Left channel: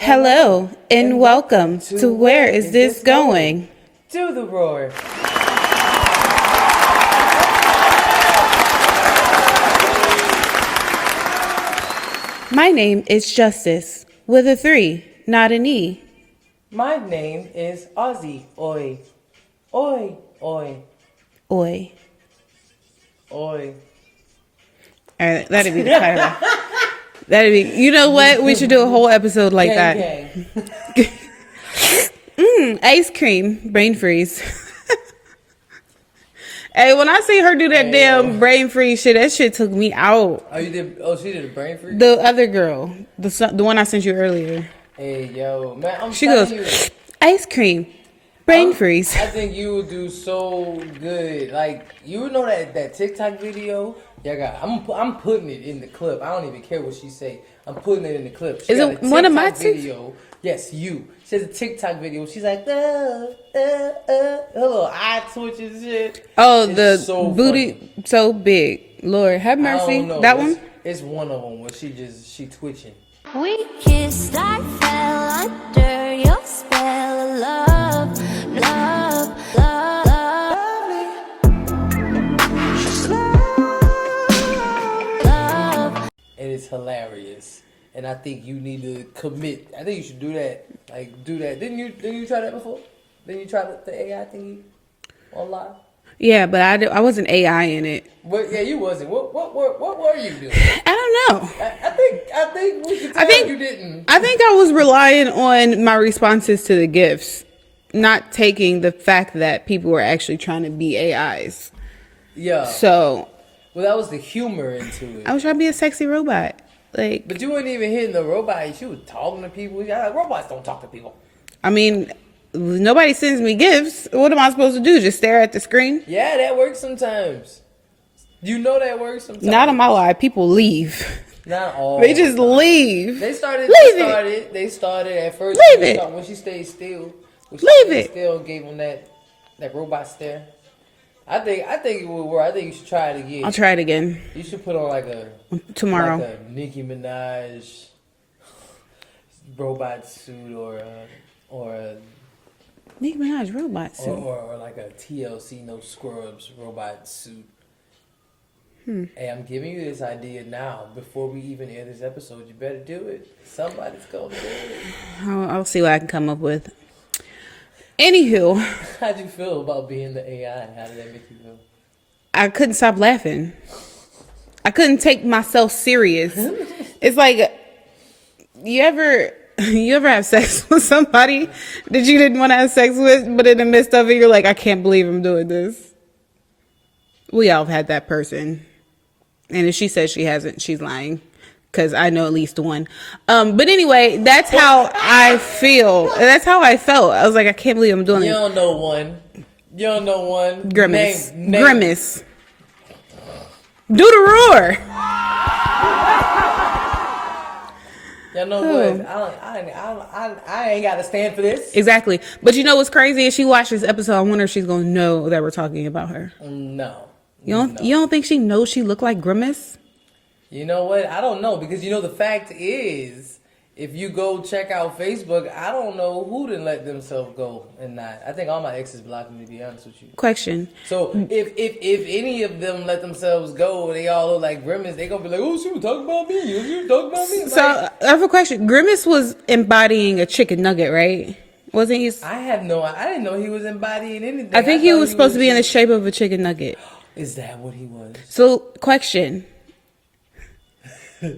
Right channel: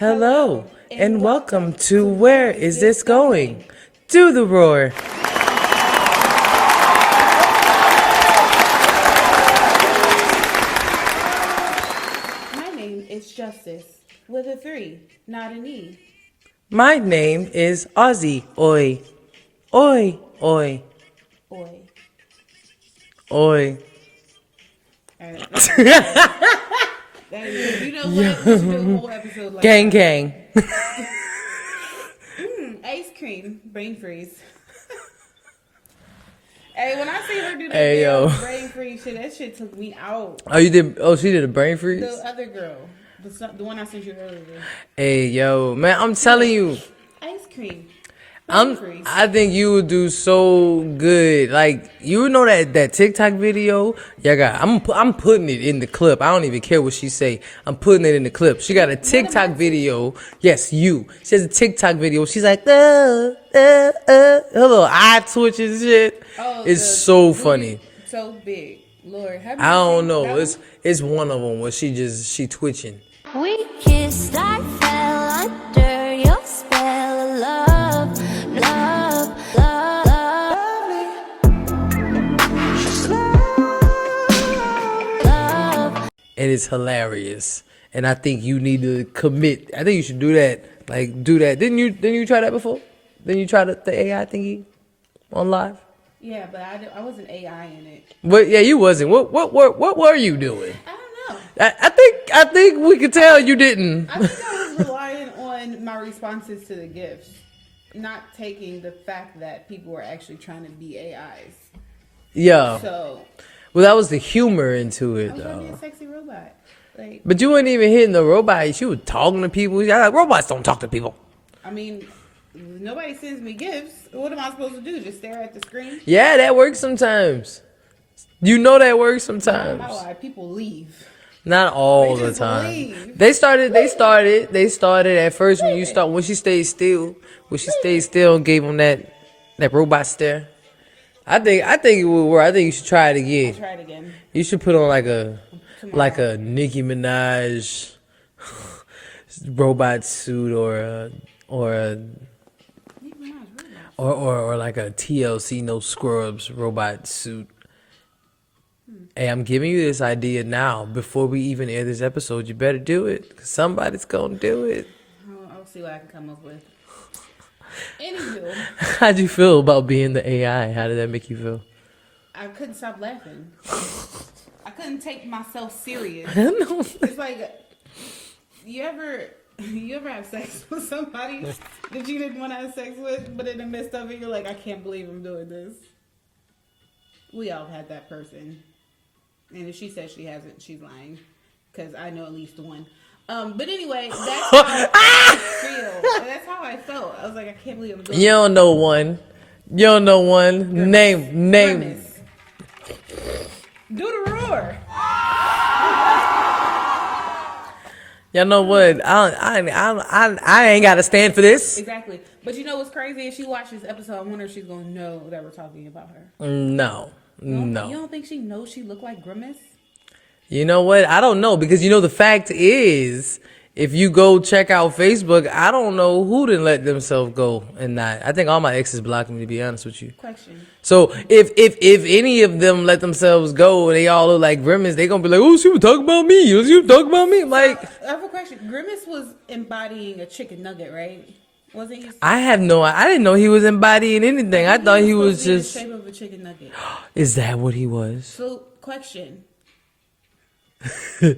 Hello, and welcome to Where Is This Going? To the Roar. My name is Justice, with a 3, not an E. My name is Ozzy. Oi. Oi. Oi. Oi. Oi. All right, that'd be the title. That'd be, you know what? We should do a whole episode like that. Gang. Ice cream, brain freeze. Hey, when I see her do that brain freeze shit, that shit took me out. Oh, you did? Oh, she did a brain freeze? The other girl, the one I sent you earlier. Hey, yo, man, I'm telling you. Ice cream, brain freeze. I think you would do so good. Like, you know that TikTok video? Yeah, I'm putting it in the clip. I don't even care what she say. I'm putting it in the clip. She got a TikTok video. Yes, you. She has a TikTok video. She's like, her little eye twitches and shit. Oh, it's so booty funny. So big. Lord, have mercy. I don't know. That one? It's one of them where she twitching. We kissed, I fell under your spell of love, love, love, love. And it's hilarious. And I think you need to commit. I think you should do that. Like, do that. Didn't you try that before? Didn't you try the AI thingy on live? Yeah, but I wasn't AI in it. But yeah, you wasn't. What were you doing? I don't know. I think we could tell you didn't. I think I was relying on my responses to the gifts, not taking the fact that people were actually trying to be AIs. Yeah. So. Well, that was the humor into it. I was trying to be a sexy robot. Like. But you weren't even hitting the robot. She was talking to people. Like, robots don't talk to people. I mean, nobody sends me gifts. What am I supposed to do? Just stare at the screen? Yeah, that works sometimes. You know that works sometimes. Not in my life. People leave. Not all. They just leave. They started at first when she stayed still. When she stayed still and gave them that robot stare. I think it would work. I think you should try it again. I'll try it again. You should put on tomorrow, like a Nicki Minaj robot suit or a Nicki Minaj robot suit. Or like a TLC No Scrubs robot suit. Hey, I'm giving you this idea now. Before we even air this episode, you better do it. 'Cause somebody's going to do it. I'll see what I can come up with. Anywho. How'd you feel about being the AI? How did that make you feel? I couldn't stop laughing. I couldn't take myself serious. It's like, you ever have sex with somebody that you didn't want to have sex with, but in the midst of it, you're like, I can't believe I'm doing this. We all have had that person. And if she says she hasn't, she's lying. Because I know at least one. But anyway, that's how I feel. That's how I felt. I was like, I can't believe I'm doing You don't know one. You don't know one. Grimace. Name. Grimace. Do the roar. Y'all know what? I ain't got to stand for this. Exactly. But you know what's crazy? If she watches this episode, I wonder if she's going to know that we're talking about her. No. You don't think she knows she looked like Grimace? You know what? I don't know. Because, the fact is, if you go check out Facebook, I don't know who didn't let themselves go and not. I think all my exes blocked me, to be honest with you. Question. So, if any of them let themselves go and they all look like Grimace, they going to be like, oh, she was talking about me. She was talking about me. Like, so, I have a question. Grimace was embodying a chicken nugget, right? Wasn't he? I didn't know he was embodying anything. I think he was supposed to be in the shape of a chicken nugget. Is that what he was? So, question. Don't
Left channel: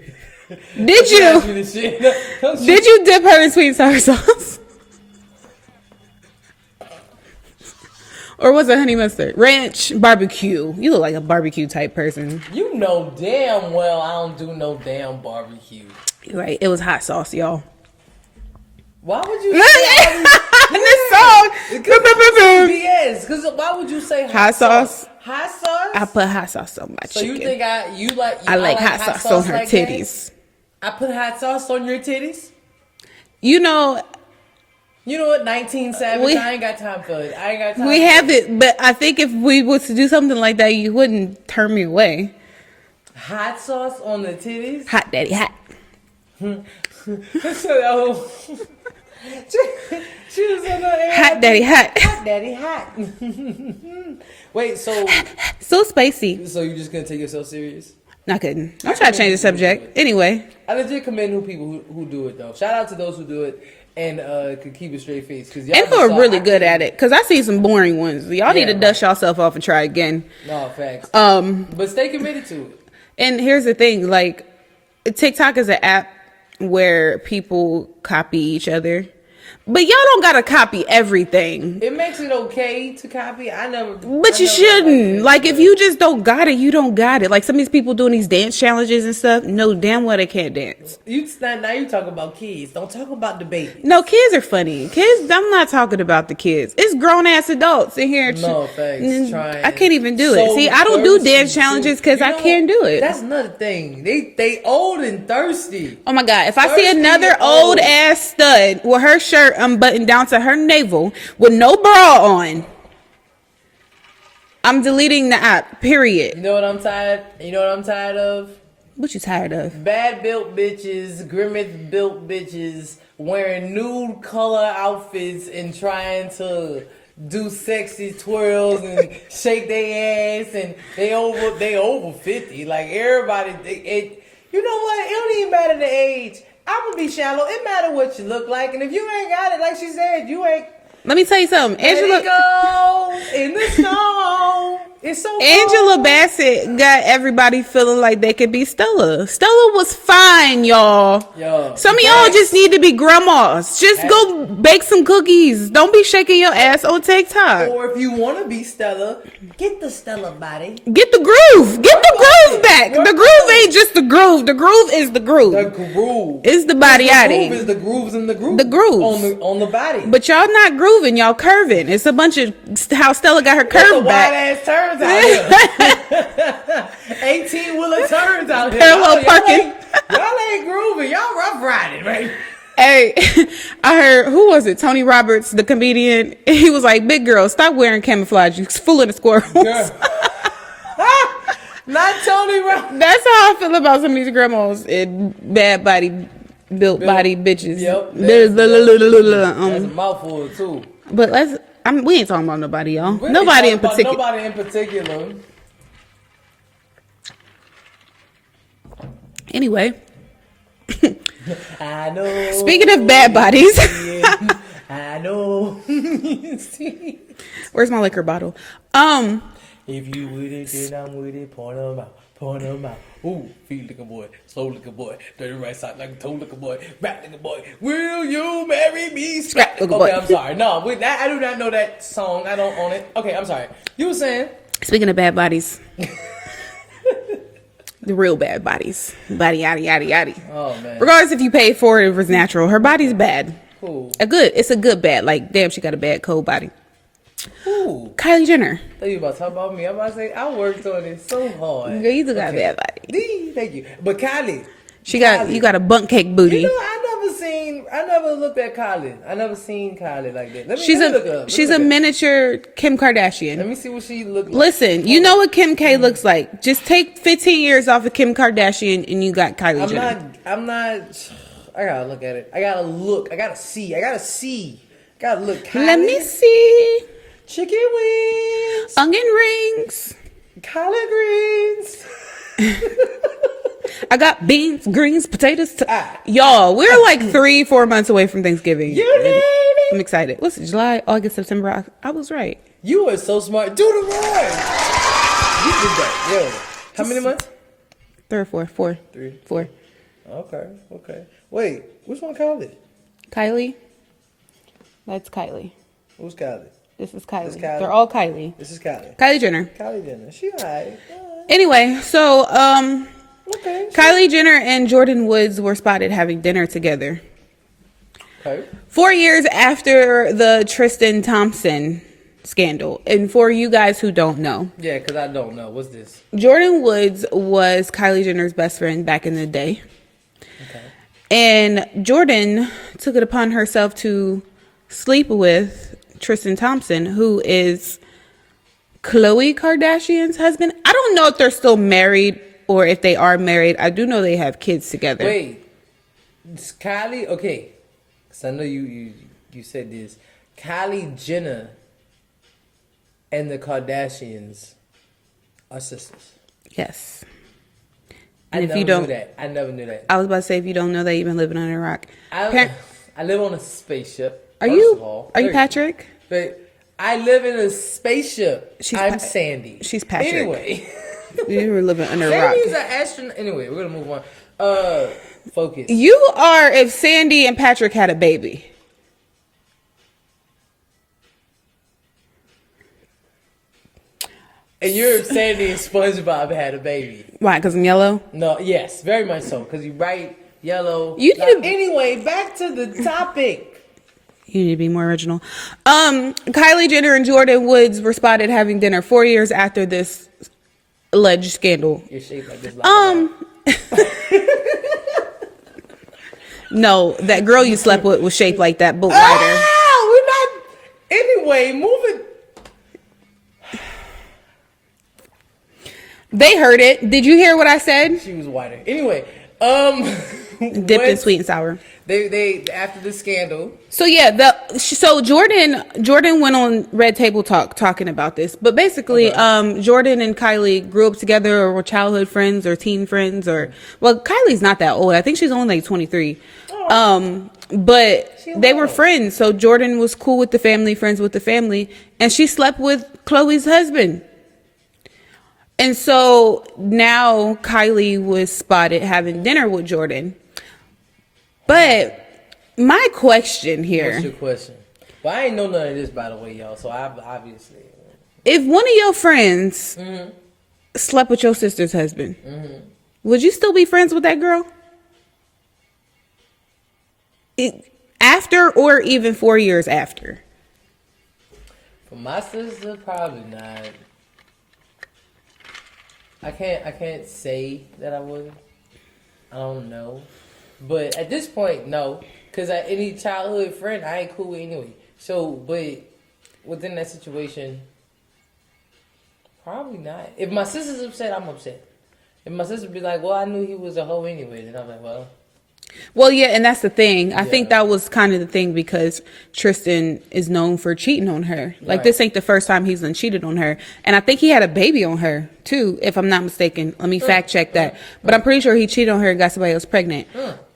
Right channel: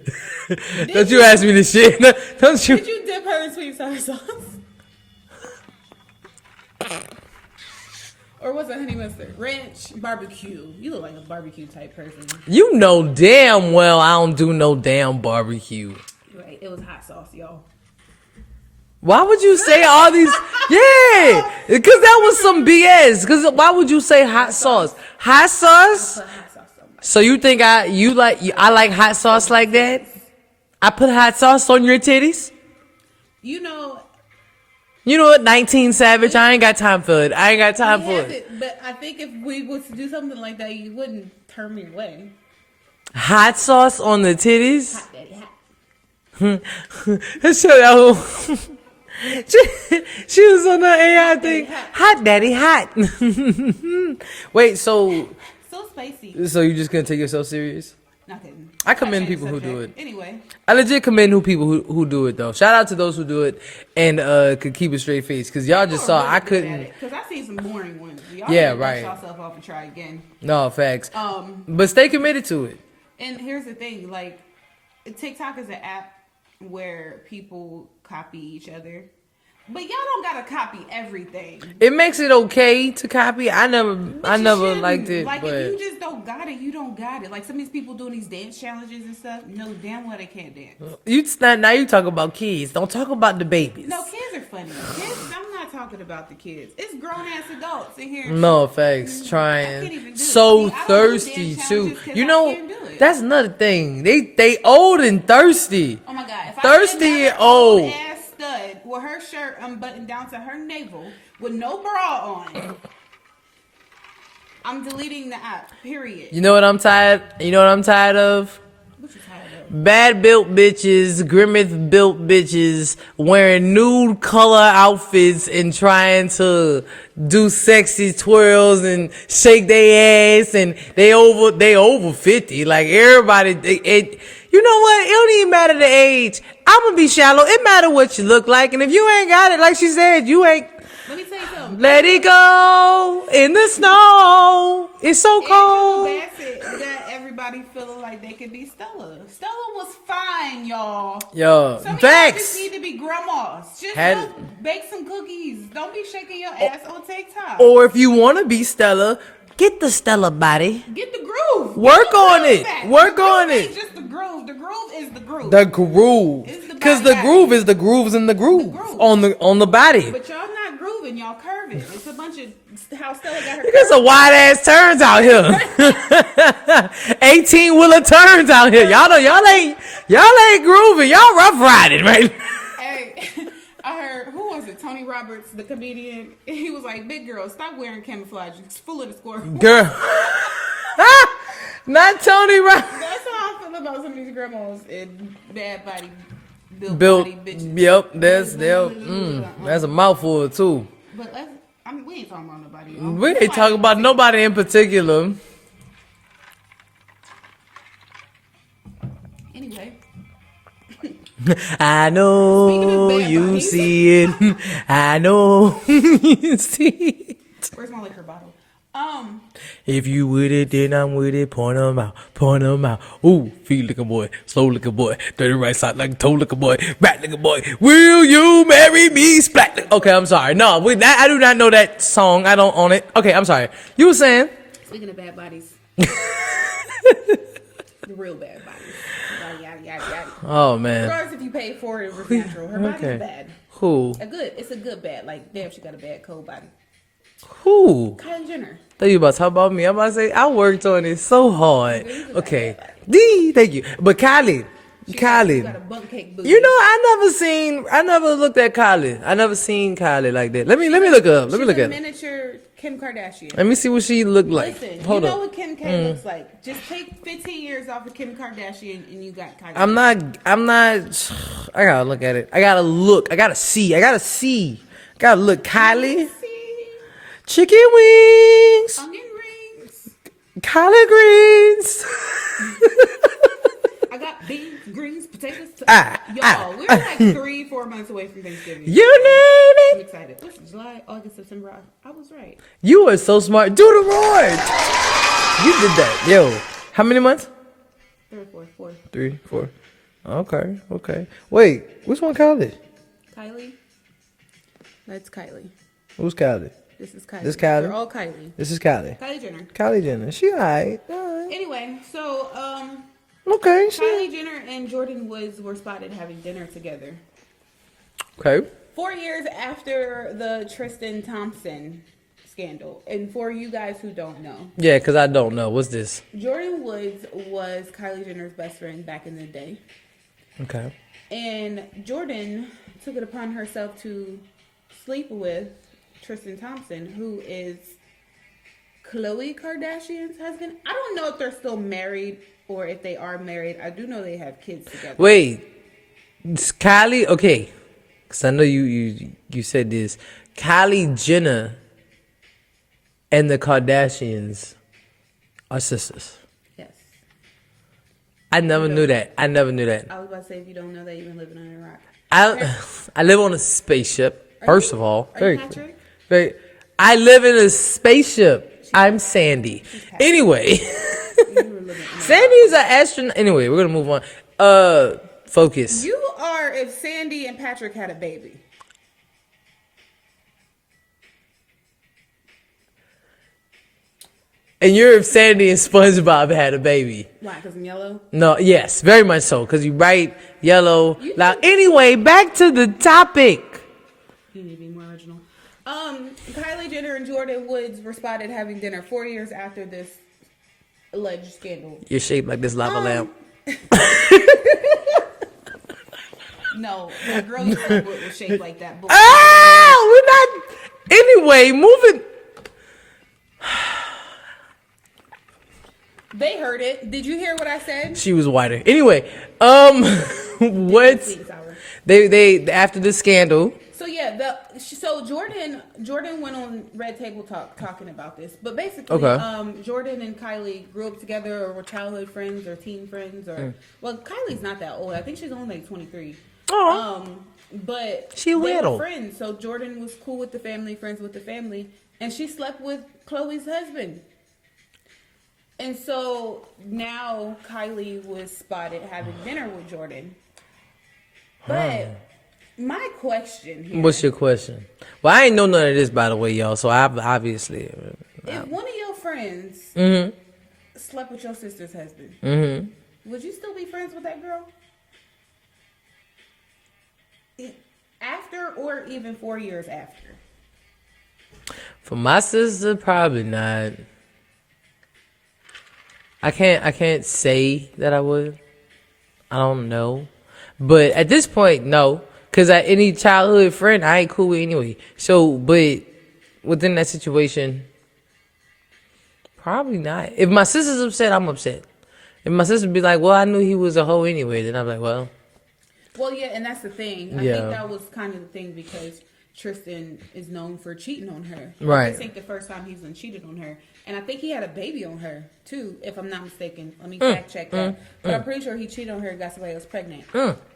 you ask me this shit. Did you dip her in sweet and sour sauce? Or was it honey mustard? Ranch, barbecue. You look like a barbecue type person. You know damn well I don't do no damn barbecue. Right. It was hot sauce, y'all. Why would you say all these? Yeah, because that was some BS. Because why would you say hot sauce? Hot sauce? I put hot sauce on my chicken. So you think I like hot sauce like that? I put hot sauce on your titties? You know what, 19 Savage, I ain't got time for it. I ain't got time for it. We have it, but I think if we was to do something like that, you wouldn't turn me away. Hot sauce on the titties? Hot daddy, hot. Let's show y'all who. She was on the AI. Hot daddy hot. Hot daddy hot. Wait, so spicy. So you just couldn't take yourself serious? Not kidding. I try to change the subject. Anyway. I legit commend people who do it though. Shout out to those who do it and could keep a straight face because y'all and just are really good at it. Because I see some boring ones. Y'all need to dust yourself off and try again. No facts. But stay committed to it. And here's the thing: like, TikTok is an app where people copy each other. But y'all don't gotta copy everything. It makes it okay to copy. But you shouldn't. Like, if you just don't got it, you don't got it. Like, some of these people doing these dance challenges and stuff, know damn well they can't dance. Now you talk about kids. Don't talk about the baby. No, kids are funny. Kids, I'm not talking about the kids. It's grown ass adults in here. No, thanks. Trying. I can't even do it. See, I don't do dance challenges because I can't do it. That's another thing. They old and thirsty. Oh my God. If I see another old ass stud with her shirt unbuttoned down to her navel with no bra on, I'm deleting the app, period. You know what I'm tired of? What you tired of? Bad built bitches, grimace built bitches wearing nude color outfits and trying to do sexy twirls and shake their ass, and they over 50. Like, everybody, you know what? It don't even matter the age. I'm gonna be shallow. It matter what you look like, and if you ain't got it, like she said, you ain't. Let me tell you something. Let it go in the snow. It's so cold. Angela Bassett got everybody feeling like they could be Stella. Stella was fine, y'all. Yo, some of y'all just need to be grandmas. Just go bake some cookies. Don't be shaking your ass on TikTok. Or if you want to be Stella, get the Stella body. Get the groove. Get the groove back. The groove ain't just the groove. The groove is the groove. The groove is the body. The groove is the grooves in the groove. The groove on the body. But y'all not grooving. Y'all curving. It's a bunch of how Stella got her curve. It's a wide ass turns out here. 18-wheeler turns out here. Y'all ain't grooving. Y'all rough riding, right? Hey, I heard, who was it? Tony Roberts, the comedian. He was like, "Big girl, stop wearing camouflage. You fooling the squirrels." Girl. Not Tony Roberts. That's how I feel about some of these grandmas and bad built body bitches. Yep. That's a mouthful too. But we ain't talking about nobody, y'all. We ain't talking about nobody in particular. Anyway. I know. Speaking of bad bodies, I know. You see it. Where's my liquor bottle? If you with it, then I'm with it. Point them out. Point them out. Ooh, feet liquor boy, slow liquor boy, dirty right side like a toe liquor boy, rat liquor boy. Will you marry me? Sprat. Okay, I'm sorry. No, I do not know that song. I don't own it. Okay, I'm sorry. You were saying? Speaking of bad bodies. The real bad bodies. Body, yada, yada, yada. Oh, man. Regardless if you paid for it or if it's natural, her body's bad. Who? It's a good bad. Like, damn, she got a bad cold body. Who? Kylie Jenner. I thought you about to talk about me. I'm about to say, I worked on it so hard. Girl, you got a bad body. Thank you. But Kylie. You got a bunk cake booty. You know, I never looked at Kylie. I never seen Kylie like that. Let me look up. She's a miniature Kim Kardashian. Let me see what she looked like. Listen, you know what Kim K looks like. Just take 15 years off of Kim Kardashian and you got Kylie Jenner. I'm not. I gotta look at it. I gotta look. I gotta see. Gotta look. Kylie. Let me see. Chicken wings. Onion rings. Collard greens. I got beans, greens, potatoes. Y'all, we're like 3-4 months away from Thanksgiving. You name it. I'm excited. Listen, July, August, September. I was right. You are so smart. Do the roar. You did that. Yo, how many months? 3 or 4. 4. 3, 4. Okay. Wait, which one Kylie? Kylie. That's Kylie. Who's Kylie? This is Kylie. This Kylie? They're all Kylie. This is Kylie. Kylie Jenner. Kylie Jenner. She all right. Anyway, so okay. Kylie Jenner and Jordan Woods were spotted having dinner together. Okay. 4 years after the Tristan Thompson scandal. And for you guys who don't know. Yeah, because I don't know. What's this? Jordan Woods was Kylie Jenner's best friend back in the day. Okay. And Jordan took it upon herself to sleep with Tristan Thompson, who is Khloe Kardashian's husband. I don't know if they're still married or if they are married. I do know they have kids together. Wait. It's Kylie, okay, because I know you said this. Kylie Jenner and the Kardashians are sisters. Yes. I never knew that. I never knew that. I was about to say, if you don't know that, you've been living under a rock. I live on a spaceship. First of all, are you Patrick? I live in a spaceship. I'm Sandy. She's Patrick. Anyway, you were living under a rock. Sandy is an astronaut. Anyway, we're gonna move on. Focus. You are if Sandy and Patrick had a baby. And you're if Sandy and SpongeBob had a baby. Why? Because I'm yellow? No, yes, very much so. Because you write yellow. Now, anyway, back to the topic. You need to be more original. Kylie Jenner and Jordan Woods were spotted having dinner 4 years after this alleged scandal. You're shaped like this lava lamp. No, that girl you slept with was shaped like that. But we're not. Anyway, moving. They heard it. Did you hear what I said? She was whiter. Anyway, dipped in sweet and sour. They after the scandal. So yeah, so Jordan went on Red Table Talk talking about this. But basically, Jordan and Kylie grew up together or were childhood friends or teen friends well, Kylie's not that old. I think she's only like 23. But they were friends. So Jordan was cool with the family, friends with the family, and she slept with Khloe's husband. And so now Kylie was spotted having dinner with Jordan. But my question here. What's your question? Well, I ain't know none of this, by the way, y'all. So I obviously. If one of your friends slept with your sister's husband, would you still be friends with that girl? After or even 4 years after? For my sister, probably not. I can't say that I would. I don't know. But at this point, no. Because any childhood friend, I ain't cool with anyway. So, but within that situation, probably not. If my sister's upset, I'm upset. If my sister be like, well, I knew he was a hoe anyway, then I'm like, well. Well, yeah, and that's the thing. I think that was kind of the thing because Tristan is known for cheating on her. Like, this ain't the first time he's done cheated on her. And I think he had a baby on her, too, if I'm not mistaken. Let me fact check that. But I'm pretty sure he cheated on her and got somebody else pregnant.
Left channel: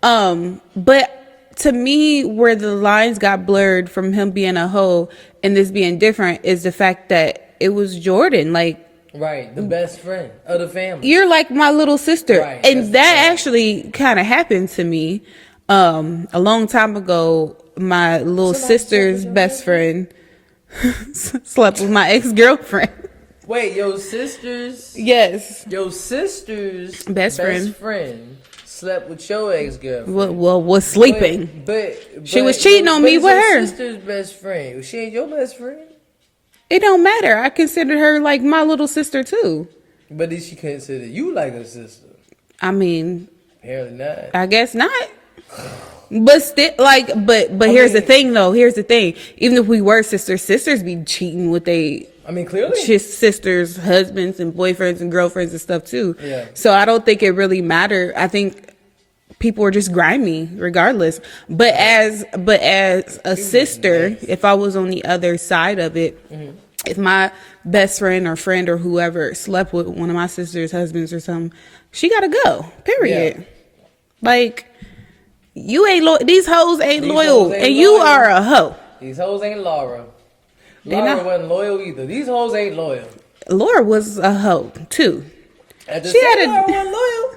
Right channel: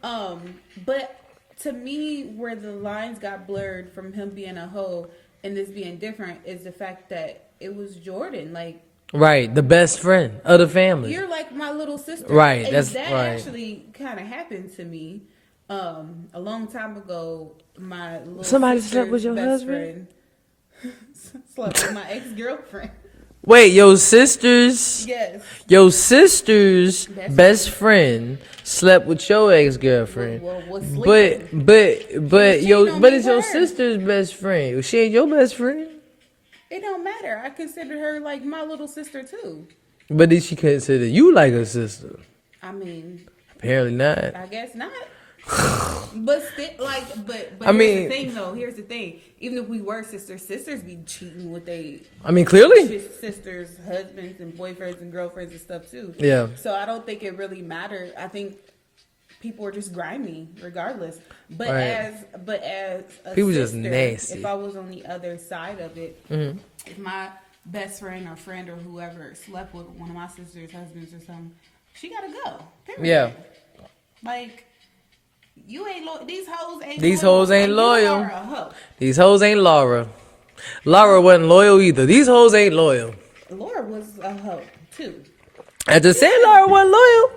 But to me, where the lines got blurred from him being a hoe and this being different is the fact that it was Jordan. Like, right, the best friend of the family. You're like my little sister. Right. And that actually kind of happened to me a long time ago. My little sister's best friend slept with my ex-girlfriend. Wait, your sister's? Yes. Your sister's best friend slept with your ex-girlfriend. Well, was sleeping. But she was cheating on me with her. Your sister's best friend. She ain't your best friend? It don't matter. I consider her like my little sister too. But did she consider you like her sister? I mean, apparently not. I guess not. But still, like, but here's the thing, though. Here's the thing. Even if we were sisters be cheating with clearly sisters' husbands and boyfriends and girlfriends and stuff too. Yeah. So I don't think it really mattered. I think people are just grimy regardless. But as a sister, if I was on the other side of it, if my best friend or whoever slept with one of my sister's husbands or something, she gotta go. Period. Yeah. Like, you ain't these hoes ain't loyal, and you are a hoe. These hoes ain't Laura. Laura wasn't loyal either. These hoes ain't loyal. Laura was a hoe too. At the same Laura wasn't loyal.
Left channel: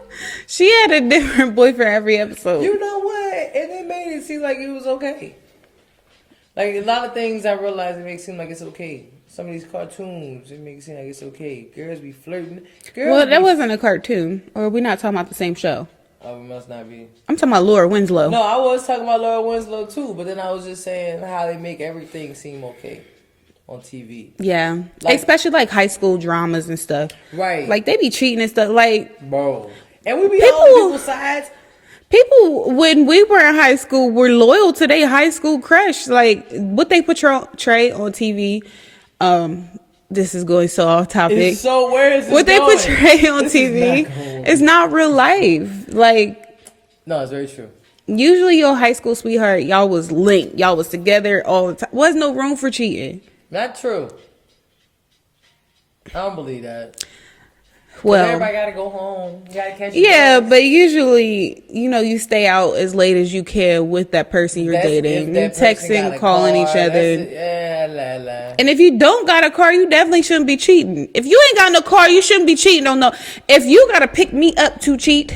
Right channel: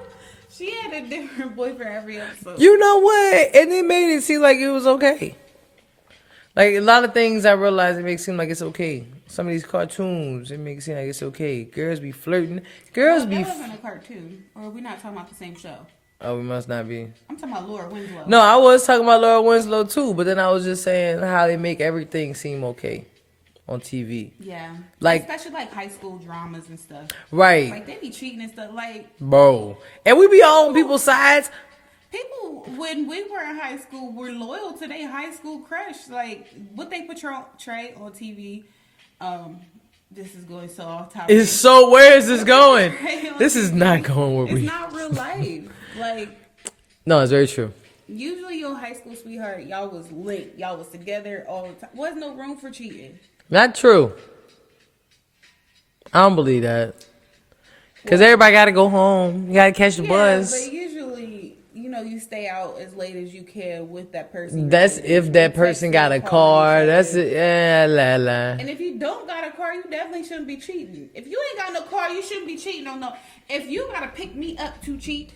She had a different boyfriend every episode. You know what? And it made it seem like it was okay. Like, a lot of things I realized, it makes it seem like it's okay. Some of these cartoons, it makes it seem like it's okay. Girls be flirting. That wasn't a cartoon. Or we're not talking about the same show. Oh, we must not be. I'm talking about Laura Winslow. No, I was talking about Laura Winslow too, but then I was just saying how they make everything seem okay on TV. Yeah. Like, especially like high school dramas and stuff. Right. Like, they be cheating and stuff. Like, bro. And we be on people's sides. People, when we were in high school, were loyal to their high school crush. Like, what they portray on TV. This is going so off topic. So where is this what going? What they portray on this TV is not going with it's me. not real life. Like, no, it's very true. Usually your high school sweetheart, y'all was linked. Y'all was together all the time. Was no room for cheating. Not true. I don't believe that. Because Well, everybody got to go home. You got to catch the yeah, bus. but usually, you stay out as late as you can with that person you're That's dating. if that You person texting, got a calling car. each other. That's it. Yeah, la, la. And if you don't got a car, you definitely shouldn't be cheating. If you ain't got no car, you shouldn't be cheating on no. If you got to pick me up to cheat,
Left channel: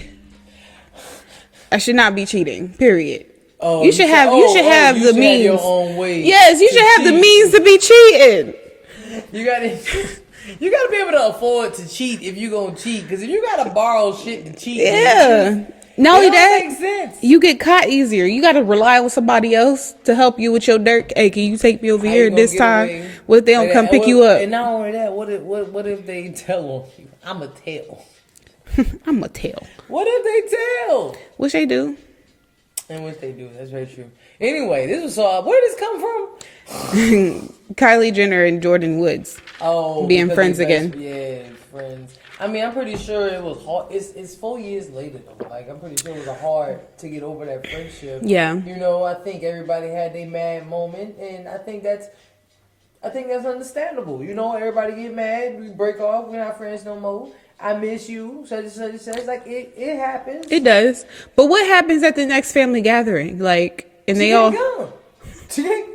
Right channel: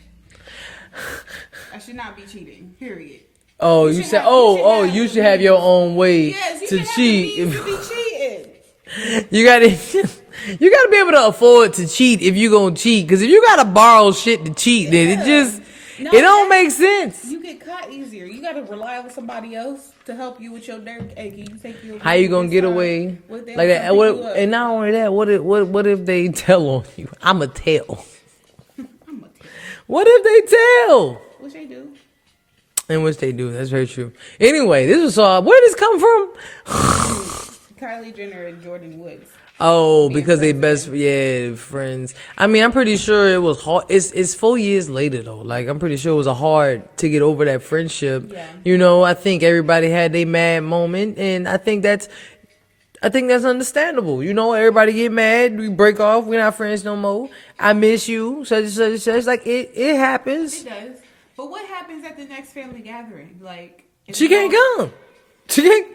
I should not be cheating. Period. Oh, you should have the means. have your own way. Yes, you to should have the cheat. means to be cheating. You got to. You got to be able to afford to cheat if you gonna cheat. Because if you got to borrow shit to cheat, then it don't make sense. You get caught easier. You got to rely on somebody else to help you with your dirt. Hey, can you take me over How here you gonna this get time? away What if they don't like come that? pick you up? And not only that, what if they tell on you? I'ma tell. I'm going to tell. What if they tell? Which they do. In which they do. That's very true. Anyway, this was where did this come from? Kylie Jenner and Jordan Woods. Oh, being because friends they again. friends. I mean, I'm pretty sure it was hard. It's 4 years later though. Like I'm pretty sure it was hard to get over that friendship. Yeah. I think everybody had their mad moment, and I think that's understandable. Everybody get mad, we break off, we're not friends no more. I miss you, such and such and such. Like it happens. It does. But what happens at the next family gathering? Like, and She they all- can't come. She can't.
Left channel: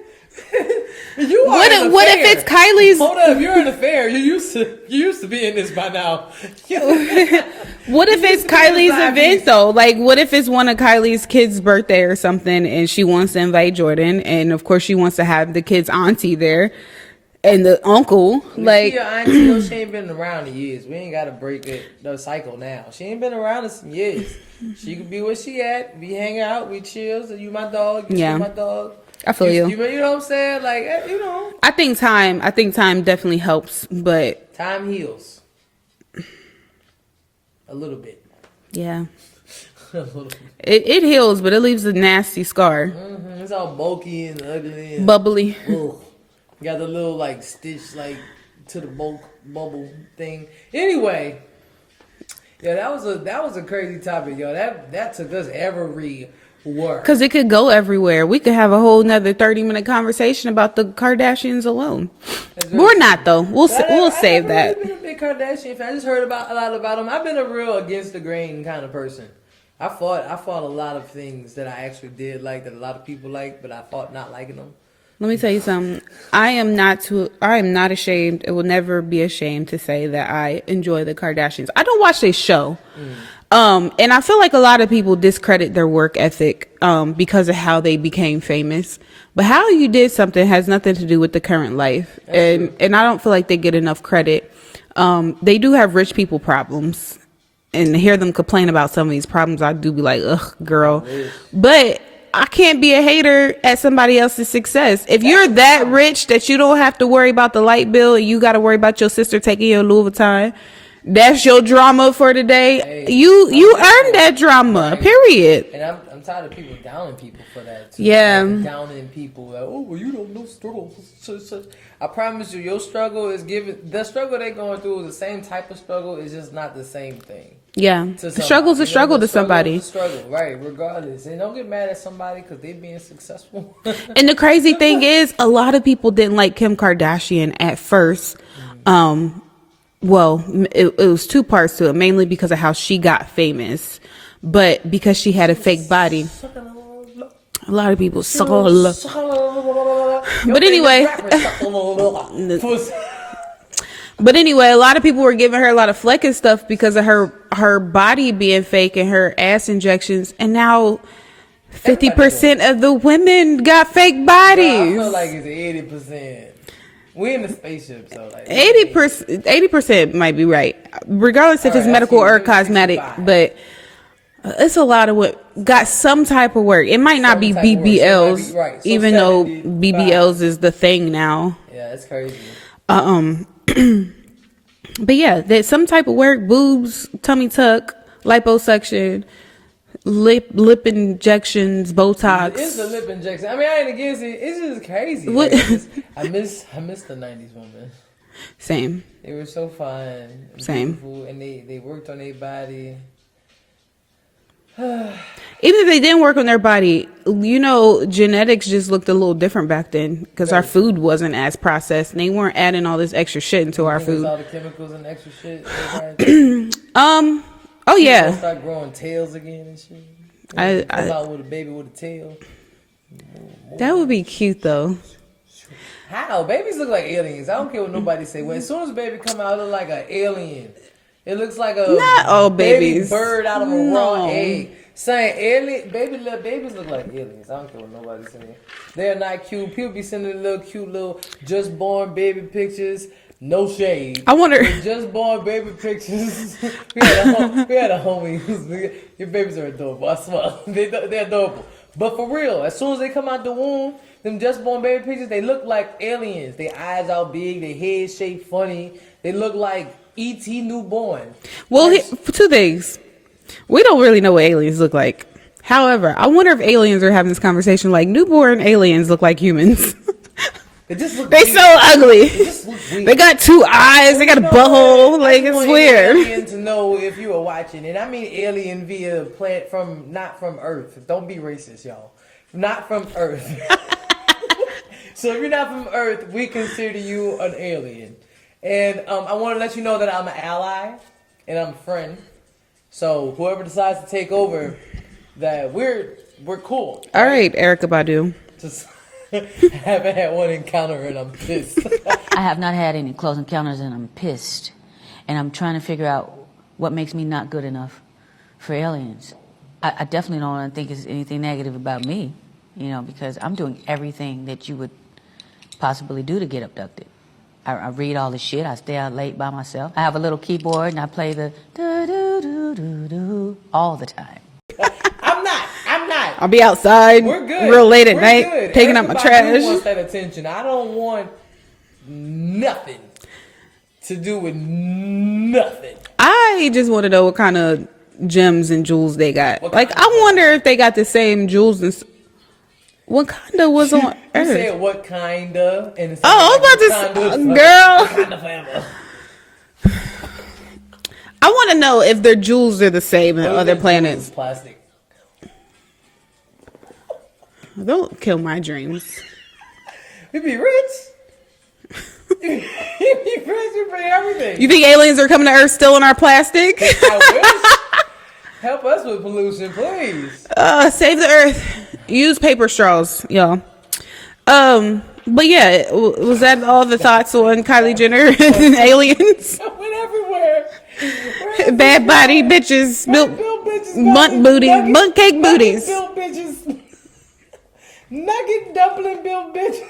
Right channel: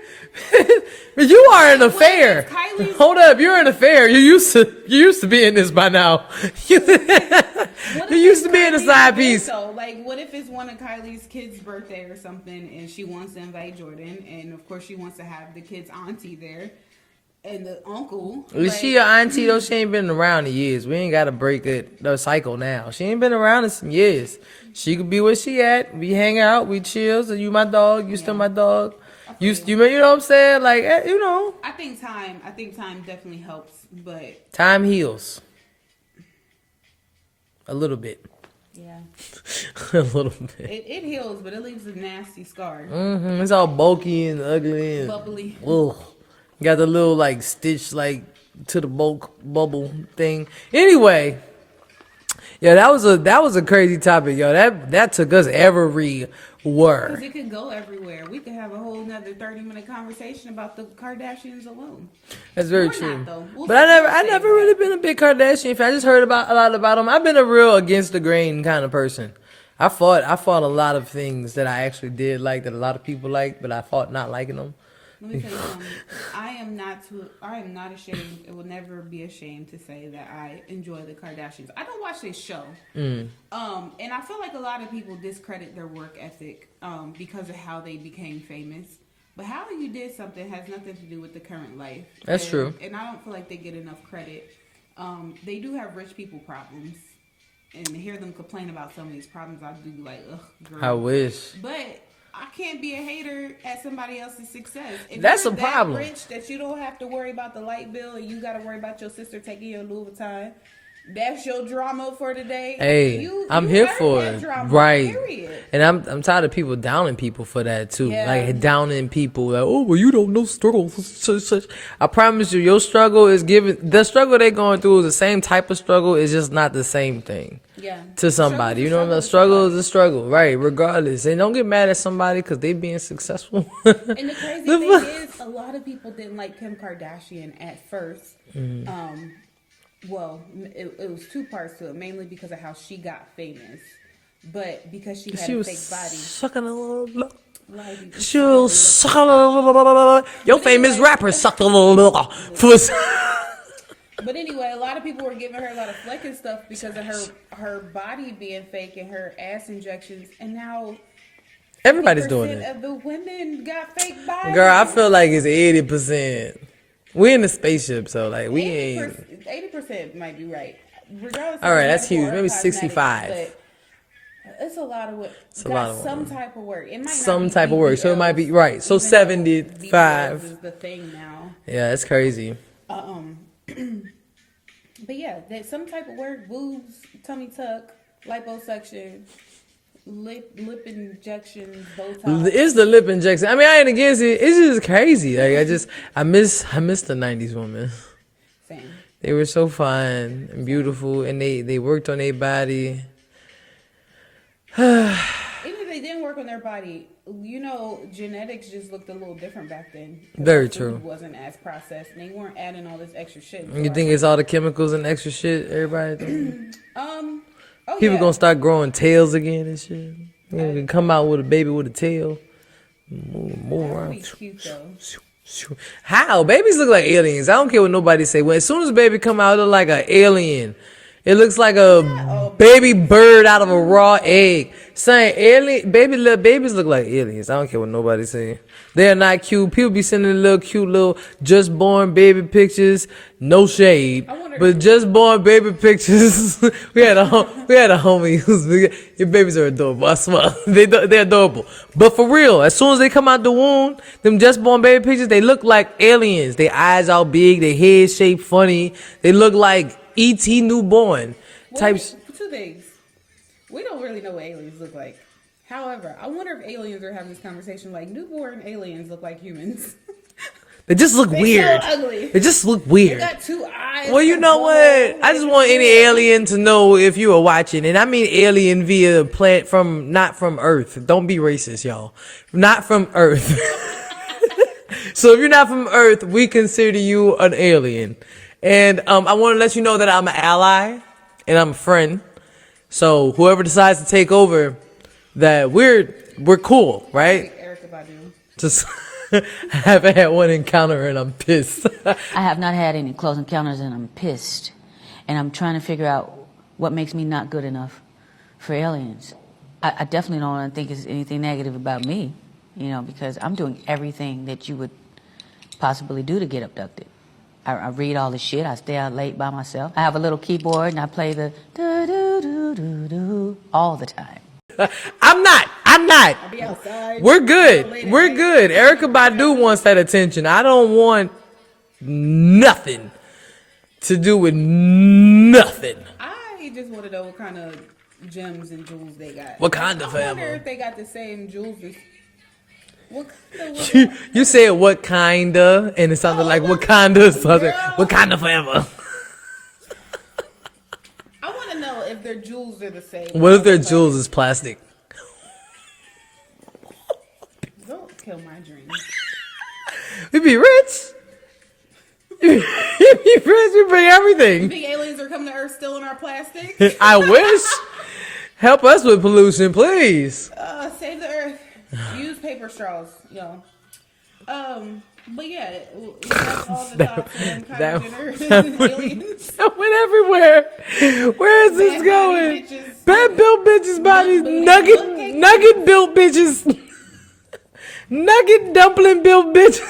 You are What in a if- what fair. if it's Kylie's- Hold up, you're in a fair. You used to be in this by now. What if You it's used to be in the Kylie's side event piece. though? Like, what if it's one of Kylie's kids' birthday or something, and she wants to invite Jordan, and of course she wants to have the kid's auntie there, and the uncle. Like, she your auntie though. She ain't been around in years. We ain't got to break the cycle now. She ain't been around in some years. She could be where she at. We hang out. We chill. So you my dog. You Yeah. still my dog. I feel you. You know what I'm saying? Like I think time definitely helps, but time heals. A little bit. yeah, A little bit. it heals, but it leaves a nasty scar, It's all bulky and ugly and bubbly. ugh. Got the little like stitch like to the bulk bubble thing. Anyway, yeah, that was a crazy topic, yo. That took us everywhere. Because it could go everywhere. We could have a whole nother 30-minute conversation about the Kardashians alone. That's very We're true. not though. We'll But I save never that. really been a big Kardashian fan. I just heard a lot about them. I've been a real against the grain kind of person. I fought a lot of things that I actually did like that a lot of people like, but I fought not liking them. Let me tell you something. I am not ashamed. It will never be ashamed to say that I enjoy the Kardashians. I don't watch their show. And I feel like a lot of people discredit their work ethic because of how they became famous. But how you did something has nothing to do with the current life. That's true. And I don't feel like they get enough credit. They do have rich people problems. And to hear them complain about some of these problems, I do be like, ugh, girl. I wish. But I can't be a hater at somebody else's success. If That's you're a that problem. rich that you don't have to worry about the light bill and you got to worry about your sister taking your Louis Vuitton, that's your drama for today. Hey, you I'm here earned for that it. drama, Right. period. And I'm tired of people downing people for that too. Yeah. Like, downing people like, oh, well, you don't know struggle. Such. I promise you, your struggle is the struggle they're going through is the same type of struggle. It's just not the same thing. Yeah. To somebody. Struggle's a You know, struggle the to struggle somebody. is a struggle, right? Regardless. And don't get mad at somebody because they being successful. And the crazy thing is, a lot of people didn't like Kim Kardashian at first. Well, it was two parts to it, mainly because of how she got famous, but because she had a fake body. Sucking a little blood. A lot of people She suck on her was love. sucking a little. Your But famous anyway. rapper sucked a little. Pussy. But anyway, a lot of people were giving her a lot of fleck and stuff because of her body being fake and her ass injections, and now 50% of the women got fake bodies. Girl, I feel like it's 80%. We in the spaceship, so like 80% might be right, regardless if All it's right, that's medical huge. or Maybe cosmetic. 65. But it's a lot of what got some type of work. It might not Some be type of work. So it BBLs, might be- right. So even though 75. BBLs is the thing now. Yeah, it's crazy. But yeah, there's some type of work: boobs, tummy tuck, liposuction, lip injections, Botox. It's the lip injection. I mean, I ain't against it. It's just crazy. Like, I miss the 90s women. Same. They were so fun and Same. beautiful, and they worked on their body. Even if they didn't work on their body, genetics just looked a little different back then because our food wasn't as processed. And they weren't adding all this extra shit into our food. You think it's all the chemicals and extra shit? Everybody. Oh People yeah. gonna start growing tails again and shit. Come out with a baby with a tail. That would be cute though. How? Babies look like aliens. I don't care what nobody say. When as soon as a baby come out, it look like an alien. It looks like a baby bird out of a raw egg. Saying little babies look like aliens. I don't care what nobody say. They're not cute. People be sending cute little just born baby pictures. No shade. I wonder. With just born baby pictures. we had a homie who's your babies are adorable. I swear they're adorable. But for real, as soon as they come out the womb, them just born baby pictures, they look like aliens. Their eyes all big. Their head shaped funny. They look like E.T. newborn. Well, two things. We don't really know what aliens look like. However, I wonder if aliens are having this conversation like newborn aliens look like humans. They just look weird. They so ugly. They just look weird. They got two eyes. Well, they got a butthole. I just want any alien to know if you are watching. And I mean alien via plant not from Earth. Don't be racist, y'all. Not from Earth. So if you're not from Earth, we consider you an alien. And I want to let you know that I'm an ally and I'm a friend. So whoever decides to take over, that we're cool. All right, Erykah Badu. Just haven't had one encounter and I'm pissed. I have not had any close encounters and I'm pissed. And I'm trying to figure out what makes me not good enough for aliens. I definitely don't want to think it's anything negative about me, because I'm doing everything that you would possibly do to get abducted. I read all the shit. I stay out late by myself. I have a little keyboard and I play the do-do-do-do-do all the time. I'm not. I'll be outside. We're good. Real late at We're night. We're good. Erykah Badu wants that attention. I don't want nothing to do with nothing. I just want to know what kind of gems and jewels they got. I wonder if they got the same jewels and. What kinda was on? You said what kinda, and it sounded like Wakanda. Girl, Wakanda forever. I want to know if their jewels are the same. What if their planets. jewels is plastic? Don't kill my dreams. We'd be rich. We'd be rich. We bring everything. You think aliens are coming to Earth still in our plastic? I wish. Help us with pollution, please. Save the Earth. Use paper straws, y'all. But yeah, was that all the thoughts on Kylie Jenner and aliens? I went everywhere. Where is bad body bitches, bad built bitches, butt booty, butt cake booties, nugget built bitches, nugget dumpling built bitches.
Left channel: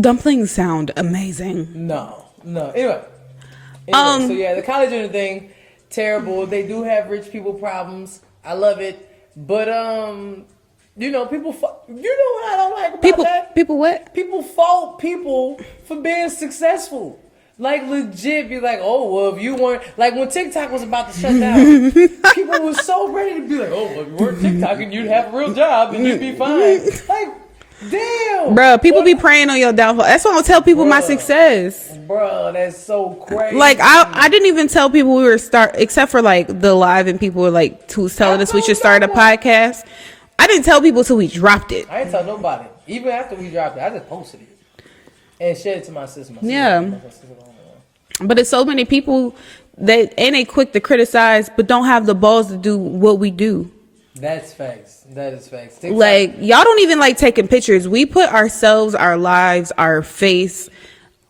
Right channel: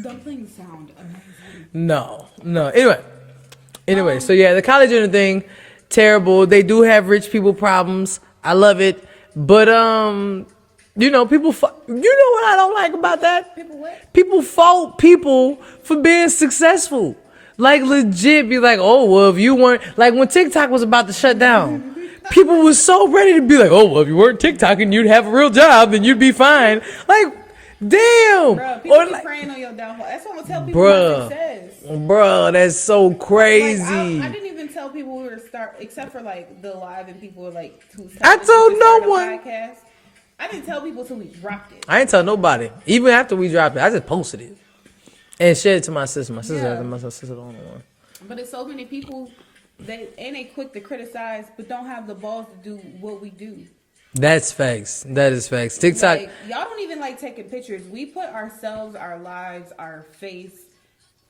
Dumplings sound amazing. No. Anyway, so yeah, the Kylie Jenner thing, terrible. They do have rich people problems. I love it, but people. What I don't like about that? People what? People fault people for being successful. Like legit, be like, oh well, if you weren't like when TikTok was about to shut down, people were so ready to be like, oh well, if you weren't TikToking, you'd have a real job and you'd be fine. Like, damn, bro, people be praying on your downfall. That's why I don't tell people my success. Bro, that's so crazy. Like I didn't even tell people we were except for like the live and people were like who was telling us we should start a podcast. I didn't tell people till we dropped it. I didn't tell nobody. Even after we dropped it, I just posted it and shared it to my sister. My sister the only one. But it's so many people that they quick to criticize, but don't have the balls to do what we do. That's facts. That is facts. TikTok, like y'all don't even like taking pictures. We put ourselves, our lives, our face,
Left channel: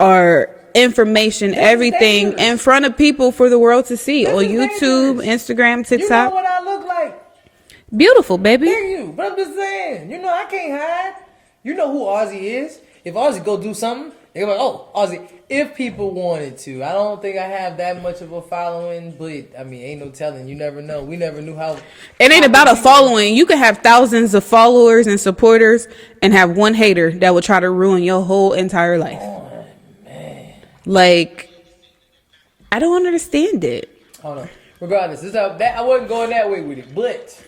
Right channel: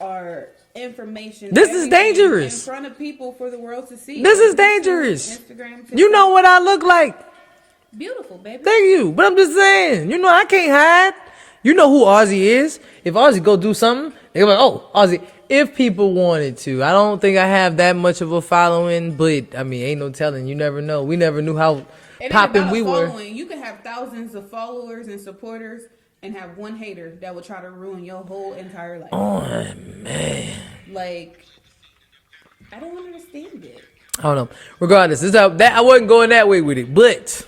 our information, everything in front of people for the world to see. This on is YouTube, dangerous. Instagram, TikTok. You know what I look like. Beautiful, baby. Thank you. But I'm just saying, I can't hide. You know who Ozzy is. If Ozzy go do something, they're like, oh, Ozzy. If people wanted to. I don't think I have that much of a following, but I mean, ain't no telling. You never know. We never knew how. It ain't about a following. You could have thousands of followers and supporters and have one hater that would try to ruin your whole entire life. Oh, man. Like, I don't understand it. I don't know. Regardless, I wasn't going that way with it, but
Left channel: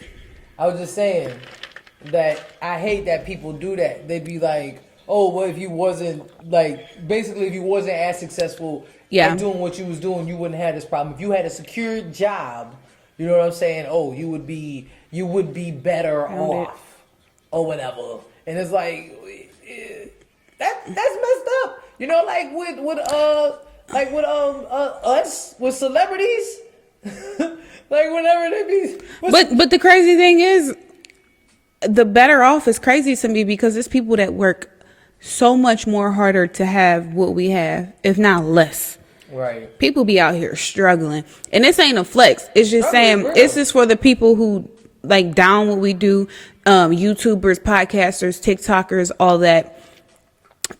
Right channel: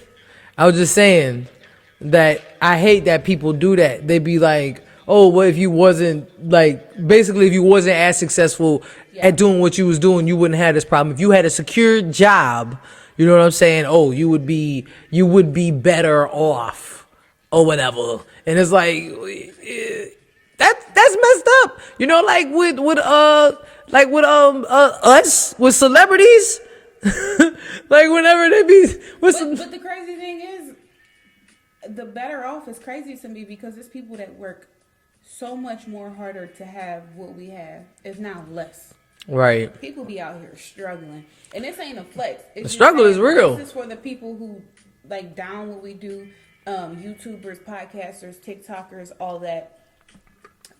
I was just saying that I hate that people do that. They be like, oh, well, if you wasn't as successful at doing what you was doing, you wouldn't have this problem. If you had a secure job, You know what I'm saying? Oh, you would be better off or whatever. And it's like that's messed up. You know, like with us with celebrities. Like whenever they be but the crazy thing is, the better off is crazy to me because there's people that work so much more harder to have what we have, if not less. Right. People be out here struggling. And this ain't a flex. It's just saying, it's just for the people who like down what we do, YouTubers, podcasters, TikTokers, all that.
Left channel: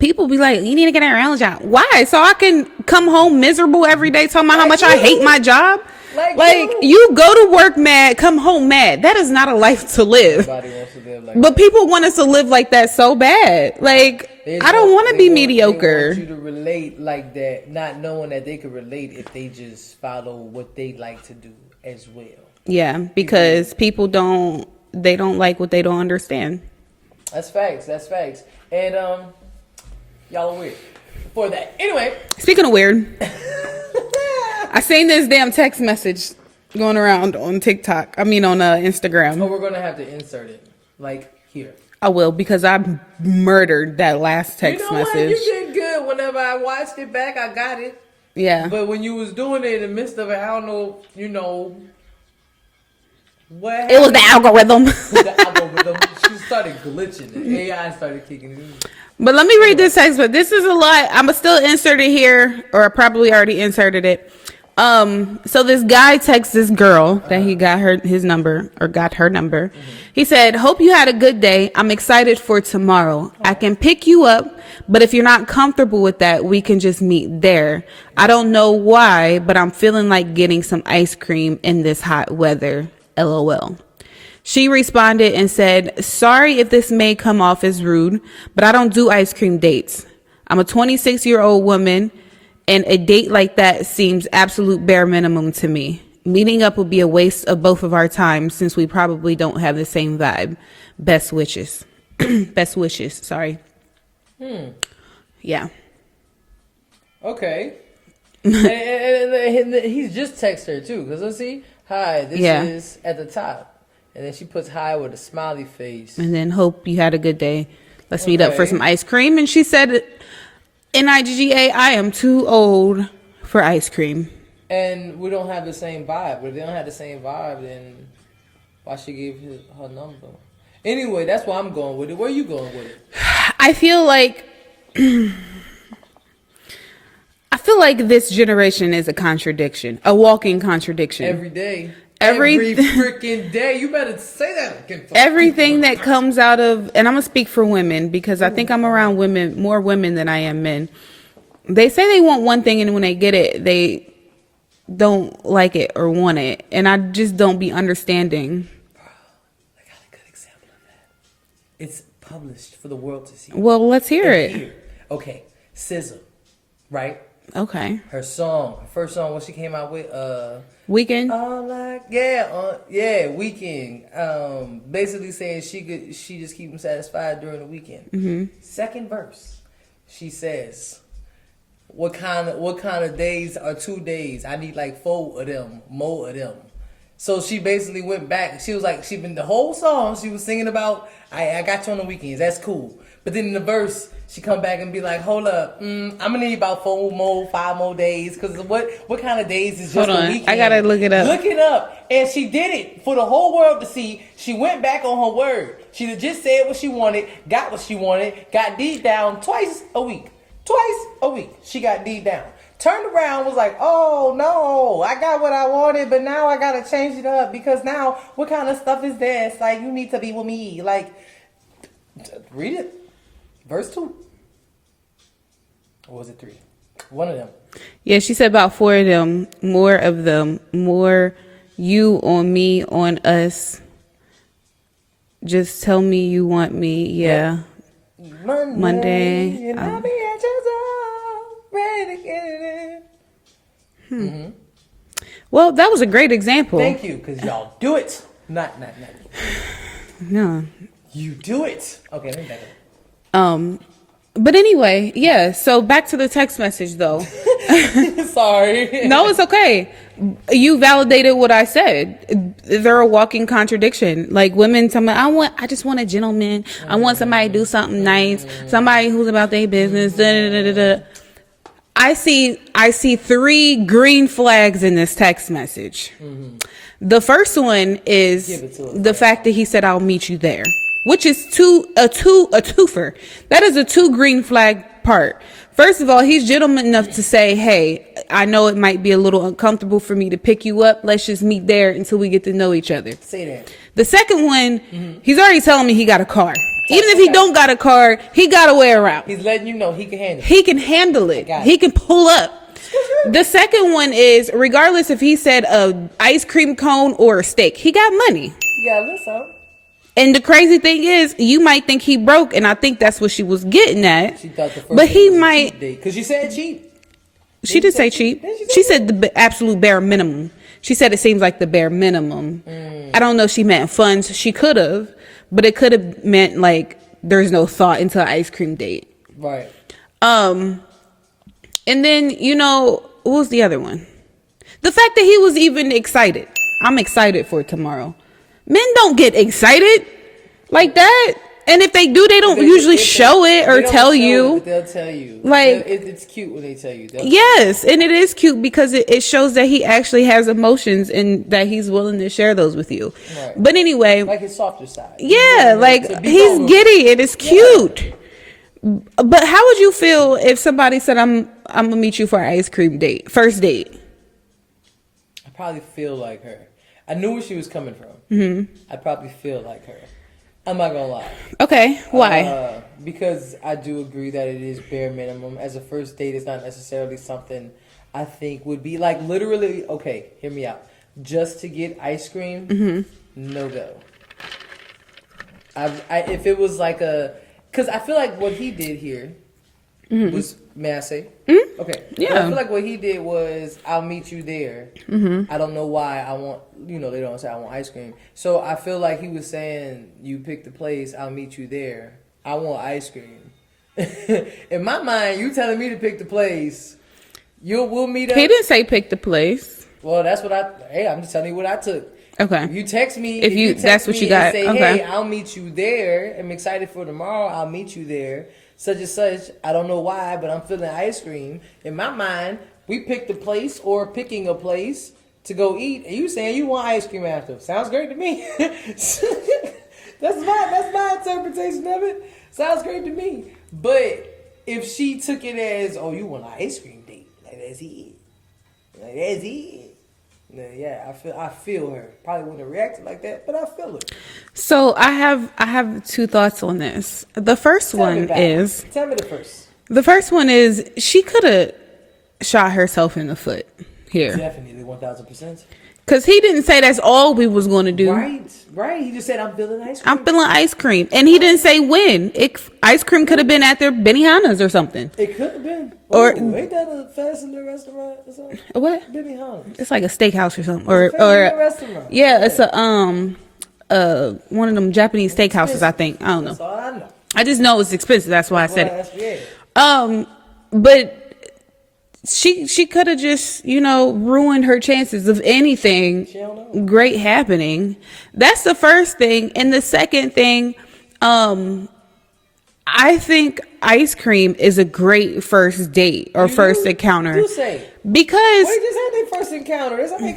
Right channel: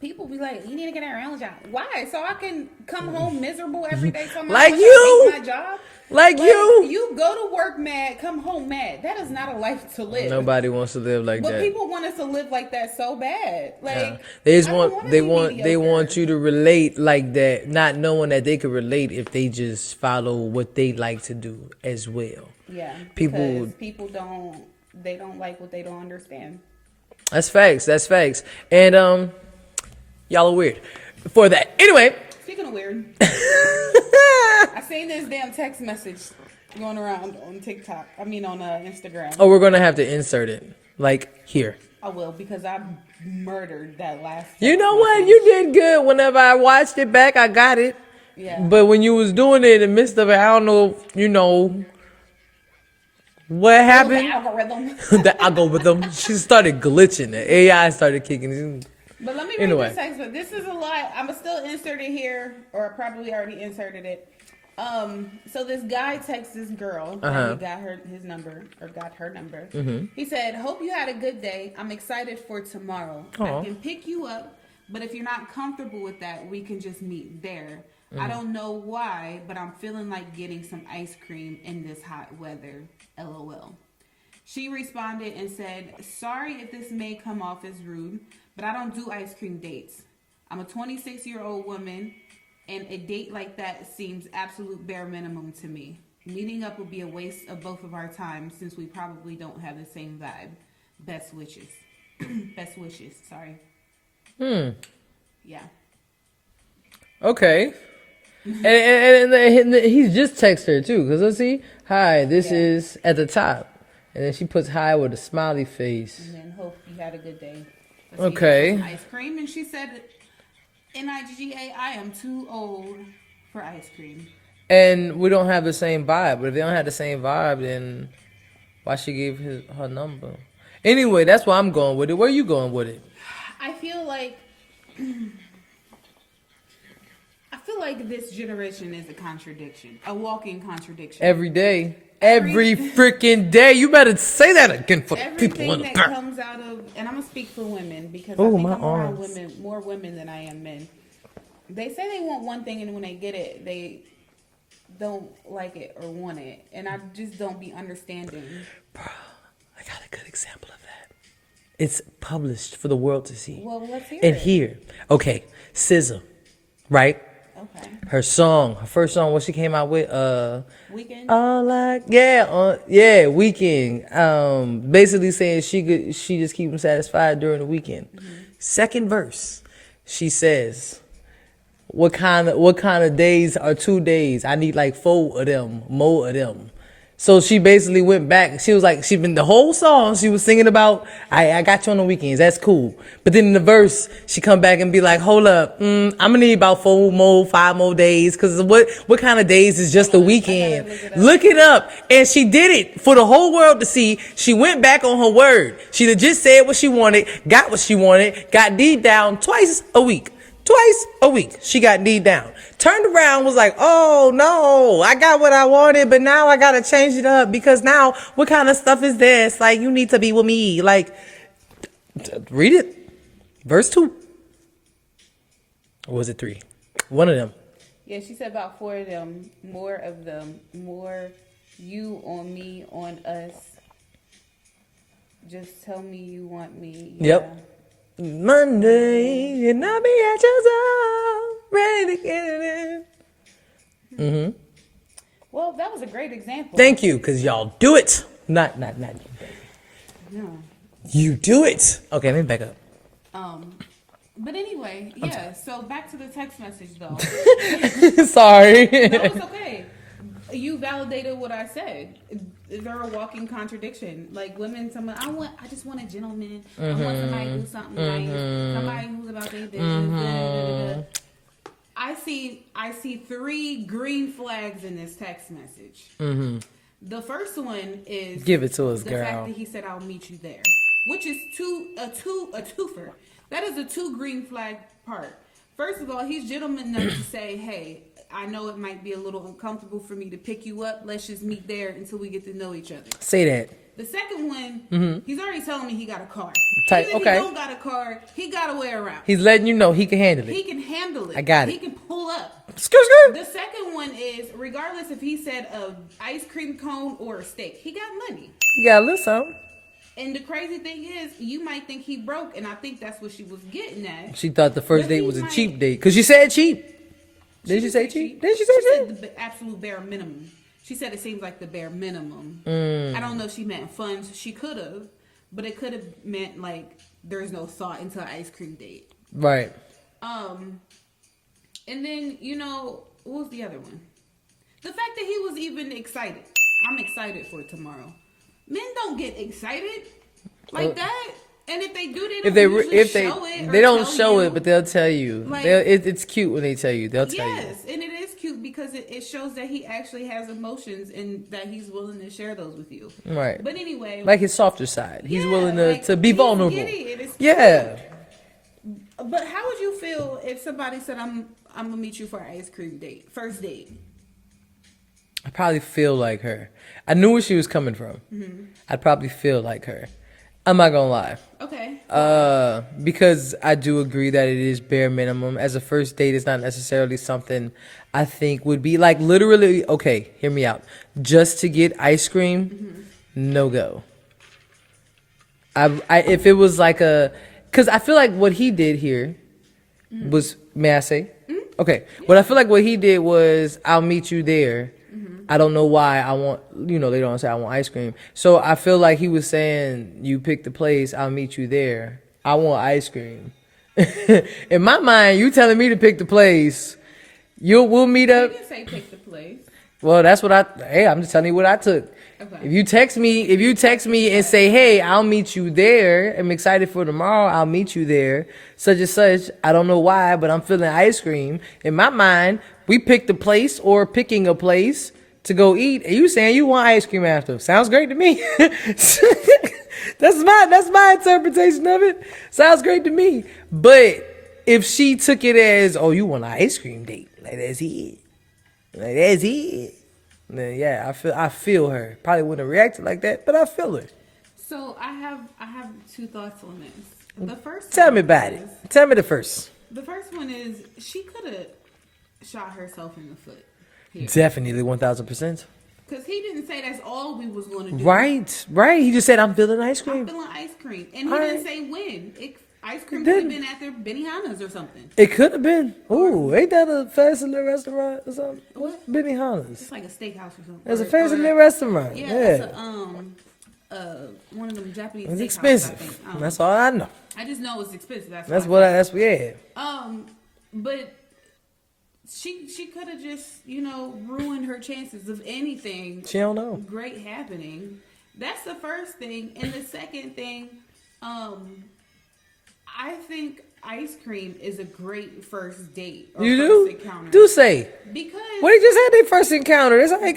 People be like, you need to get a real job. Why? So I can come home miserable every day talking about how much I hate my job? Like you go to work mad, come home mad. That is not a life to live. Nobody wants to live like that. But people want us to live like that so bad. Like, I don't want to be mediocre. They want you to relate like that, not knowing that they could relate if they just follow what they like to do as well. Yeah, because people don't like what they don't understand. That's facts. And y'all are weird for that. Anyway. Speaking of weird. I seen this damn text message going around on TikTok. I mean, on Instagram. Oh, we're going to have to insert it. Like, here. I will, because I murdered that last text message. You know what? You did good. Whenever I watched it back, I got it. Yeah. But when you was doing it in the midst of it, I don't know, what happened. It was the algorithm. The algorithm. She started glitching. The AI started kicking in. But let me read this text, but this is a lot. I'm going to still insert it here, or I probably already inserted it. So this guy texts this girl that he got her number. Mm-hmm. He said, hope you had a good day. I'm excited for tomorrow. I can pick you up, but if you're not comfortable with that, we can just meet there. I don't know why, but I'm feeling like getting some ice cream in this hot weather. LOL. She responded and said, sorry if this may come off as rude, but I don't do ice cream dates. I'm a 26-year-old woman, and a date like that seems absolute bare minimum to me. Meeting up would be a waste of both of our time since we probably don't have the same vibe. Best wishes. Best wishes, sorry. Yeah. Okay. and he's just texted her too, because let's see. Hi, this is at the top. And then she puts hi with a smiley face. And then hope you had a good day. Let's meet up for some ice cream. And she said, NIGGA, I am too old for ice cream. And we don't have the same vibe. But if they don't have the same vibe, then why she gave her number? Anyway, that's why I'm going with it. Where are you going with it? I feel like this generation is a contradiction, a walking contradiction. Every day. Every freaking day. You better say that again. Everything that comes out of, and I'm going to speak for women because I think I'm around more women than I am men. They say they want one thing, and when they get it, they don't like it or want it. And I just don't be understanding. Bro, I got a good example of that. It's published for the world to see. Well, let's hear it. Here. Okay. SZA, right? Okay. Her first song, what she came out with, Weekend. Weekend. Basically saying she just keep them satisfied during the weekend. Mm-hmm. Second verse, she says, "What kind of days are 2 days? I need like 4 of them, more of them." So she basically went back. She was like, the whole song she was singing about, I got you on the weekends. That's cool. But then in the verse, she come back and be like, hold up. I'm going to need about 5 more days. Cause what kind of days is just the weekend? I got to look it up. Look it up. And she did it for the whole world to see. She went back on her word. She just said what she wanted, got what she wanted, got deep down twice a week. She got D down. Turned around, was like, oh no, I got what I wanted, but now I gotta change it up because now what kind of stuff is this? Like, you need to be with me. Like, read it. Verse 2. Or was it 3? One of them. Yeah, she said about 4 of them, more you on me, on us. Just tell me you want me. Yeah. Yep. Monday, and I'll be at your door, ready to get it in. Mm-hmm. Well, that was a great example. Thank you, because y'all do it. Not you. No. You do it. Okay, let me back up. But anyway, yeah. So back to the text message, though. Sorry. No, it's okay. You validated what I said. They're a walking contradiction. Like women tell me, I just want a gentleman. I want somebody to do something nice. Somebody who's about their business. Da, da, da, da. I see 3 green flags in this text message. The first one is Give it to us, the girl. fact that he said, "I'll meet you there," which is a twofer. That is a 2 green flag part. First of all, he's gentleman enough to say, "Hey, I know it might be a little uncomfortable for me to pick you up. Let's just meet there until we get to know each other." Say that. The second one, he's already telling me he got a car. Even if he okay. don't got a car, he got a way around. He's letting you know he can handle it. He can handle it. I got it. He can pull up. The second one is, regardless if he said a ice cream cone or a steak, he got money. You gotta listen. And the crazy thing is, you might think he broke, and I think that's what she was getting at. She thought the first But date he was might- a cheap date. Because she said cheap. She didn't say cheap. Did she say She cheap? said the absolute bare minimum. She said it seems like the bare minimum. I don't know if she meant funds. She could have, but it could have meant like there's no thought into an ice cream date. Right. And then, what was the other one? The fact that he was even excited. I'm excited for tomorrow. Men don't get excited like that. And if they do, they don't usually show it or tell you. But they'll tell you. Like, it's cute when they tell you. They'll yes, and it is cute because it shows that he actually has emotions and that he's willing to share those with you. Right. But anyway, like his softer side. yeah, like he's vulnerable. giddy and it's Yeah. cute. But how would you feel if somebody said, I'm gonna meet you for an ice cream date, first date? I probably feel like her. I knew where she was coming from. I'd probably feel like her. I'm not gonna lie. Okay, why? Because I do agree that it is bare minimum. As a first date, it's not necessarily something I think would be like literally. Okay, hear me out. Just to get ice cream, no go. If it was like because I feel like what he did here was, may I say? Okay. Yeah. But I feel like what he did was, I'll meet you there. I don't know why I want, they don't say I want ice cream. So I feel like he was saying, you pick the place, I'll meet you there. I want ice cream. In my mind, you telling me to pick the place, we'll meet up. He didn't say pick the place. Well, that's what I'm just telling you what I took. Okay. If you text me, that's what you and got, say, okay. hey, I'll meet you there. I'm excited for tomorrow. I'll meet you there. Such and such. I don't know why, but I'm feeling ice cream. In my mind, we picked a place or picking a place to go eat. And you saying you want ice cream after. Sounds great to me. That's my interpretation of it. Sounds great to me. But if she took it as, oh, you want an ice cream date, like that's it. Like that's it. Then yeah, I feel her. Probably wouldn't have reacted like that, but I feel her. So I have 2 thoughts on this. The first Tell me one is the first. She could have shot herself in the foot here. Definitely 1,000%. Because he didn't say that's all we was going to do. Right. He just said, I'm feeling ice cream. I'm feeling ice cream. And he didn't say when. Ice cream could have been at their Benihana's or something. It could have been. Or- Ain't that a fast food restaurant or something? What? Benihana's. It's like a steakhouse or something. It's a fast food restaurant. Yeah, it's a one of them Japanese It's steakhouses, expensive. I think. I don't That's know. all I know. I just know it's expensive. That's why I said it. That's what, yeah. But she could have just, ruined her chances of anything She don't know. great happening. That's the first thing. And the second thing, I think ice cream is a great first date or first encounter. Do say. Because Well, he just had their first encounter. That's how he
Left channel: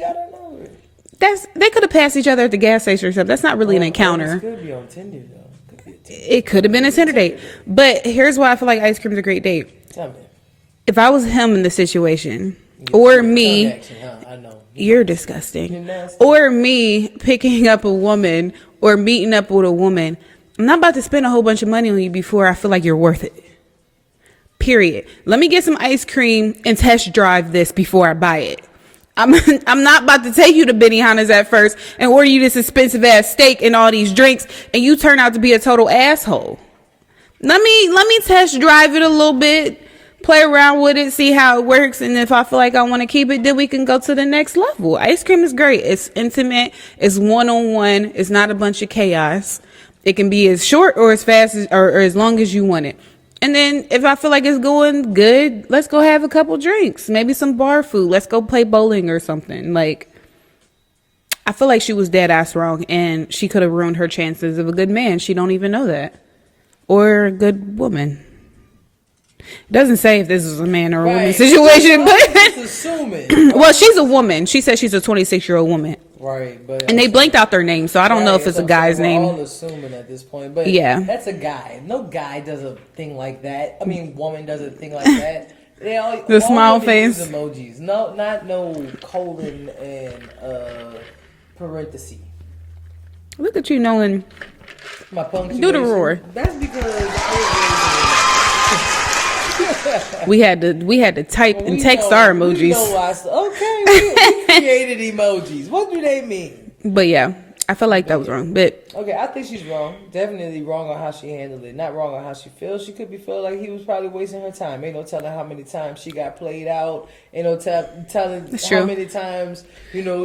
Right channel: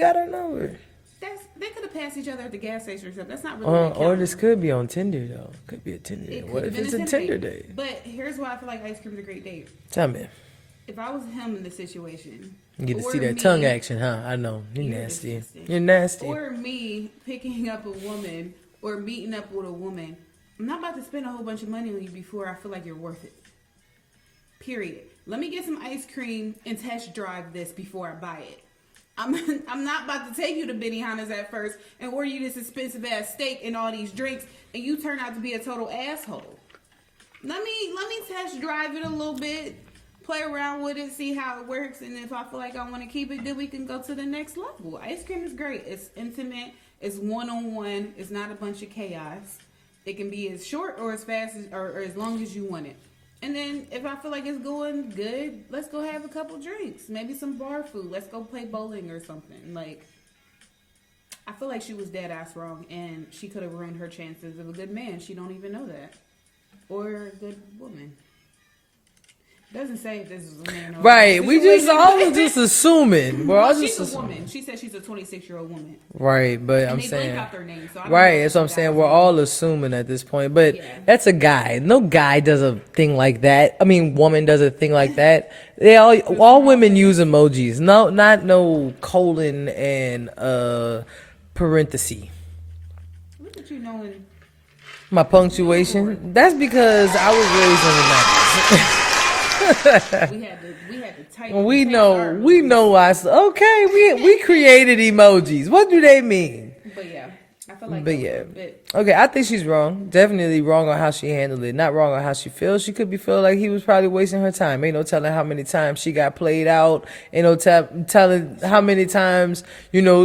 got her number. they could have passed each other at the gas station or something. That's not really an encounter. This could be on Tinder, though. Could be a Tinder. It could have been a Tinder date. But here's why I feel like ice cream is a great date. Tell me. If I was him in the situation, You get to or see that me, tongue action, huh? I know. you're nasty. disgusting. You're nasty. Or me picking up a woman or meeting up with a woman, I'm not about to spend a whole bunch of money on you before I feel like you're worth it. Period. Let me get some ice cream and test drive this before I buy it. I'm not about to take you to Benihana's at first and order you this expensive ass steak and all these drinks and you turn out to be a total asshole. Let me test drive it a little bit, play around with it, see how it works, and if I feel like I want to keep it, then we can go to the next level. Ice cream is great. It's intimate. It's one-on-one. It's not a bunch of chaos. It can be as short or as fast as, or as long as you want it. And then if I feel like it's going good, let's go have a couple drinks. Maybe some bar food. Let's go play bowling or something. Like, I feel like she was dead ass wrong, and she could have ruined her chances of a good man. She don't even know that. Or a good woman. It doesn't say if this is a man or a woman situation. But just assuming. Well, she's a woman. She said she's a 26-year-old woman. Right, but and they blanked out their name, so I don't know if it's a guy's name. We're all assuming at this point, but yeah, that's a guy. No guy does a thing like that. I mean, woman does a thing like that. They all women face. Use emojis. No, not no colon and parenthesis. Look at you knowing my punctuation. That's because I was raised in the 90s. we had to type and text our emojis. We know why. Okay, we created emojis. What do they mean? But yeah, I feel like that was wrong. But okay, I think she's wrong. Definitely wrong on how she handled it. Not wrong on how she feels. She could be feeling like he was probably wasting her time. Ain't no telling how many times she got played out. Ain't no telling how many times, because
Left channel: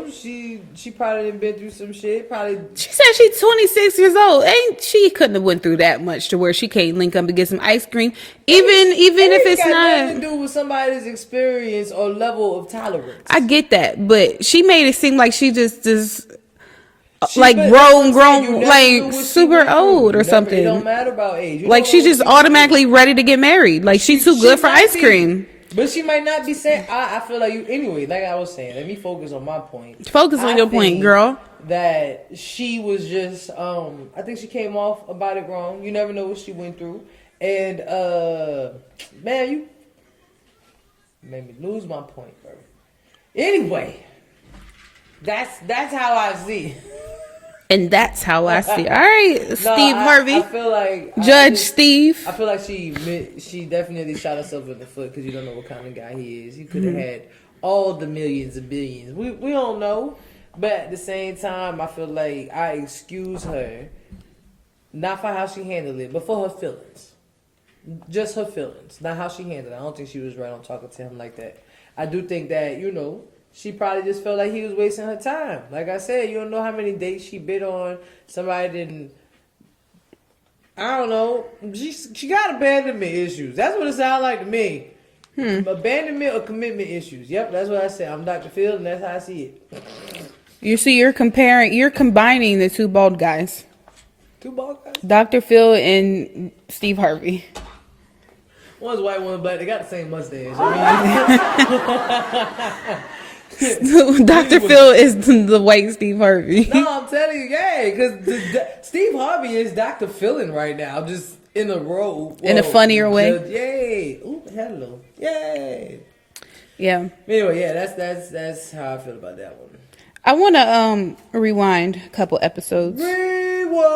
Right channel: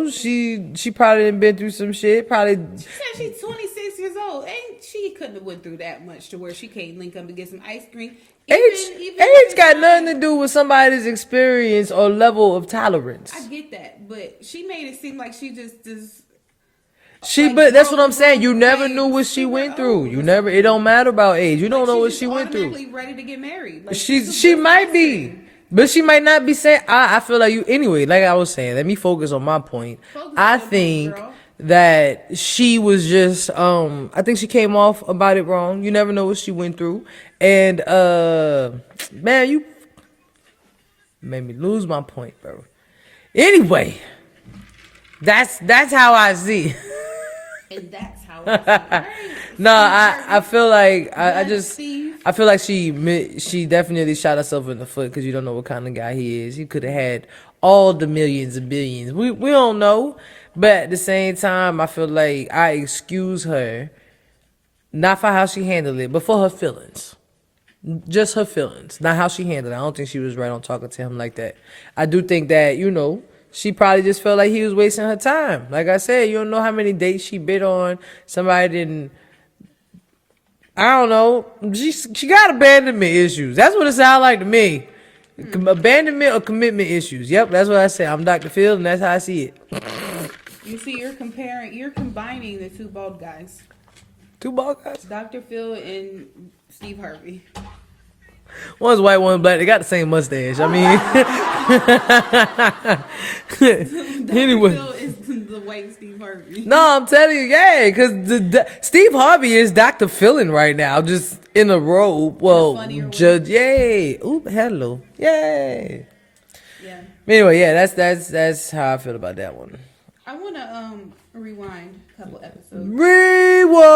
she probably done been through some shit. Probably she said she's 26 years old. She couldn't have went through that much to where she can't link up to get some ice cream. Even if it's got not nothing to do with somebody's experience or level of tolerance. I get that, but she made it seem like she just like grown, you never like knew what super old or something. It don't matter about age. You like she's just automatically ready to get married. Like she's too good for ice cream. But she might not be saying. I feel like you anyway. Like I was saying, let me focus on my point. Focus on your point, girl. That she was just. I think she came off about it wrong. You never know what she went through, and man, you made me lose my point, bro. Anyway, that's how I see. And that's how I see it. All right, Steve Harvey. I feel like Steve. I feel like she definitely shot herself in the foot because you don't know what kind of guy he is. He could have had all the millions and billions. We don't know, but at the same time, I feel like I excuse her, not for how she handled it, but for her feelings. Just her feelings, not how she handled it. I don't think she was right on talking to him like that. I do think that she probably just felt like he was wasting her time. Like I said, you don't know how many dates she bid on. Somebody didn't. I don't know. She got abandonment issues. That's what it sounds like to me. Abandonment or commitment issues. Yep, that's what I said. I'm Dr. Phil, and that's how I see it. You see, you're combining the two bald guys. Two bald guys? Dr. Phil and Steve Harvey. One's white, one's black. They got the same mustache. I mean, Dr. Phil is the white Steve Harvey. No, I'm telling you, yeah, because Steve Harvey is Dr. Philin right now, just in a robe. In a funnier way. Yay! Ooh, hello! Yay! Yeah. Anyway, yeah, that's how I feel about that one. I want to rewind a couple episodes. Rewind.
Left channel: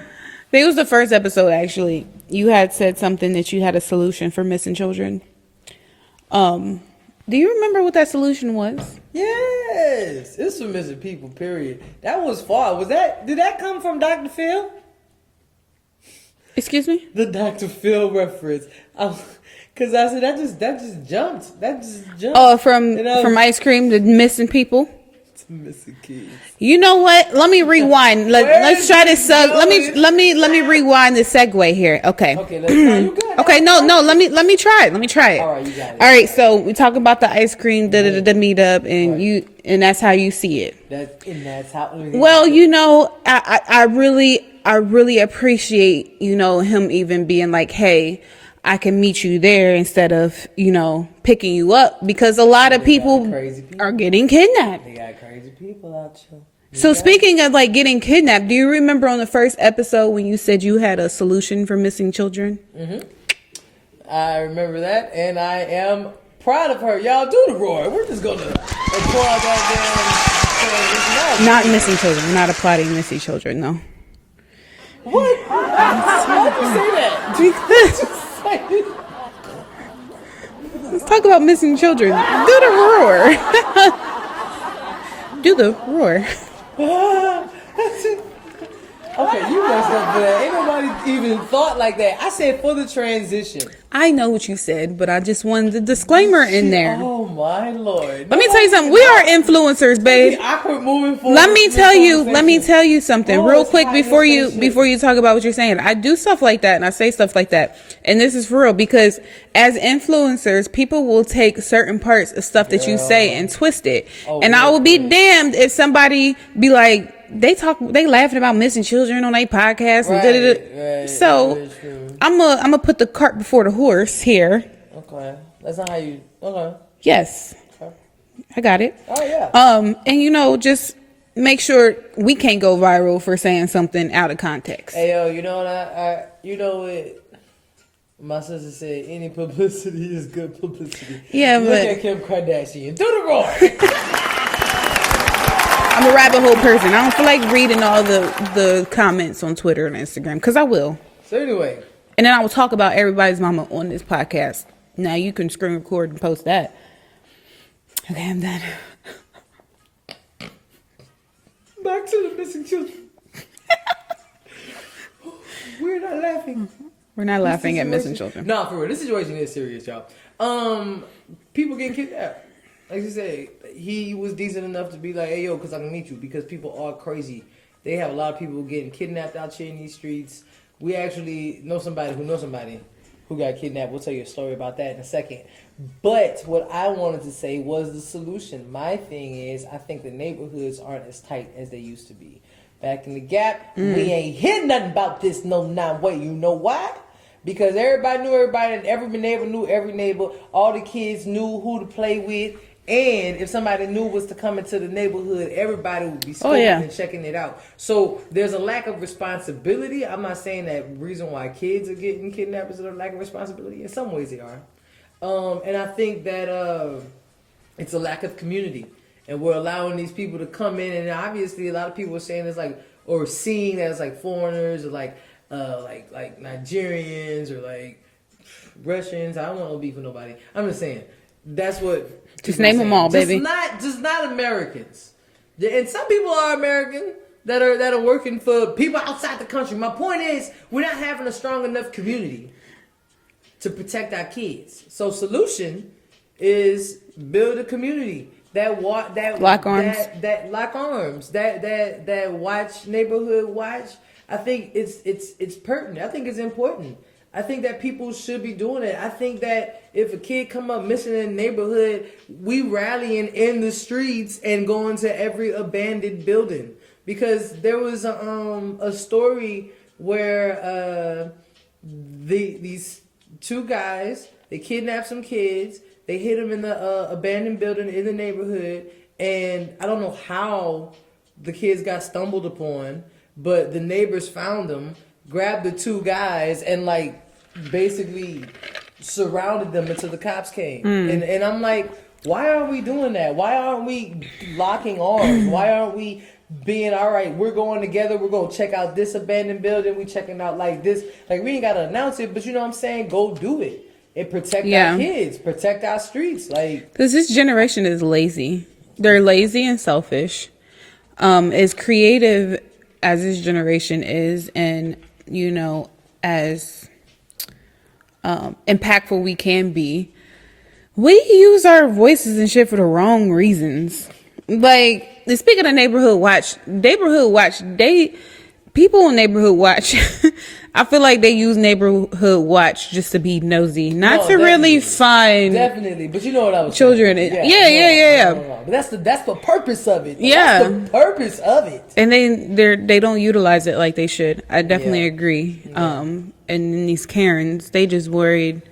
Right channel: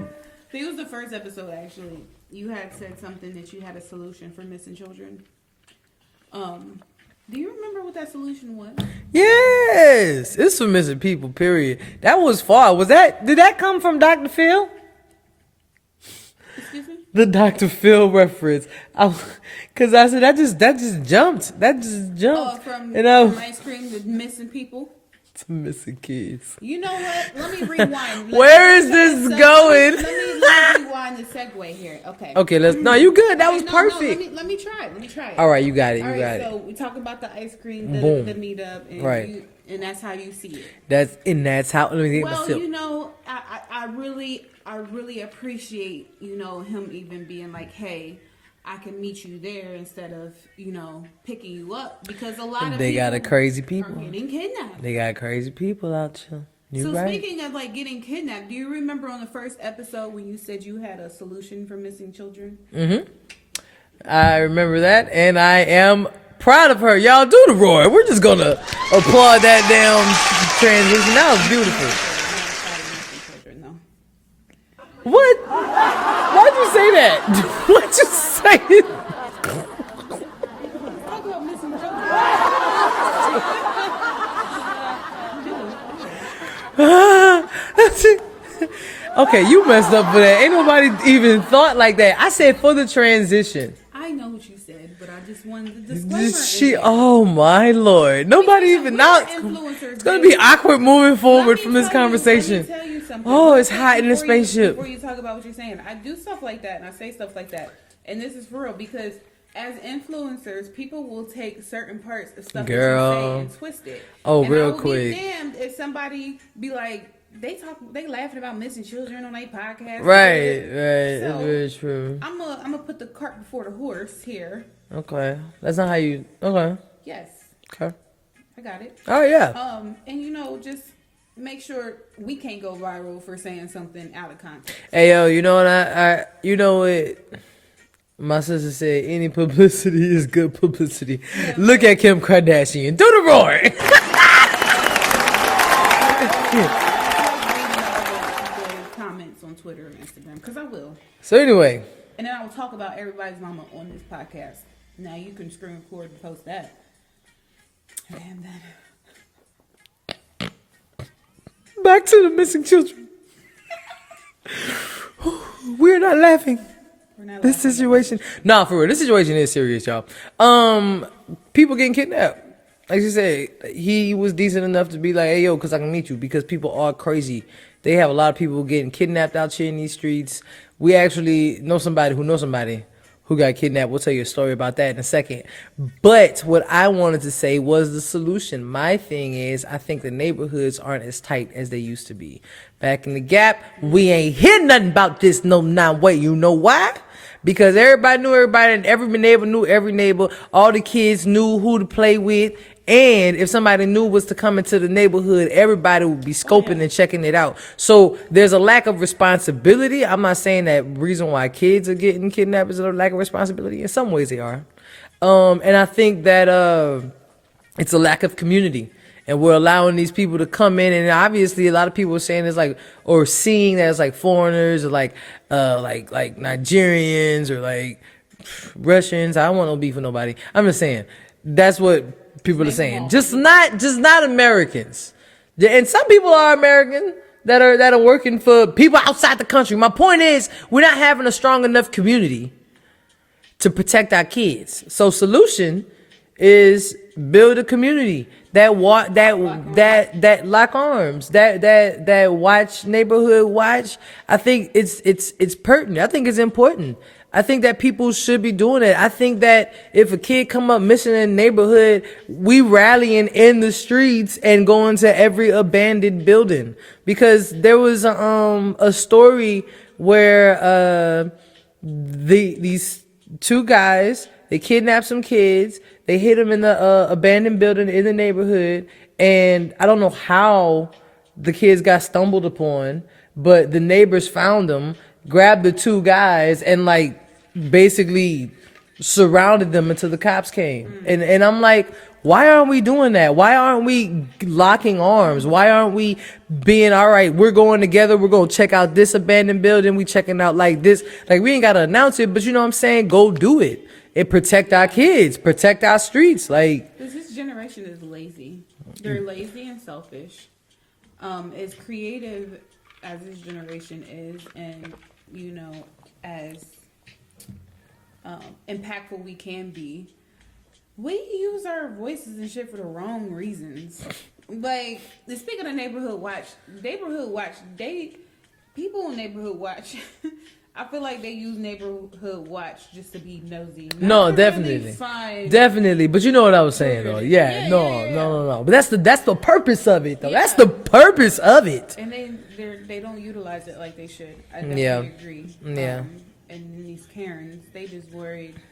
I think it was the first episode actually. You had said something that you had a solution for missing children. Do you remember what that solution was? Yes, it's for missing people. Period. That was far. Did that come from Dr. Phil? Excuse me? The Dr. Phil reference. Because I said that just jumped. That just jumped. Oh, from ice cream to missing people. Missing kids. You know what? Let me rewind. Let's try this. Let me rewind the segue here. Okay. Okay. No, you good. That okay. No. Let me try it. Let me try it. All right, you got it. All right. So we talk about the ice cream, the meetup, and right. and that's how you see it. That's how. Well, I really appreciate him even being like, hey, I can meet you there instead of, picking you up, because a lot of people are getting kidnapped. They got crazy people out there. So speaking of like getting kidnapped, do you remember on the first episode when you said you had a solution for missing children? Mm-hmm. I remember that, and I am proud of her. Y'all do the roar. We're just going to applaud that damn transition. Not missing children. We're not applauding missing children, though. What? Why'd you say that? Why'd you say it? Let's talk about missing children. Do the roar. Do the roar. Okay, you messed up for that. Ain't nobody even thought like that. I said for the transition. I know what you said, but I just wanted the disclaimer in there. Oh my Lord! Let me tell you something. We are influencers, babe. It's gonna be awkward moving forward. Let me tell you something real quick before you talk about what you're saying. I do stuff like that and I say stuff like that, and this is for real because as influencers, people will take certain parts of stuff that you say and twist it. And I will be damned if somebody be like, they laughing about missing children on their podcast. Right. So I'm gonna put the cart before the horse here. Okay, that's not how you. Okay. Yes. Okay. I got it. Oh yeah. And just make sure we can't go viral for saying something out of context. Hey yo, you know what you know what my sister said? Any publicity is good publicity. Yeah. Look at Kim Kardashian. Do the roar. I'm a rabbit hole person. I don't feel like reading all the comments on Twitter and Instagram because I will. So anyway, and then I will talk about everybody's mama on this podcast. Now you can screen record and post that. Okay, I'm done. Back to the missing children. We're not laughing. We're not laughing at missing children. Nah, for real. This situation is serious, y'all. People getting kidnapped. Like you said, he was decent enough to be like, hey, yo, because I can meet you. Because people are crazy. They have a lot of people getting kidnapped out here in these streets. We actually know somebody who got kidnapped. We'll tell you a story about that in a second. But what I wanted to say was the solution. My thing is, I think the neighborhoods aren't as tight as they used to be. Back in the Gap, we ain't hear nothing about this no way. You know why? Because everybody knew everybody and every neighbor knew every neighbor. All the kids knew who to play with. And if somebody new was to come into the neighborhood, everybody would be scoping and checking it out. So there's a lack of responsibility. I'm not saying that reason why kids are getting kidnapped is a lack of responsibility. In some ways they are. And I think that it's a lack of community. And we're allowing these people to come in. And obviously a lot of people are saying it's like, or seeing that as like foreigners or like Nigerians or like Russians. I don't want no beef with nobody. I'm just saying that's what people are saying. All, just not Americans. And some people are American that are working for people outside the country. My point is, we're not having a strong enough community to protect our kids. So solution is build a community that lock arms, that watch neighborhood watch. I think it's pertinent. I think it's important. I think that people should be doing it. I think that if a kid come up missing in a neighborhood, we rallying in the streets and going to every abandoned building. Because there was a story where these two guys, they kidnapped some kids, they hid them in the abandoned building in the neighborhood, and I don't know how the kids got stumbled upon, but the neighbors found them, grabbed the two guys and like basically surrounded them until the cops came. And I'm like, why aren't we doing that? Why aren't we locking arms? Why aren't we being, all right, we're going together, we're going to check out this abandoned building, we checking out like this. Like, we ain't got to announce it, but you know what I'm saying? Go do it. And protect our kids, protect our streets. Like, because this generation is lazy. They're lazy and selfish. As creative as this generation is, and as impactful we can be, we use our voices and shit for the wrong reasons. Like, speaking of neighborhood watch, people on neighborhood watch, I feel like they use neighborhood watch just to be nosy, not to really find. Definitely, but you know what I was children. saying. Yeah. No. But that's the purpose of it. Yeah, that's the purpose of it. And they don't utilize it like they should. I definitely agree. Yeah. And these Karens, they just worried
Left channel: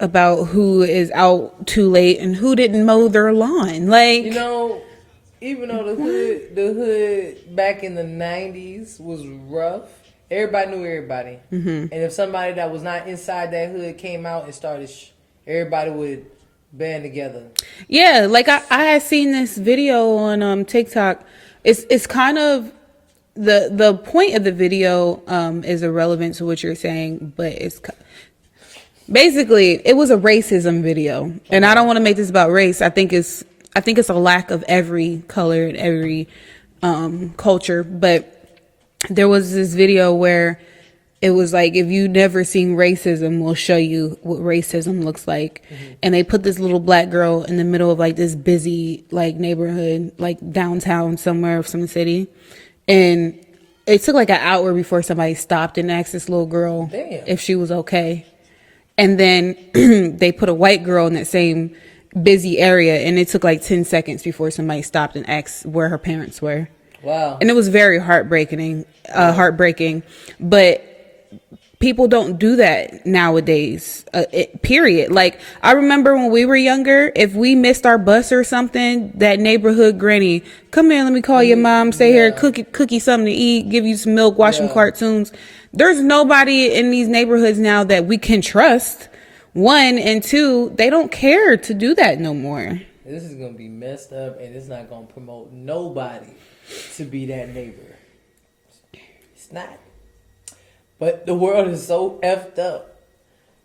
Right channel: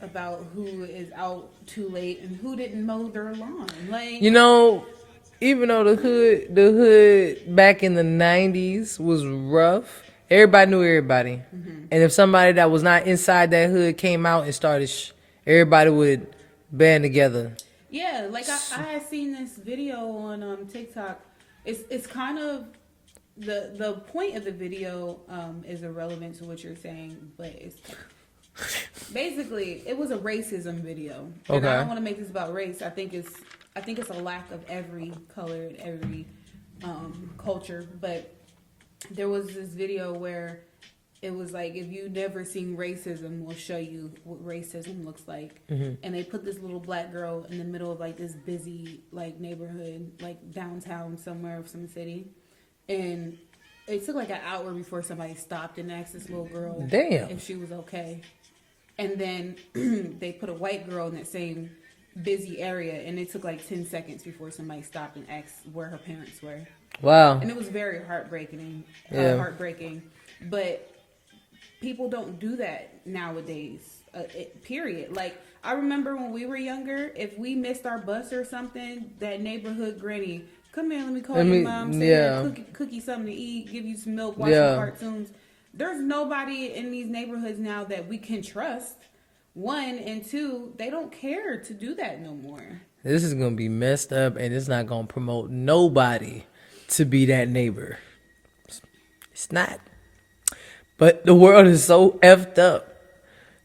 about who is out too late and who didn't mow their lawn. Like, even though the hood back in the 90s was rough, everybody knew everybody. And if somebody that was not inside that hood came out and started, everybody would band together. Yeah, like I had seen this video on TikTok. It's kind of the point of the video is irrelevant to what you're saying, but it's basically it was a racism video. And I don't want to make this about race. I think it's a lack of every color and every culture, but there was this video where it was like, if you never seen racism, we'll show you what racism looks like. And they put this little black girl in the middle of like this busy like neighborhood, like downtown somewhere of some city. And it took like an hour before somebody stopped and asked this little girl if she was okay. And then they put a white girl in that same busy area, and it took like 10 seconds before somebody stopped and asked where her parents were. Wow. And it was very heartbreaking, but people don't do that nowadays, period. Like, I remember when we were younger, if we missed our bus or something, that neighborhood granny, come here, let me call your mom, stay here, cook you something to eat, give you some milk, watch some cartoons. There's nobody in these neighborhoods now that we can trust. One, and two, they don't care to do that no more. This is going to be messed up, and it's not going to promote nobody to be that neighbor. It's not. But the world is so effed up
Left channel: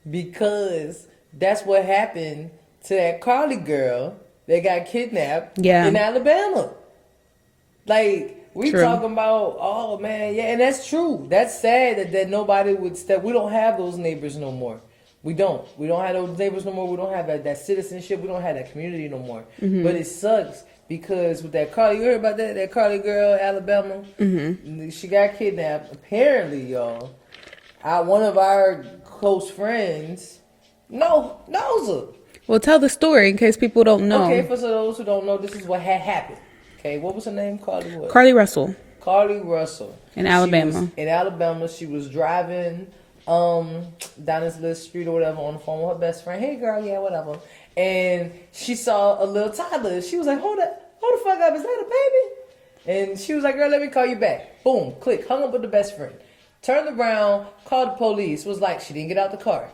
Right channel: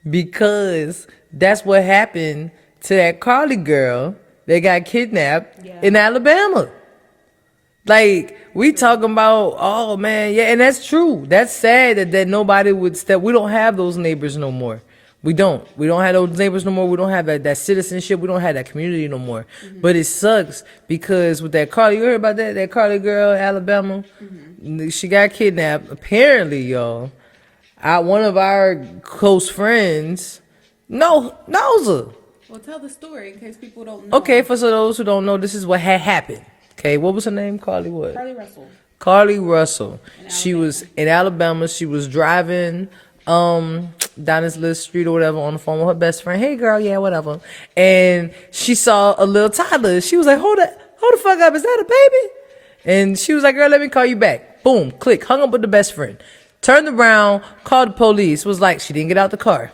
because that's what happened to that Carly girl that got kidnapped in Alabama. Like, we talking about, oh, man, yeah, and that's true. That's sad that nobody would step. We don't have those neighbors no more. We don't have those neighbors no more. We don't have that citizenship. We don't have that community no more. But it sucks because with that Carly, you heard about that Carly girl, Alabama? She got kidnapped. Apparently, y'all, one of our close friends knows her. Well, tell the story in case people don't know. Okay, for those who don't know, this is what had happened. Okay, what was her name? Carly what? Carly Russell. Carly Russell. In Alabama. She was in Alabama. She was driving down this little street or whatever on the phone with her best friend. Hey girl, yeah, whatever. And she saw a little toddler. She was like, hold the fuck up, is that a baby? And she was like, girl, let me call you back. Boom, click, hung up with the best friend. Turned around, called the police. Was like, she didn't get out the car.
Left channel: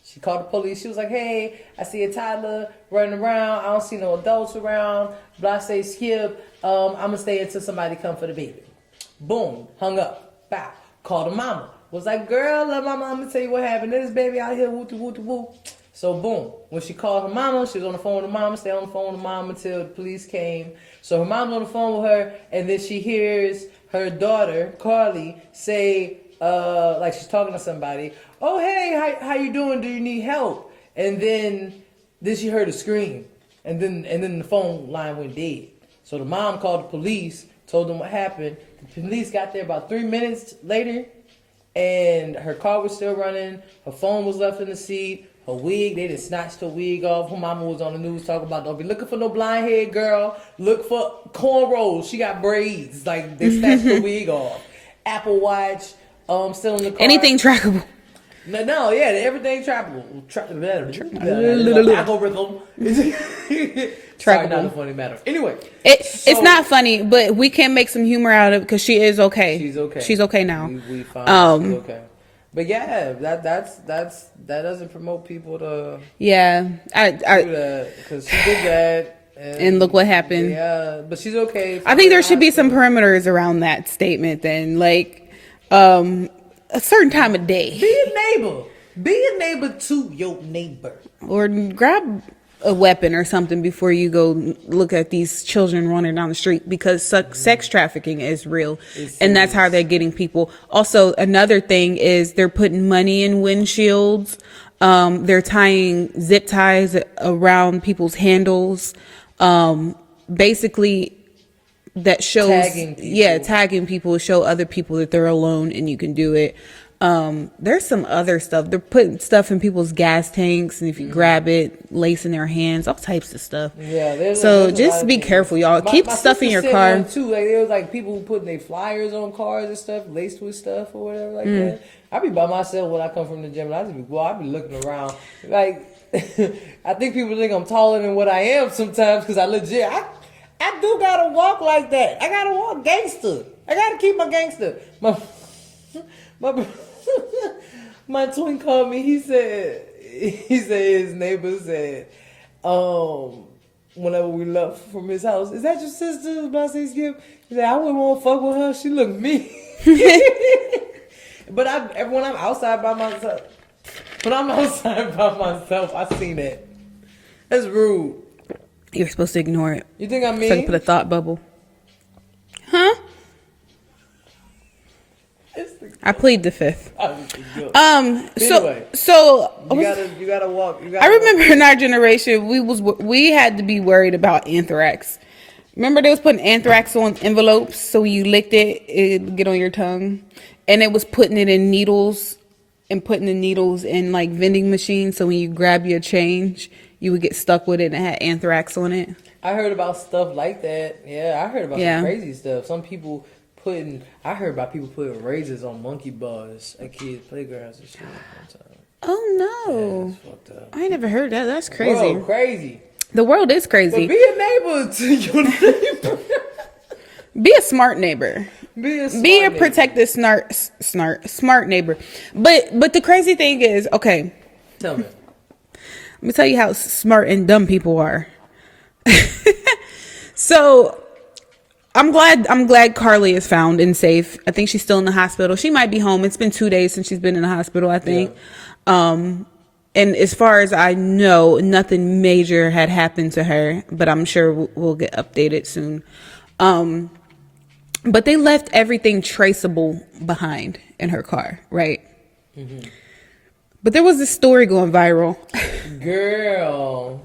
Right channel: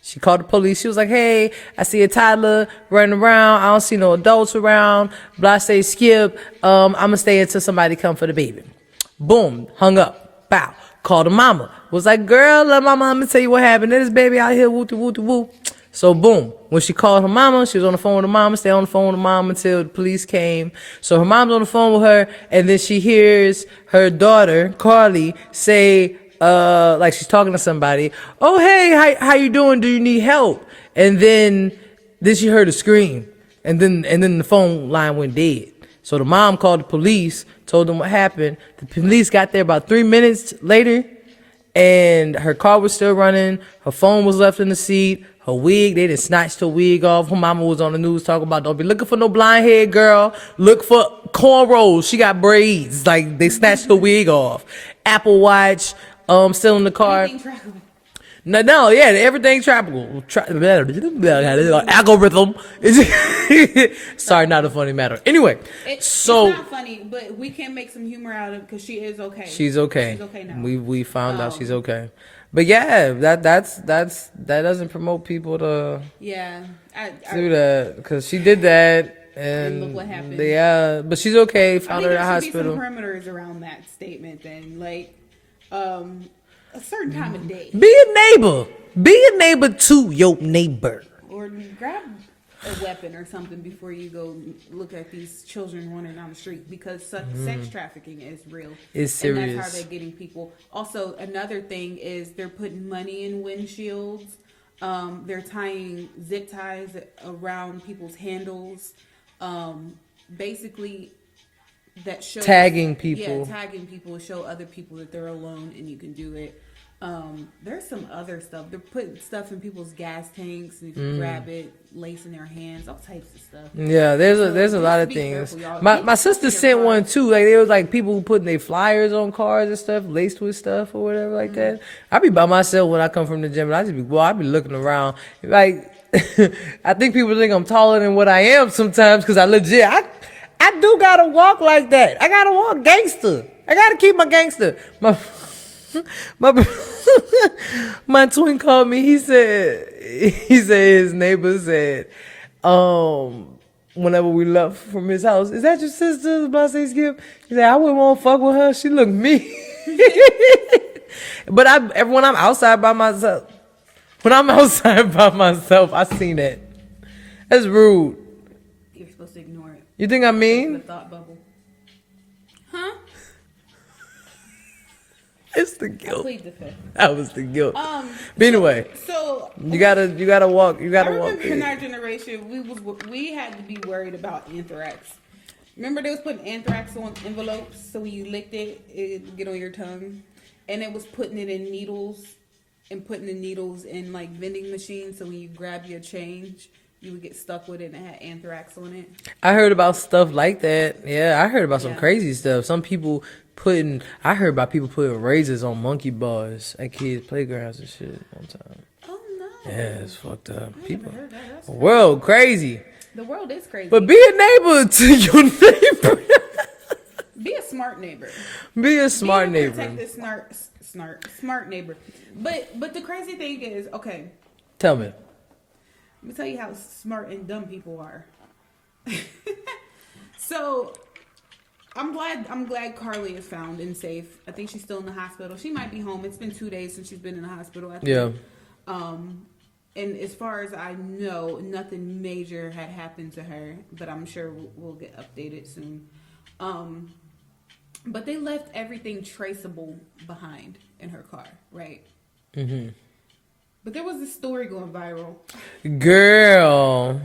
She called the police. She was like, hey, I see a toddler running around. I don't see no adults around. Blah, say skip. I'm gonna stay until somebody come for the baby. Boom, hung up. Bow. Called the mama. Was like, girl, let my mama tell you what happened. There's this baby out here, woo. So boom, when she called her mama, she was on the phone with her mama, stayed on the phone with her mom until the police came. So her mom's on the phone with her, and then she hears her daughter, Carly, say, like she's talking to somebody, oh, hey, how you doing? Do you need help? And then she heard a scream, and then the phone line went dead. So the mom called the police, told them what happened. The police got there about 3 minutes later, and her car was still running. Her phone was left in the seat. Her wig, they done snatched her wig off. Her mama was on the news talking about, don't be looking for no blind head girl. Look for cornrows. She got braids. Like, they snatched the wig off. Apple Watch, still in the car. Anything trackable. No, yeah, everything trackable. Algorithm. Sorry, not a funny matter. Anyway. It's not funny, but we can make some humor out of it because she is okay. She's okay. She's okay now. We found out she's okay. But yeah, that doesn't promote people to do that because she did that and look what happened. Yeah, but she's okay. I think there should be some perimeters around that statement. Then, like a certain time of day, be a neighbor. Be a neighbor to your neighbor, or grab a weapon or something before you go look at these children running down the street because sex trafficking is real, and that's how they're getting people. Also, another thing is they're putting money in windshields. They're tying zip ties around people's handles. Basically, that shows tagging people. Yeah, tagging people show other people that they're alone and you can do it. There's some other stuff. They're putting stuff in people's gas tanks, and if you grab it, lace in their hands, all types of stuff. Yeah, there's a lot just of be things. careful, y'all. Keep my stuff sister in your sent car. one too. Like there was like people who putting their flyers on cars and stuff, laced with stuff or whatever like that. I be by myself when I come from the gym, and I be looking around. Like I think people think I'm taller than what I am sometimes because I do gotta walk like that. I gotta walk gangster. I gotta keep my gangster. My twin called me. He said his neighbor said, whenever we left from his house, is that your sister? I say Skip. He said, I wouldn't want to fuck with her. She looked mean. But when I'm outside by myself, I seen that. That's rude. You're supposed to ignore it. You think I mean? Put a thought bubble. Huh? the guilt. I plead the fifth. That was the guilt. But anyway, so you gotta walk. I remember in our generation, we had to be worried about anthrax. Remember they was putting anthrax on envelopes, so when you licked it, it'd get on your tongue, and it was putting it in needles and putting the needles in like vending machines. So when you grab your change, you would get stuck with it and it had anthrax on it. I heard about stuff like that. Yeah, I heard about some crazy stuff. I heard about people putting razors on monkey bars at kids' playgrounds and shit one time. Oh no. Yeah, it's fucked up. I ain't never heard that. That's crazy. World crazy. The world is crazy. But be a neighbor to your neighbor. Be a smart neighbor. Be a neighbor. Protective, smart neighbor. But the crazy thing is, okay. Tell me. Let me tell you how smart and dumb people are. So I'm glad Carly is found and safe. I think she's still in the hospital. She might be home. It's been 2 days since she's been in the hospital, I think. Yeah. And as far as I know, nothing major had happened to her, but I'm sure we'll get updated soon. But they left everything traceable behind in her car, right? Mm-hmm. But there was this story going viral. Girl.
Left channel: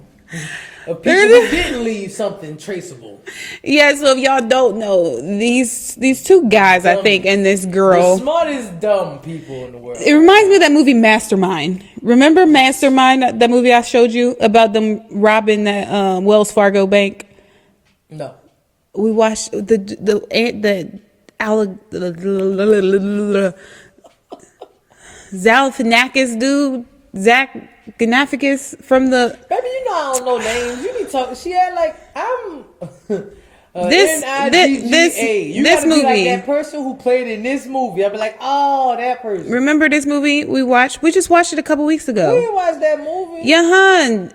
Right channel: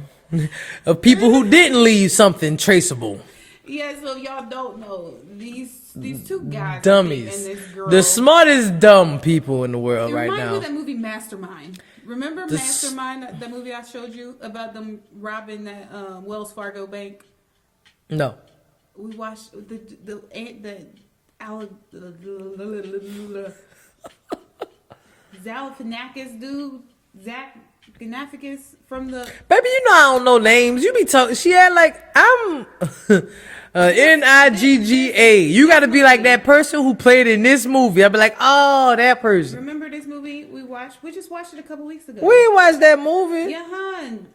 Of people who didn't leave something traceable. Yeah, so if y'all don't know, these two guys, Dummies. I think, and this girl. The smartest dumb people in the world. It reminds me of that movie Mastermind. Remember Mastermind, that movie I showed you about them robbing that Wells Fargo bank? No. We watched Zalfanakis dude, Zach Ganafikis from the... Baby, you know I don't know names. You be talking... She had like... I'm... N-I-G-G-A. You gotta be like that person who played in this movie. I'll be like, oh, that person. Remember this movie we watched? We just watched it a couple weeks ago. We watched that movie. Yeah, hun.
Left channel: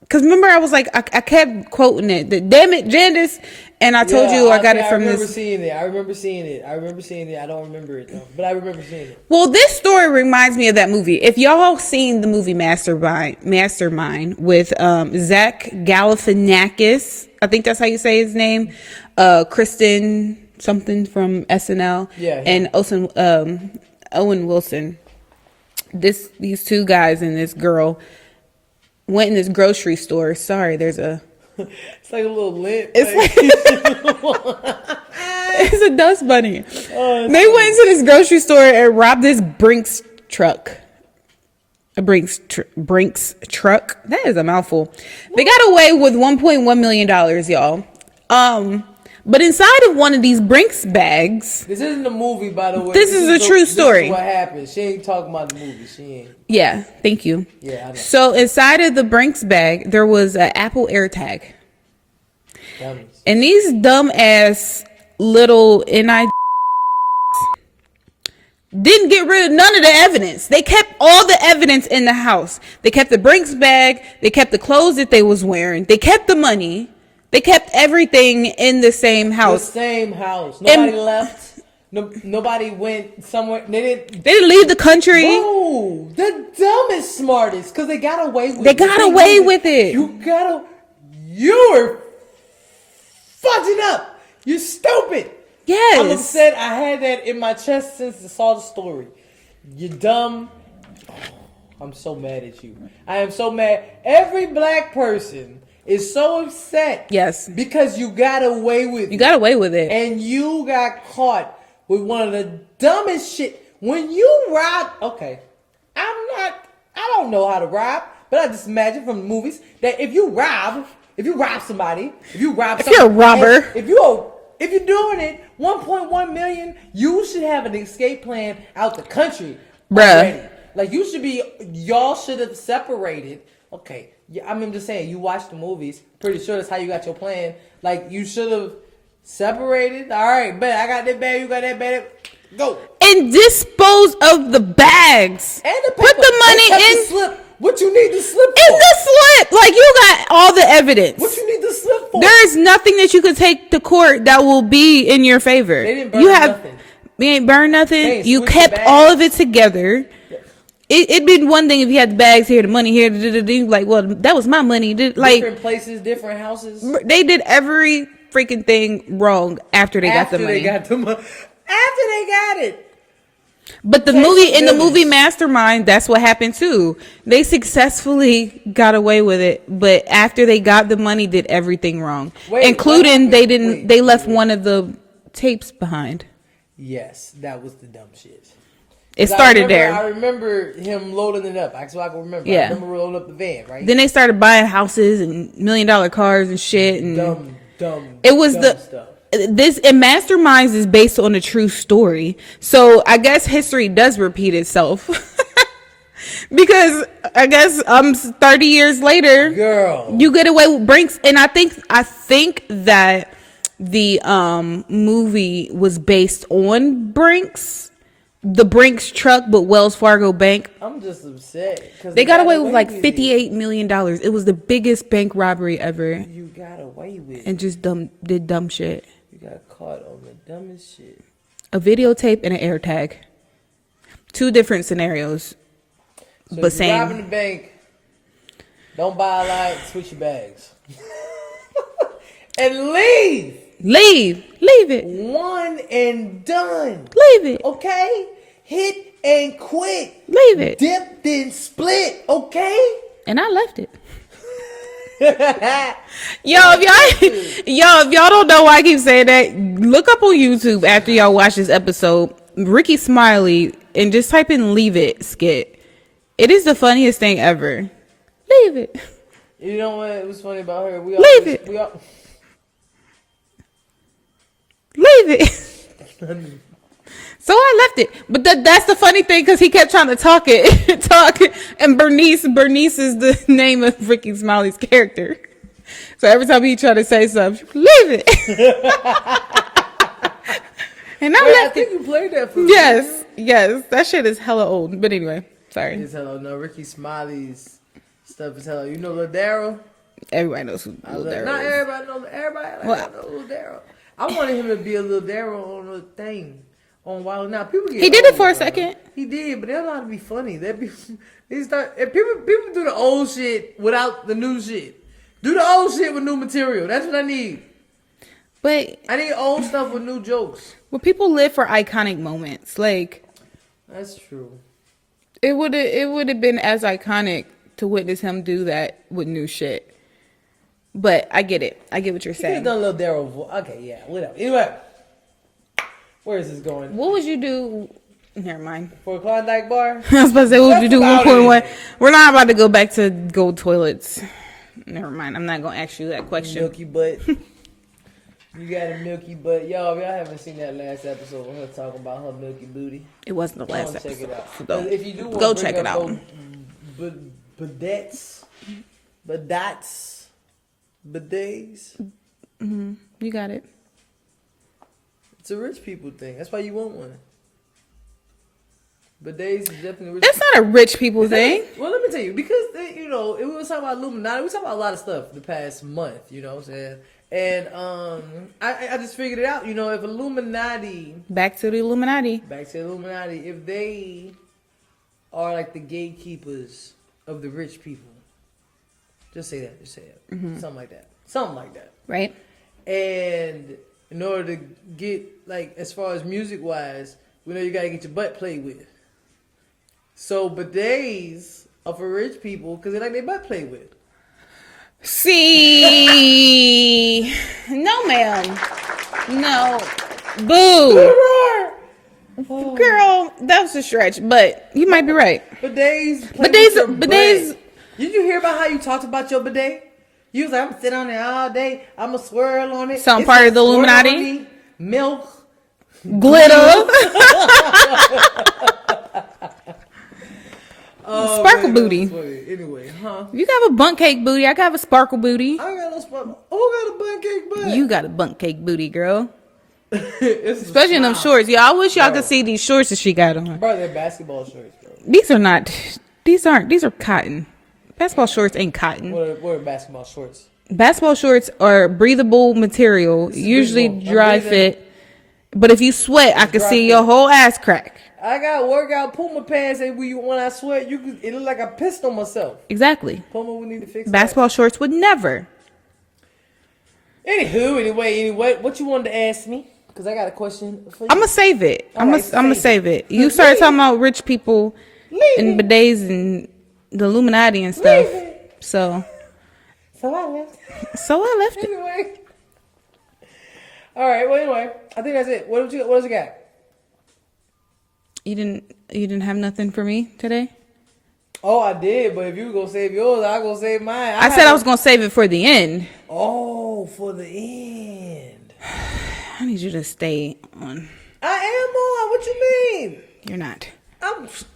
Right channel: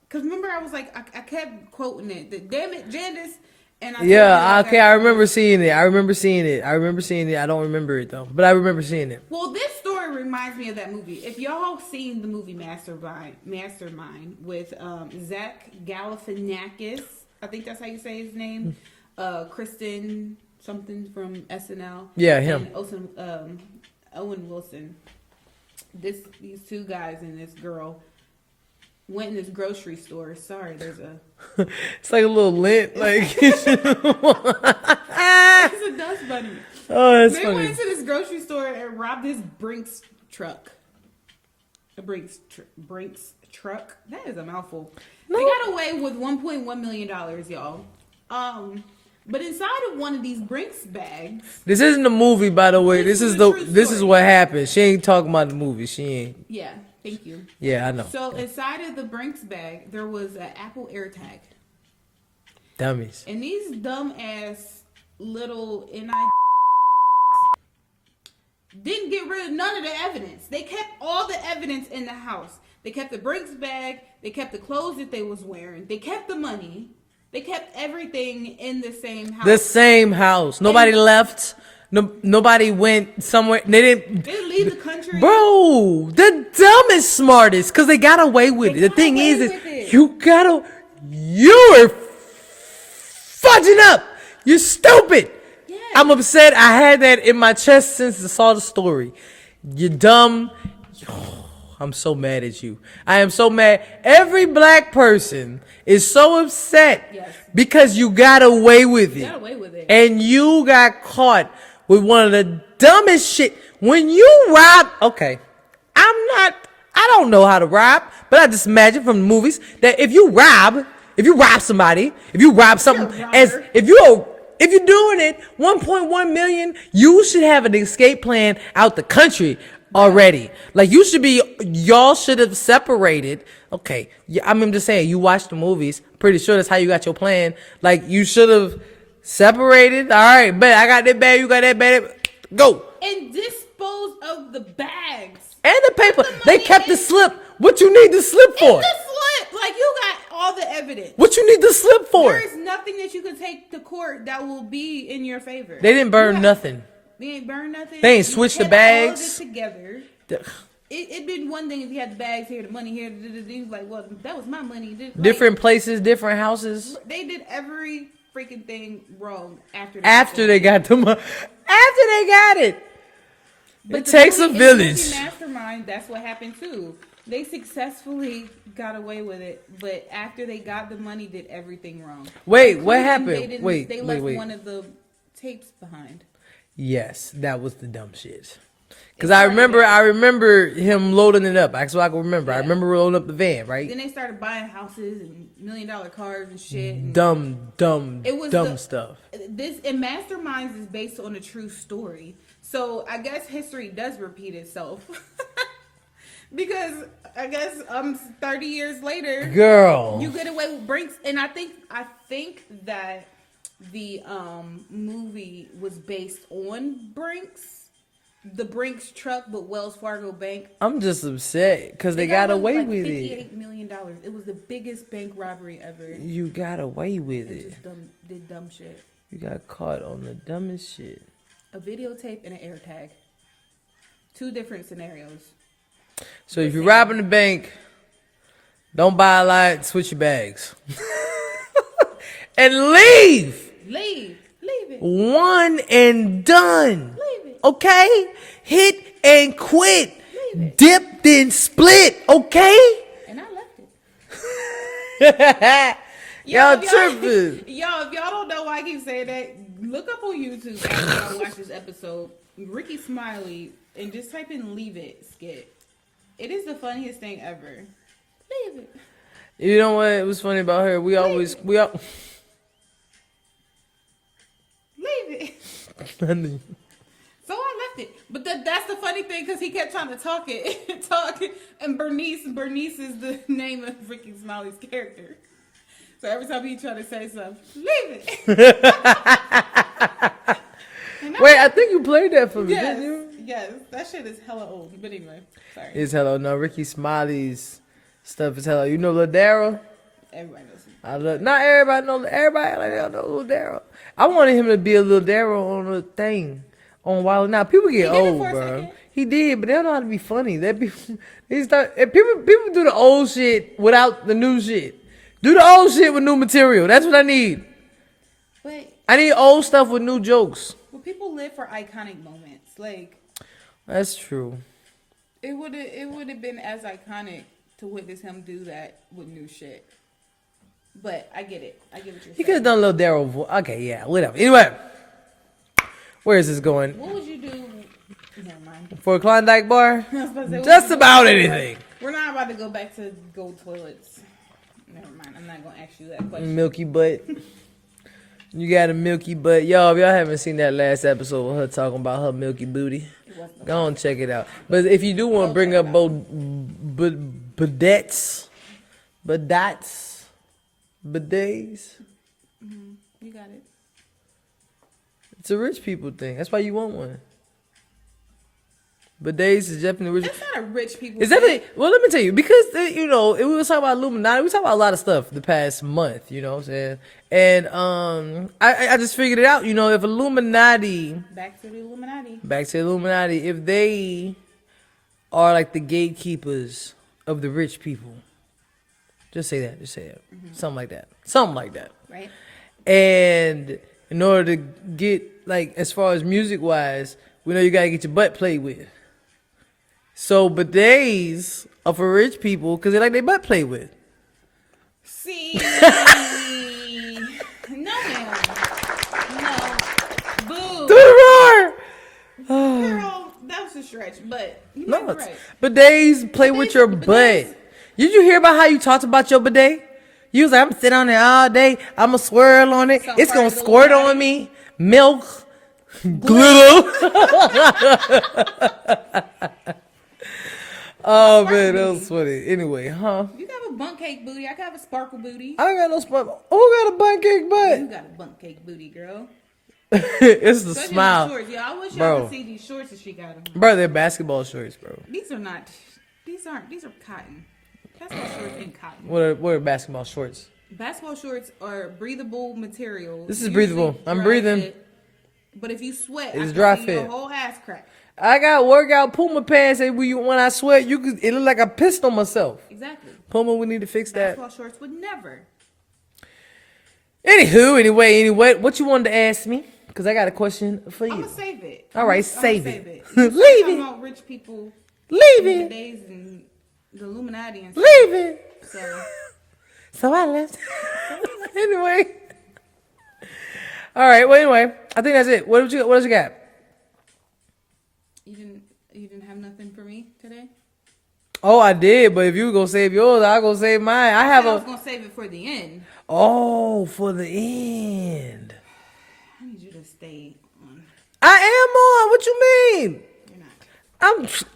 Because remember, I was like, I kept quoting it. Damn it, Jandis. And I told you I got it. I remember seeing it. I remember seeing it. I don't remember it though, but I remember seeing it. Well, this story reminds me of that movie. If y'all seen the movie Mastermind with Zach Galifianakis, I think that's how you say his name. Kristen something from SNL. Yeah, him. And Owen Wilson. These two guys and this girl went in this grocery store. Sorry, there's a... It's like a little lint. It's a dust bunny. Oh, they went into this grocery store and robbed this Brinks truck. A Brinks truck. That is a mouthful. They got away with $1.1 million, y'all. But inside of one of these Brinks bags... This isn't a movie, by the way. This is a true story. This is what happened. She ain't talking about the movie. She ain't. Yeah, thank you. Yeah, I know. So inside of the Brinks bag, there was an Apple AirTag. Dummies. And these dumb-ass little didn't get rid of none of the evidence. They kept all the evidence in the house. They kept the Brinks bag. They kept the clothes that they was wearing. They kept the money. They kept everything in the same house. The same house. Nobody left. Nobody went somewhere. They didn't leave the country. Bro, the dumbest, smartest, because they got away with it. They got away with it. You were fudging up. You're stupid. Yes. I'm upset. I had that in my chest since I saw the story. You're dumb. I'm so mad at you. I am so mad. Every black person is so upset. Yes. Because you got away with it. You got away with it. And you got caught with one of the dumbest shit. When you rob, okay, I don't know how to rob, but I just imagine from the movies that if you rob somebody, if you're a robber, if you're doing it, 1.1 million, you should have an escape plan out the country already. Like y'all should have separated. Okay, I'm just saying, you watch the movies. Pretty sure that's how you got your plan. Like, you should have separated. All right, bet I got that bag, you got that bag. Go. And dispose of the bags. And the paper. Put the money they kept in. The slip. What you need the slip for? In the slip. Like, you got all the evidence. What you need the slip for? There is nothing that you could take to court that will be in your favor. They didn't burn nothing. We ain't burned nothing. They ain't you kept all of it together. It'd been one thing if you had the bags here, the money here, like, well, that was my money. Like, different places, different houses. They did every freaking thing wrong after they got the money. After they got it. But It the takes movie a in the village. movie Mastermind, that's what happened too. They successfully got away with it, but after they got the money, did everything wrong. Wait, what including happened? they didn't. Wait, they wait, left wait. one of the tapes behind. Yes, that was the dumb shit. It 'Cause started there. I remember him loading it up. That's what I can remember. I Yeah. remember loading up the van, right? Then they started buying houses and $1 million cars and shit. And dumb It was dumb the stuff. This and Masterminds is based on a true story, so I guess history does repeat itself. Because I guess 30 years later, Girl, you get away with Brinks, and I think that the movie was based on Brinks, the Brinks truck, but Wells Fargo Bank. I'm just upset because They got away with like it. $58 million. It was the biggest bank robbery ever, You got away with and it. just did dumb shit. You got caught on the dumbest shit. A videotape and an air tag. Two different scenarios. So But if you're same. robbing the bank, don't buy a lot, switch your bags. And leave. Leave it. One and done. Leave it. Okay? Hit and quit. Leave it. Dip, then split. Okay? And I left it. Y'all If y'all don't know why I keep saying that, look up on YouTube after y'all watch this episode, Ricky Smiley, and just type in "Leave It" skit. It is the funniest thing ever. Leave it. You know what was funny about her? Leave it. Leave it. So I left it, but that's the funny thing because he kept trying to talk, and Bernice is the name of Ricky Smiley's character. So every time he tried to say something, leave it. And I think you played that for me. Yes, that shit is hella old. But anyway, sorry. It's hello. No, Ricky Smiley's stuff is hello. You know Lil Daryl? Everybody knows who. Not everybody knows. Everybody like I know Lil Daryl. I wanted him to be a Lil Daryl on a thing on Wild Now. People get He did old, it for a bro. second. He did, but they don't know how to be funny. If people do the old shit without the new shit. Do the old shit with new material. That's what I need. But I need old stuff with new jokes. people live for iconic moments. Like That's true. it would have been as iconic to witness him do that with new shit. But I get it. I get what you're He could have saying. done a little Daryl. Okay, yeah, whatever. Anyway, where is this going? What would you do? Never mind. For a Klondike bar? I was about to say, what Just would you do? about 1.1? anything. We're not about to go back to gold toilets. Never mind. I'm not gonna ask you that question. Milky butt. You got a milky butt. Y'all, if y'all haven't seen that last episode with her talking about her milky booty, It wasn't the go last on, check it out. episode. But if you do want Go to bring check up it both bidets, You got it. it's a rich people thing. That's why you want one. Bidets is definitely rich. That's not a rich people Is that thing. well, let me tell you, because we was talking about Illuminati. We talking about a lot of stuff the past month. You know what I'm saying? And I just figured it out. You know, if Illuminati, Back to the Illuminati. if they are like the gatekeepers of the rich people, just say that. Something like that. Right? And in order to get, like, as far as music wise, we know you gotta get your butt played with. So bidets are for rich people because they like their butt played with. See. No, ma'am. No. Boo. Roar! Girl, that was a stretch, but you might be right. Bidets play with your butt. bidets- Did you hear about how you talked about your bidet? You was like, I'm sitting on it all day. I'm going to swirl on it. Some It's part gonna of the squirt Illuminati? on me. Milk. Glue. Oh, Sparkle man, that booty. was funny. Anyway, huh? You got a bunk cake booty. I got a sparkle booty. I got no spot. Who got a bun cake butt? You got a bunk cake booty, girl. It's the Especially in smile. them shorts. Yeah, I wish y'all Bro. could see these shorts that she got on. Bro, they're basketball shorts, bro. These are cotton. Basketball shorts ain't cotton. What are basketball shorts? Basketball shorts are breathable material, This is usually breathable. I'm dry breathing. fit. But if you sweat, I It's can dry see your fit. whole ass crack. I got workout Puma pants that when I sweat, it look like I pissed on myself. Exactly. Puma, we need to fix Basketball shorts would never. that. Anyway, what you wanted to ask me? Because I got a question for you. I'm gonna save it. All right, I'm gonna save save it. it. You started Leave talking it. about rich people Leave and it. bidets and the Illuminati and stuff. Leave it. So So I left. I left it. Anyway. All right. Well, anyway, I think that's it. What else you got? You didn't have nothing for me today? Oh, I did. But if you go save yours, I'll go save mine. I said I was gonna save it for the end. Oh, for the end. I need you to stay on. I am on. What you mean? You're not.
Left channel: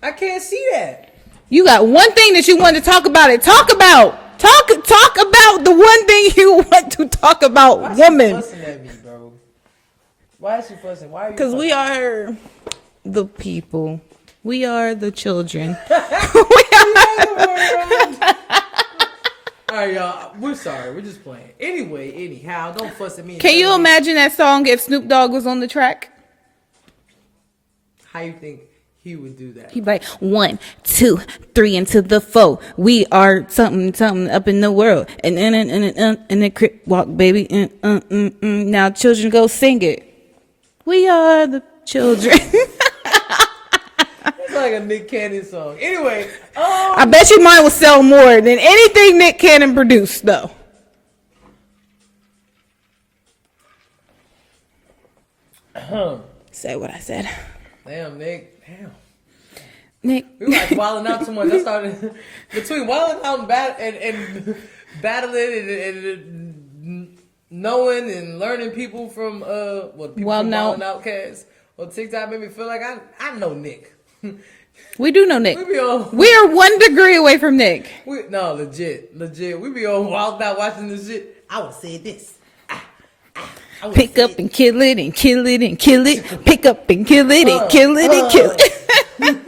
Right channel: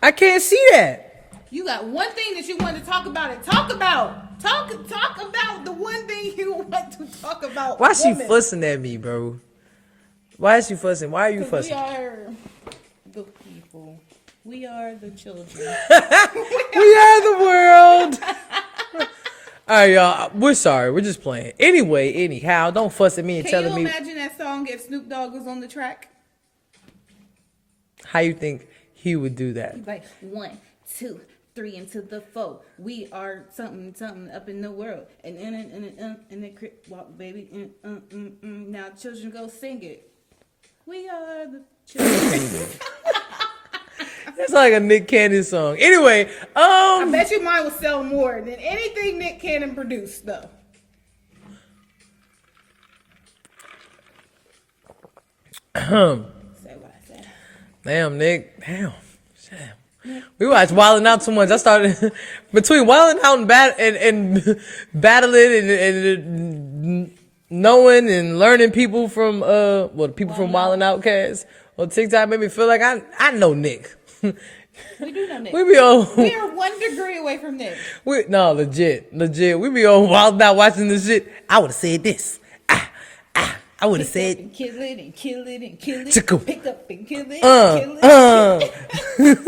I can't see that. You got one thing that you want to talk about. Talk about the one thing you want to talk about. Why woman. she fussing at me, bro? Why is she fussing? Why are you fussing? Because we are the people. We are the children. We are the world. All right, y'all. We're sorry. We're just playing. Anyway, anyhow, don't fuss at me. And Can you tell me imagine that song if Snoop Dogg was on the track? how you think he would do that? He'd be like 1, 2, 3 into the 4. We are something up in the world. And the crip walk, baby. Now children go sing it. We are the children. It's like a Nick Cannon song. Anyway, I bet you mine will sell more than anything Nick Cannon produced, though. Say what I said. damn, Nick. Damn. Nick. We watched Wildin' Out too much. I started between Wildin' Out and battling and knowing and learning people from the people from Wildin' Outcast on TikTok made me feel like I know Nick. We do know Nick. We be on. We are 1 degree away from Nick. No, legit. We be on Wildin' Out watching this shit. I would have said this. I would have Pick said up and kill it and kill it and kill it. Pick up and kill it and kill it and kill it.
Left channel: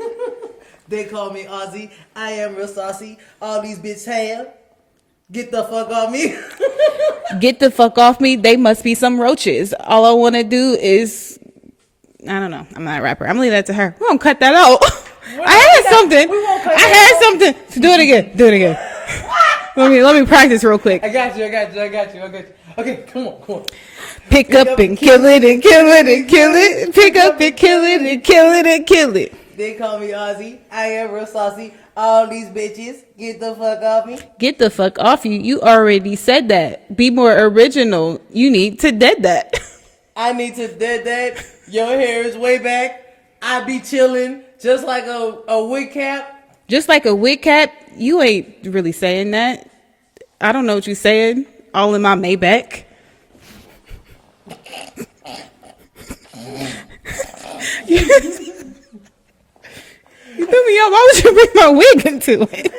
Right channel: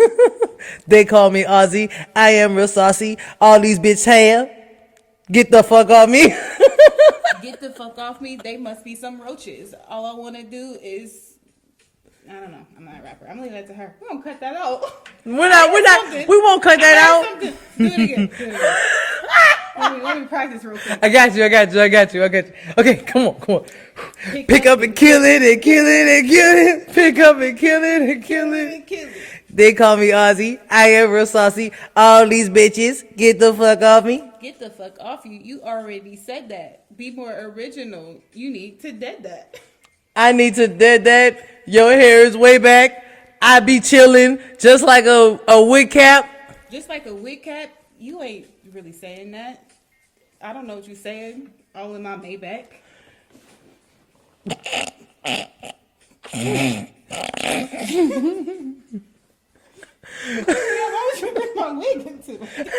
They call me Ozzy. I am real saucy. All these bitch have. Get the fuck off me. Get the fuck off me. They must be some roaches. All I want to do is, I don't know. I'm not a rapper. I'm gonna leave that to her. We're gonna cut that out. I heard something. We won't cut I that heard out. something. Do it again. Do it again. Let me practice real quick. I got you. Okay, come on. Pick up and kill it and kill it and kill it. Pick up and kill it and kill it and kill it. They call me Ozzy. I am real saucy. All these bitches, get the fuck off me. Get the fuck off you. You already said that. Be more original. You need to dead that. I need to dead that. Your hair is way back. I be chilling just like a wig cap. Just like a wig cap. You ain't really saying that. I don't know what you're saying. All in my Maybach. Yo, why would you bring my wig into it?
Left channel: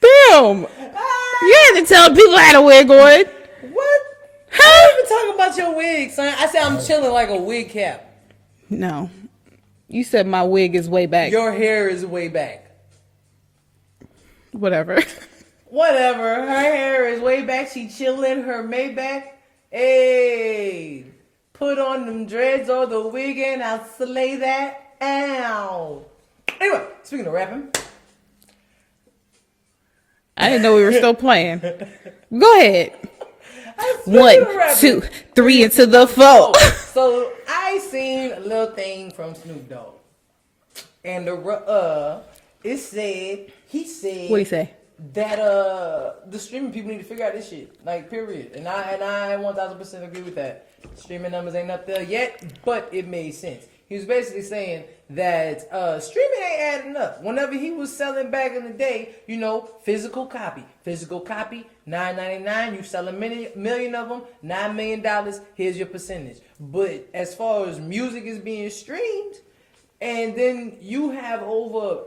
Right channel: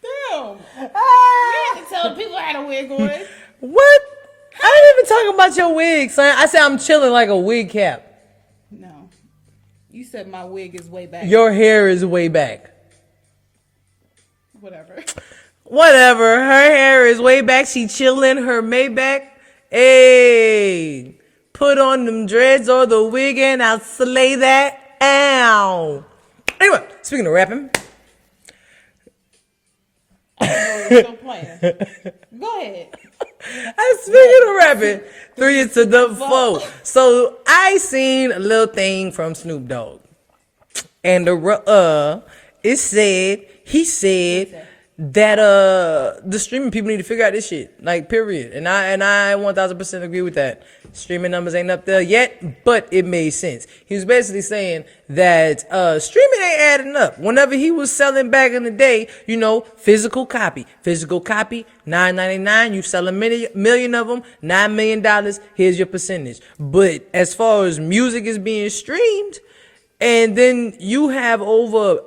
Damn. You had to tell people I had a wig on. What? How are you even talking about your wig, son? I said I'm chilling like a wig cap. No. You said my wig is way back. Your hair is way back. Whatever. Whatever. Her hair is way back. She chilling. Her Maybach. Hey. Put on them dreads or the wig and I'll slay that. Ow. Anyway, speaking of rapping. I didn't know we were still playing. Go ahead. I speaking of rapping. 2, 3 into the 4. So I seen a little thing from Snoop Dogg. And it said, he said What'd he say? that the streaming people need to figure out this shit. Like, period. And I 1000% agree with that. Streaming numbers ain't up there yet, but it made sense. He was basically saying that streaming ain't adding up. Whenever he was selling back in the day, you know, physical copy, $9.99. You sell a million of them, $9 million. Here's your percentage. But as far as music is being streamed, and then you have over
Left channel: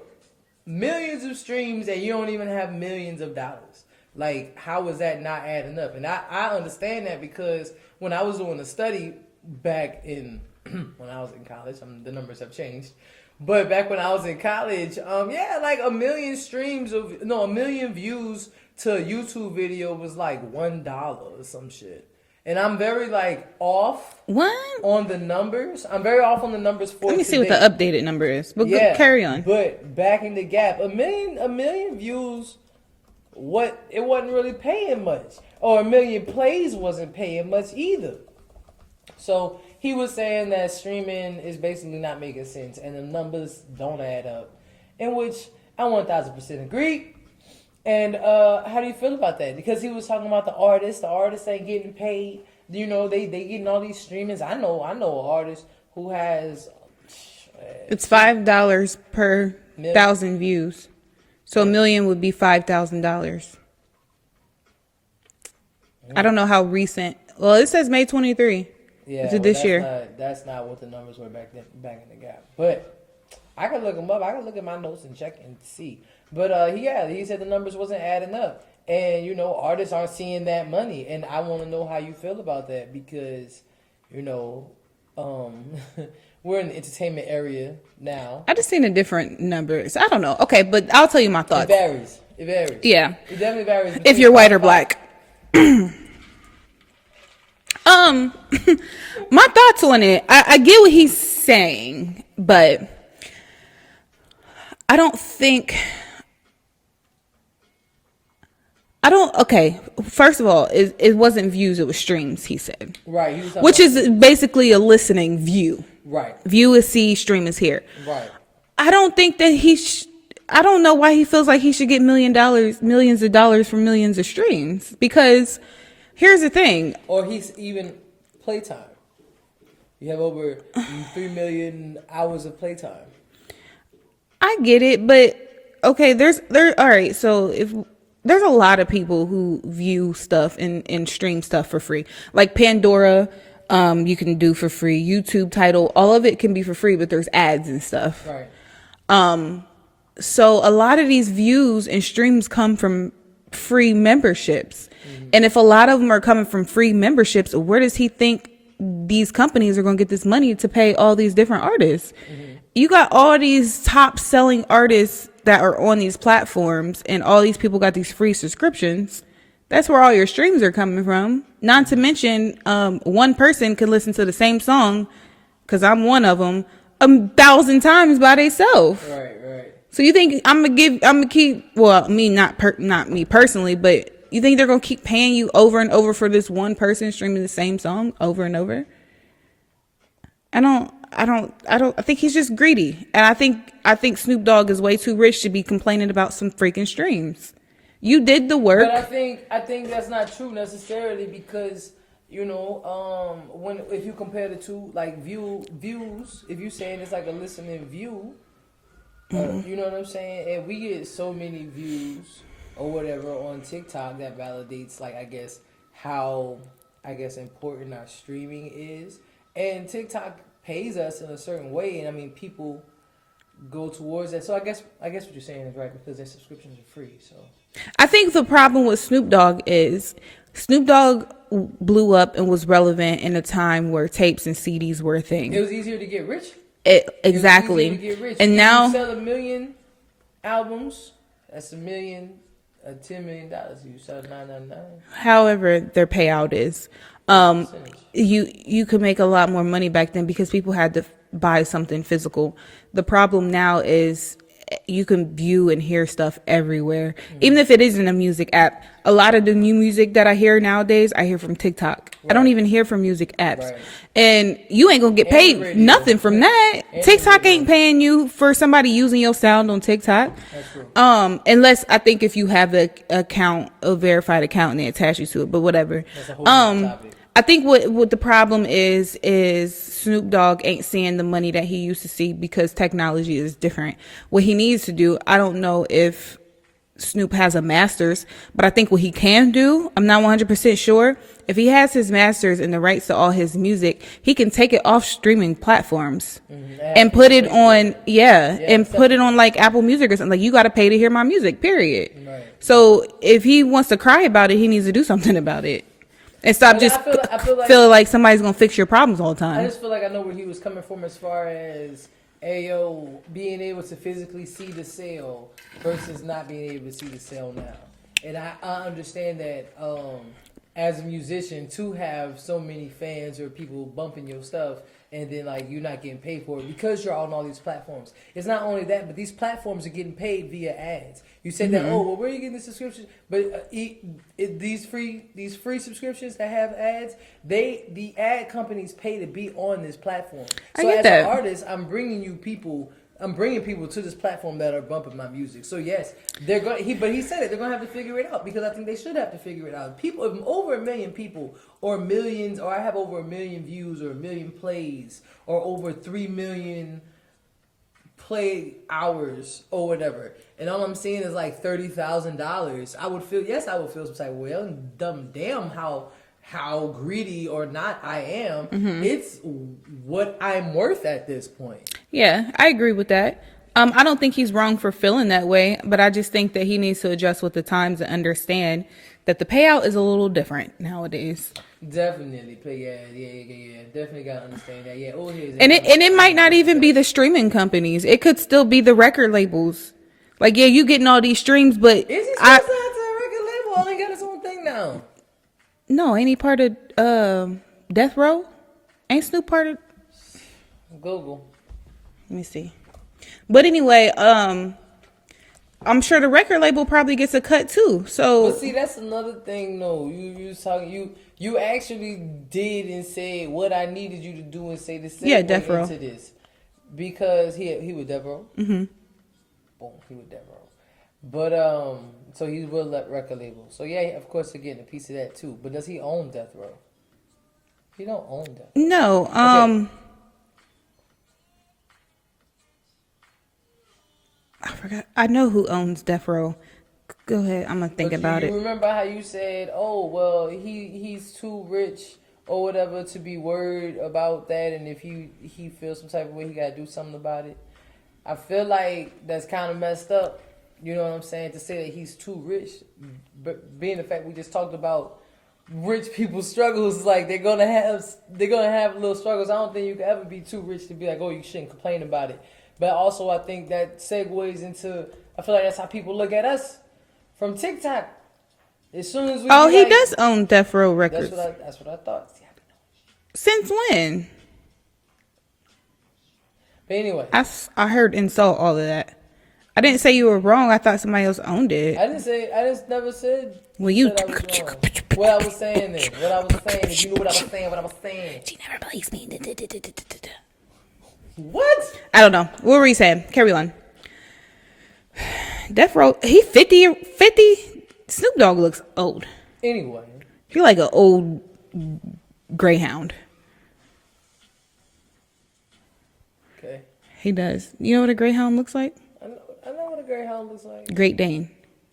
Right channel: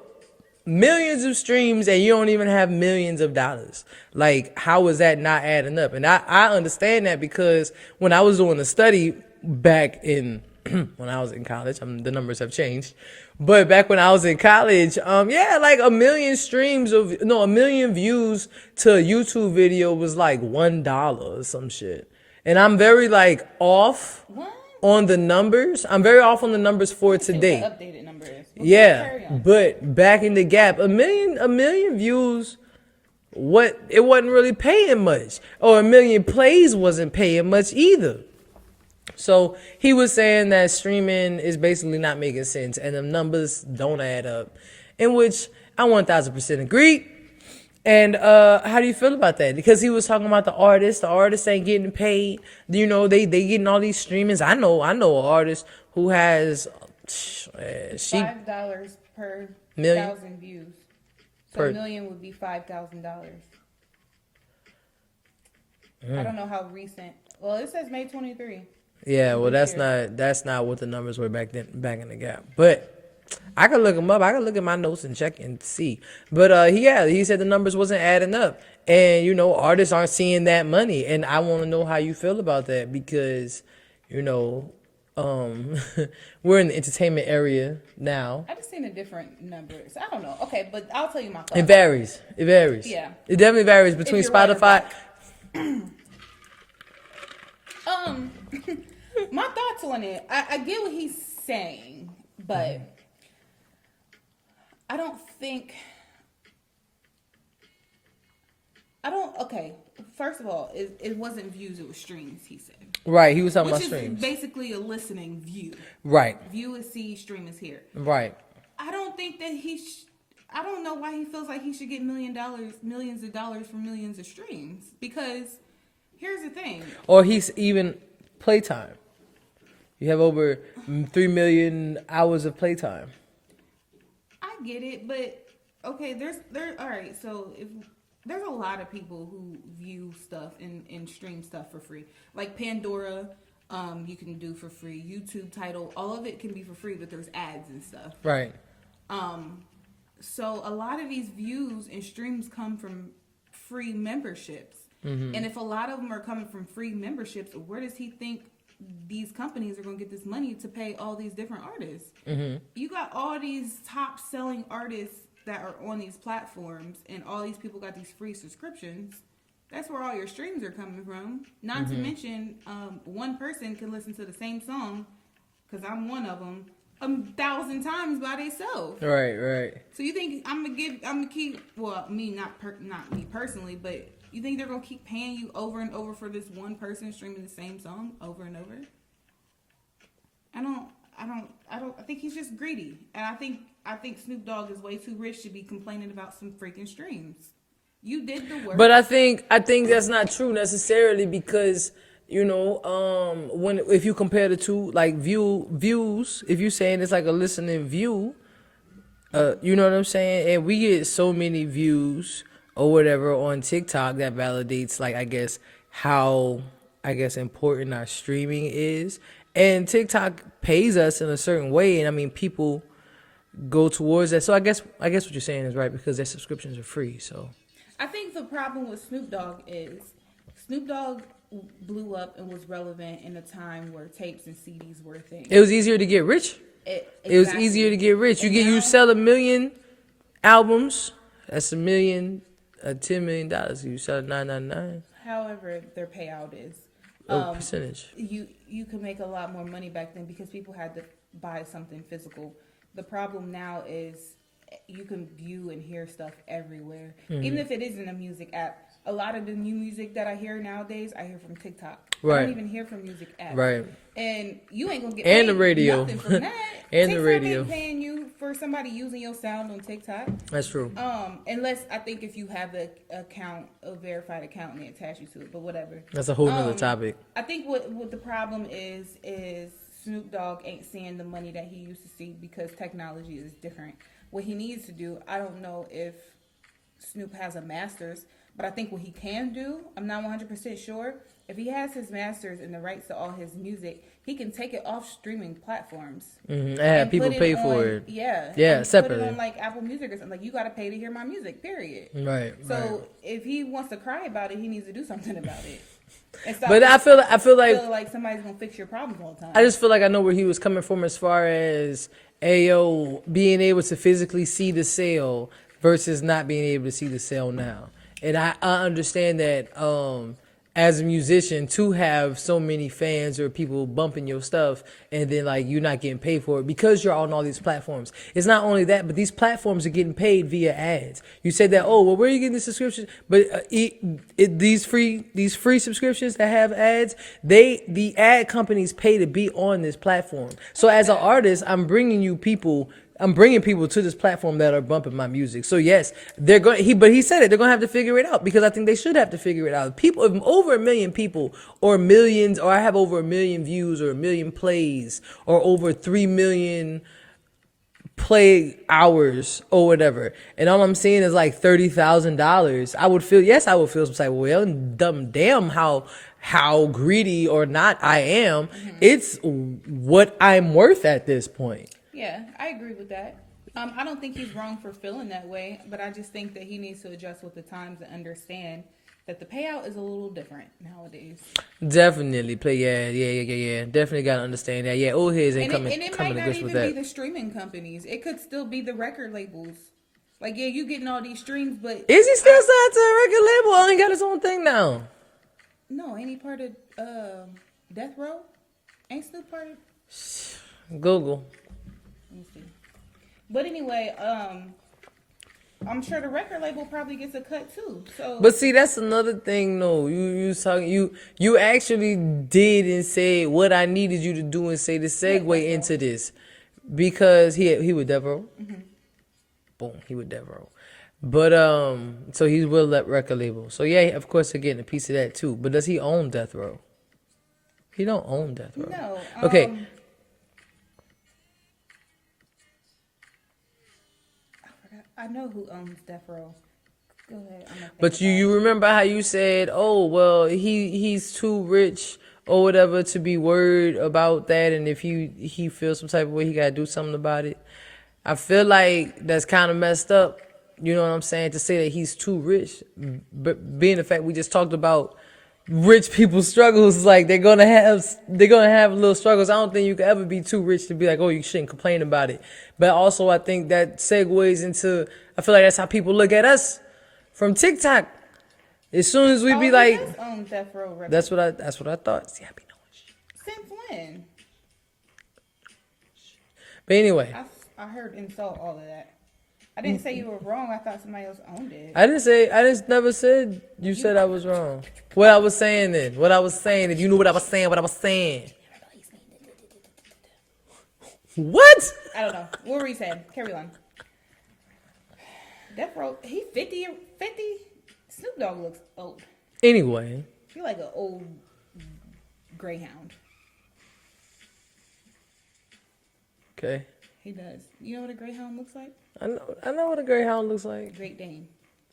millions of streams and you don't even have millions of dollars. Like, how is that not adding up? And I understand that because when I was doing a study back in, when I was in college, the numbers have changed. But back when I was in college, like a million views to a YouTube video was like $1 or some shit. And I'm very off on the numbers. I'm very off on the numbers for Let me today. see what the updated number is. But Yeah, carry on. But back in the gap, a million views, it wasn't really paying much, or a million plays wasn't paying much either. So he was saying that streaming is basically not making sense and the numbers don't add up, in which I 1000% agree. And how do you feel about that? Because he was talking about the artists. The artists ain't getting paid. You know, they getting all these streamings. I know an artist who has it's $5 per 1,000 views. So $1 million would be $5,000. I don't know how recent. Well, it says May 23. Yeah, well, that's not what the numbers were back in the gap. But I could look them up. I could look at my notes and check and see. But he said the numbers wasn't adding up, and you know, artists aren't seeing that money. And I want to know how you feel about that because, you know, we're in the entertainment area now. I just seen a different numbers. I don't know. Okay, but I'll tell you my thoughts. It varies. Yeah, it definitely varies between if you're Spotify, white or black. My thoughts on it. I get what he's saying, but okay, first of all, it wasn't views, it was streams, he said. Right, he was talking which about is streams. basically a listening view. Right. View is see, stream is hear. Right. I don't think that I don't know why he feels like he should get millions of dollars for millions of streams, because here's the thing. Or he's even playtime. You have over 3 million hours of playtime. I get it, but okay, all right, so if there's a lot of people who view stuff and stream stuff for free. Like Pandora, you can do for free. YouTube Tidal, all of it can be for free, but there's ads and stuff. Right. So a lot of these views and streams come from free memberships. Mm-hmm. And if a lot of them are coming from free memberships, where does he think these companies are going to get this money to pay all these different artists? Mm-hmm. You got all these top selling artists that are on these platforms, and all these people got these free subscriptions. That's where all your streams are coming from. Not to mention, one person can listen to the same song, because I'm one of them, 1,000 times by themselves. Right. So you think I'm gonna keep? Well, me not me personally, but you think they're gonna keep paying you over and over for this one person streaming the same song over and over? I think he's just greedy, and I think Snoop Dogg is way too rich to be complaining about some freaking streams. You did the work. But I think that's not true necessarily, because you know, if you compare the two, like views, if you're saying it's like a listening view, you know what I'm saying? And we get so many views or whatever on TikTok that validates, like, I guess how important our streaming is. And TikTok pays us in a certain way, and I mean, people go towards that. So I guess what you're saying is right, because their subscriptions are free. So I think the problem with Snoop Dogg is Snoop Dogg blew up and was relevant in a time where tapes and CDs were a thing. It was easier to get rich. Exactly. It was easier to get rich. And now you sell 1 million albums. That's $1 million, $10 million. You sell $9.99. However, their payout is. Percentage. You could make a lot more money back then because people had to buy something physical. The problem now is you can view and hear stuff everywhere, even if it isn't a music app. A lot of the new music that I hear nowadays, I hear from TikTok. Right. I don't even hear from music apps. Right. And you ain't gonna get paid nothing from that. TikTok ain't paying you for somebody using your sound on TikTok. That's true. Unless I think if you have a verified account and they attach you to it, but whatever. That's a whole other topic. I think what the problem is Snoop Dogg ain't seeing the money that he used to see because technology is different. What he needs to do, I don't know if Snoop has a master's, but I think what he can do, I'm not 100% sure. If he has his masters and the rights to all his music, he can take it off streaming platforms and put it on, put it on like Apple Music or something. Like, you got to pay to hear my music, period. Right. So if he wants to cry about it, he needs to do something about it. And stop but just I feel like somebody's going to fix your problems all the time. I just feel like I know where he was coming from as far as, being able to physically see the sale versus not being able to see the sale now. And I understand that as a musician to have so many fans or people bumping your stuff, and then like you're not getting paid for it because you're on all these platforms. It's not only that, but these platforms are getting paid via ads. You said that, oh, well, where are you getting the subscriptions? But these free subscriptions that have ads, the ad companies pay to be on this platform. So as an artist, I'm bringing people to this platform that are bumping my music. So yes, they're going. But he said it. They're going to have to figure it out, because I think they should have to figure it out. People, if over 1 million people, or millions, or I have over 1 million views, or 1 million plays, or over 3 million play hours, or whatever, and all I'm seeing is like $30,000. I would feel some type of way. Damn, how greedy or not I am. It's what I'm worth at this point. Yeah, I agree with that. I don't think he's wrong for feeling that way, but I just think that he needs to adjust with the times and understand that the payout is a little different nowadays. Definitely yeah. Definitely gotta understand that. Yeah, old heads. And it might not even be the streaming companies. It could still be the record labels. Like, yeah, you getting all these streams, but is he still signed to a record label? I only got his own thing now. No, ain't he part of Death Row? Ain't Snoop part of Google? Let me see. But anyway, I'm sure the record label probably gets a cut too. So, but see, that's another thing. No, you actually did and said what I needed you to do and say to segue into this, because he would Death Row. Boom, he would Death Row. But so he will let record label. So yeah, of course they're getting a piece of that too. But does he own Death Row? He don't own Death Row. No. Okay. I forgot. I know who owns Death Row. Go ahead. I'm gonna think about it. But you remember how you said, "Oh, well, he's too rich or whatever to be worried about that, and if he feels some type of way, he gotta do something about it." I feel like that's kind of messed up. You know what I'm saying? To say that he's too rich, but being the fact we just talked about rich people's struggles, like they're gonna have little struggles. I don't think you could ever be too rich to be like, oh, you shouldn't complain about it. But also, I think that segues into, I feel like that's how people look at us from TikTok. As soon as we he does own Death Row Records. That's what I thought. See, I be knowing shit. Since when? But anyway, I heard and saw all of that. I didn't say you were wrong. I thought somebody else owned it. I just never said said I was wrong. What I was saying is, you knew what I was saying. She never believes me. What? I don't know. What were you saying? Carry on. Death Row, he 50. Snoop Dogg looks old. Anyway. He like an old greyhound. Okay. He does. You know what a greyhound looks like? I know what a greyhound looks like. Great Dane.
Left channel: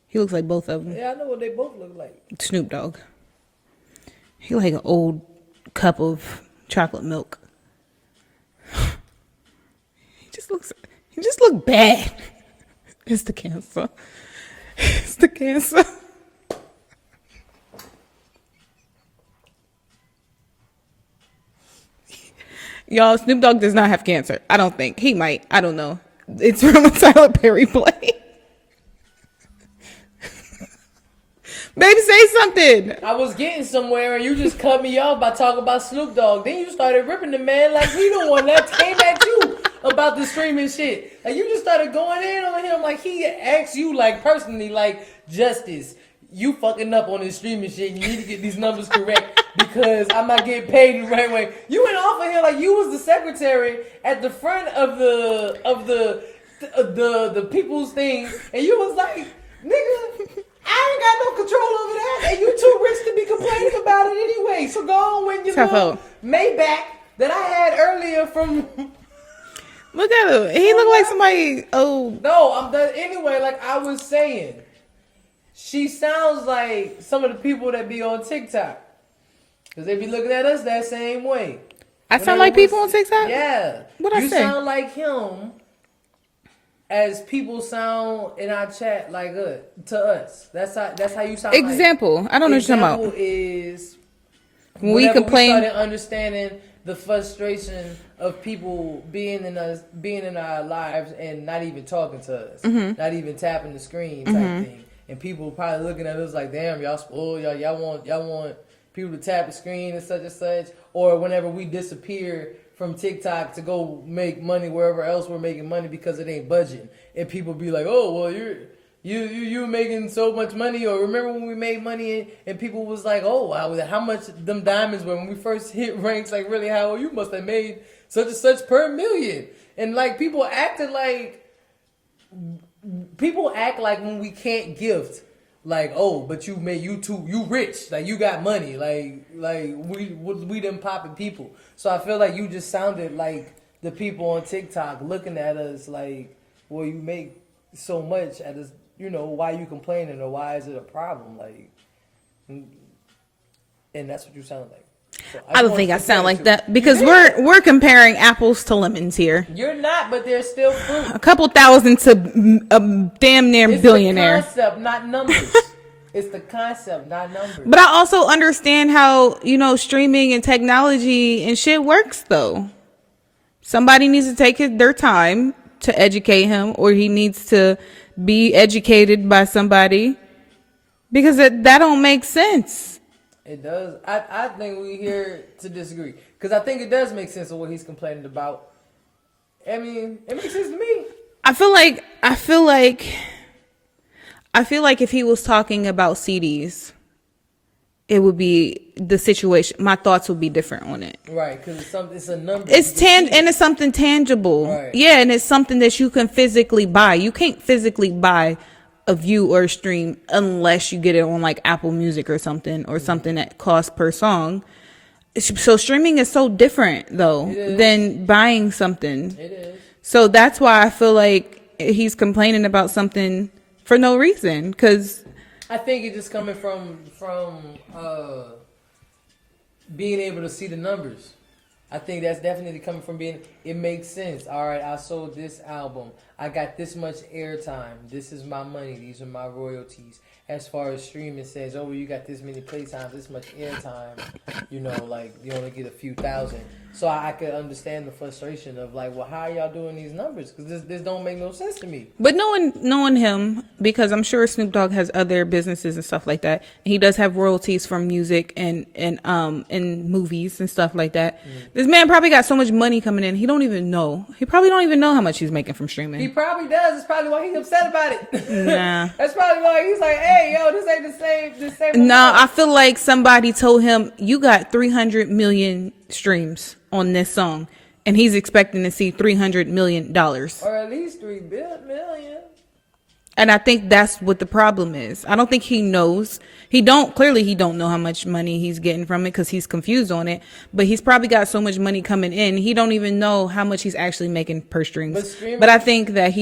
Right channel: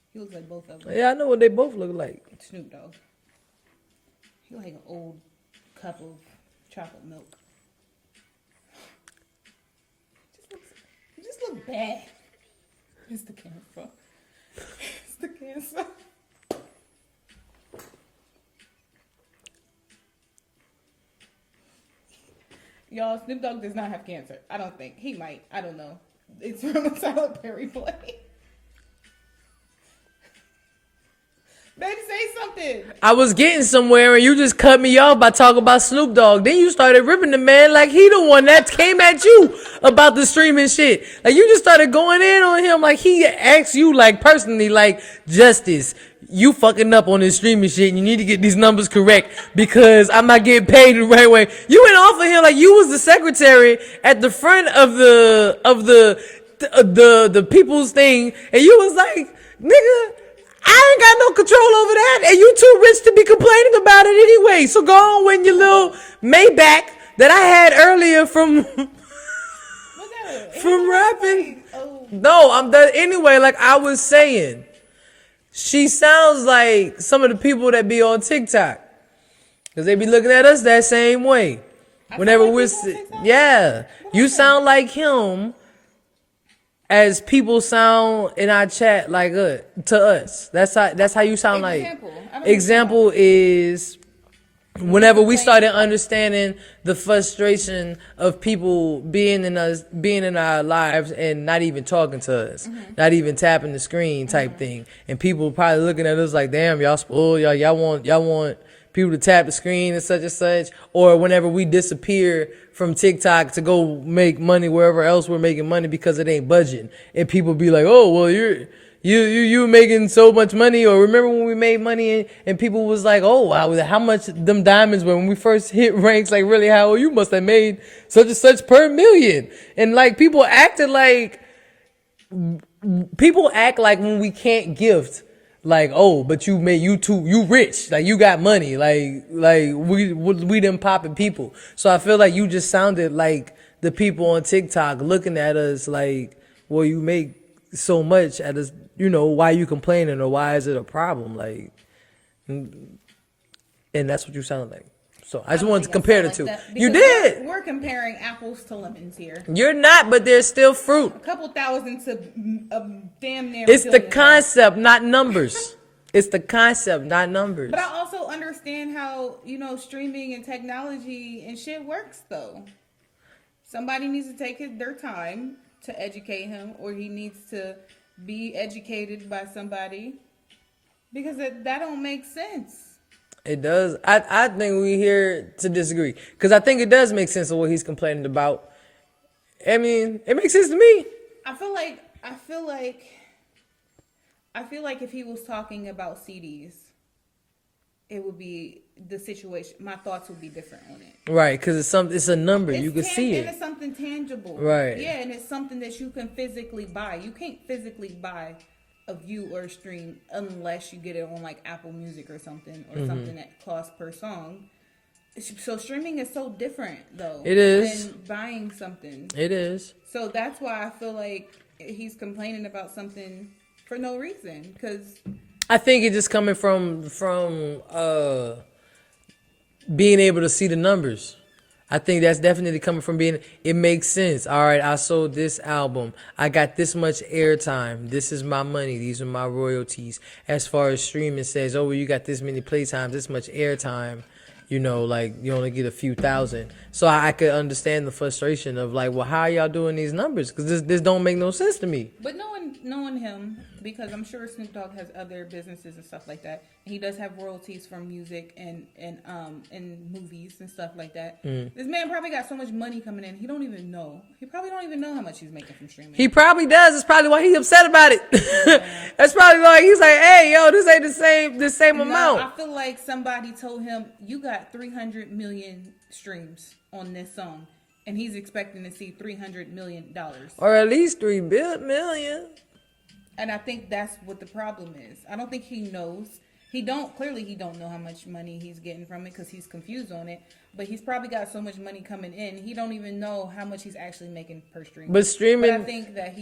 He looks like both of them. Yeah, I know what they both look like. Snoop Dogg. He like an old cup of chocolate milk. He just look bad. It's the cancer. It's the cancer. Y'all, Snoop Dogg does not have cancer. I don't think. He might. I don't know. It's from a Tyler Perry play. Baby, say something. I was getting somewhere and you just cut me off by talking about Snoop Dogg. Then you started ripping the man like he the one that came at you about the streaming shit. Like you just started going in on him like he asked you like personally like, Justice, you fucking up on this streaming shit and you need to get these numbers correct because I'm not getting paid the right way. You went off of him like you was the secretary at the front of the people's thing and you was like, nigga, I ain't got no control over that, and you too rich to be complaining about it anyway. So go on with your little Maybach that I had earlier from. Look at him. He look like somebody. Oh no, I'm done anyway. Like I was saying, she sounds like some of the people that be on TikTok, because they be looking at us that same way. I sound like people on TikTok. Yeah, you sound like him. As people sound in our chat like to us. That's how you sound. Example. Like. I don't know. Example is whenever we started understanding the frustration of people being in our lives and not even talking to us, not even tapping the screen type thing, and people probably looking at us like, damn, y'all spoiled, y'all want people to tap the screen and such, or whenever we disappear from TikTok to go make money wherever else we're making money because it ain't budging, and people be like, oh well, you making so much money, or remember when we made money and people was like, oh wow, how much them diamonds were when we first hit ranks, like really how you must have made such and such per million, and like people act like when we can't gift, like, oh, but you rich, like you got money, like we them popping people. So I feel like you just sounded like the people on TikTok looking at us like, well, you make so much at us, why you complaining, or why is it a problem? Like, and that's what you sound like. So I don't think I sound like that because we're comparing apples to lemons here. You're not, but there's still fruit. A couple thousand to a damn near it's billionaire. It's the concept, not numbers. It's the concept, not numbers. But I also understand how, streaming and technology and shit works, though. Somebody needs to take their time to educate him, or he needs to be educated by somebody, because that don't make sense. It does. I think we're here to disagree, because I think it does make sense of what he's complaining about. I mean, it makes sense to me. I feel like if he was talking about CDs, it would be the situation. My thoughts would be different on it. Right, because it's a number. And it's something tangible. Right. Yeah, and it's something that you can physically buy. You can't physically buy a view or a stream unless you get it on like Apple Music or something, or something that costs per song. So streaming is so different though than buying something. It is. So that's why I feel like he's complaining about something for no reason, because I think it's just coming from being able to see the numbers. I think that's definitely coming from it makes sense. All right, I sold this album. I got this much airtime. This is my money. These are my royalties. As far as streaming says, oh, well, you got this many playtimes, this much airtime, like you only get a few thousand. So I could understand the frustration of like, well, how are y'all doing these numbers? Because this don't make no sense to me. But knowing him, because I'm sure Snoop Dogg has other businesses and stuff like that. And he does have royalties from music and movies and stuff like that. This man probably got so much money coming in, he don't even know. He probably don't even know how much he's making from streaming. He probably does. It's probably why he's upset about it. Yeah. That's probably why he's like, hey, yo, this ain't the same amount. No, I feel like somebody told him, you got 300 million streams on this song, and he's expecting to see $300 million. Or at least $3 million. And I think that's what the problem is. I don't think he knows. He don't know how much money he's getting from it, because he's confused on it. But he's probably got so much money coming in, he don't even know how much he's actually making per stream. But I think that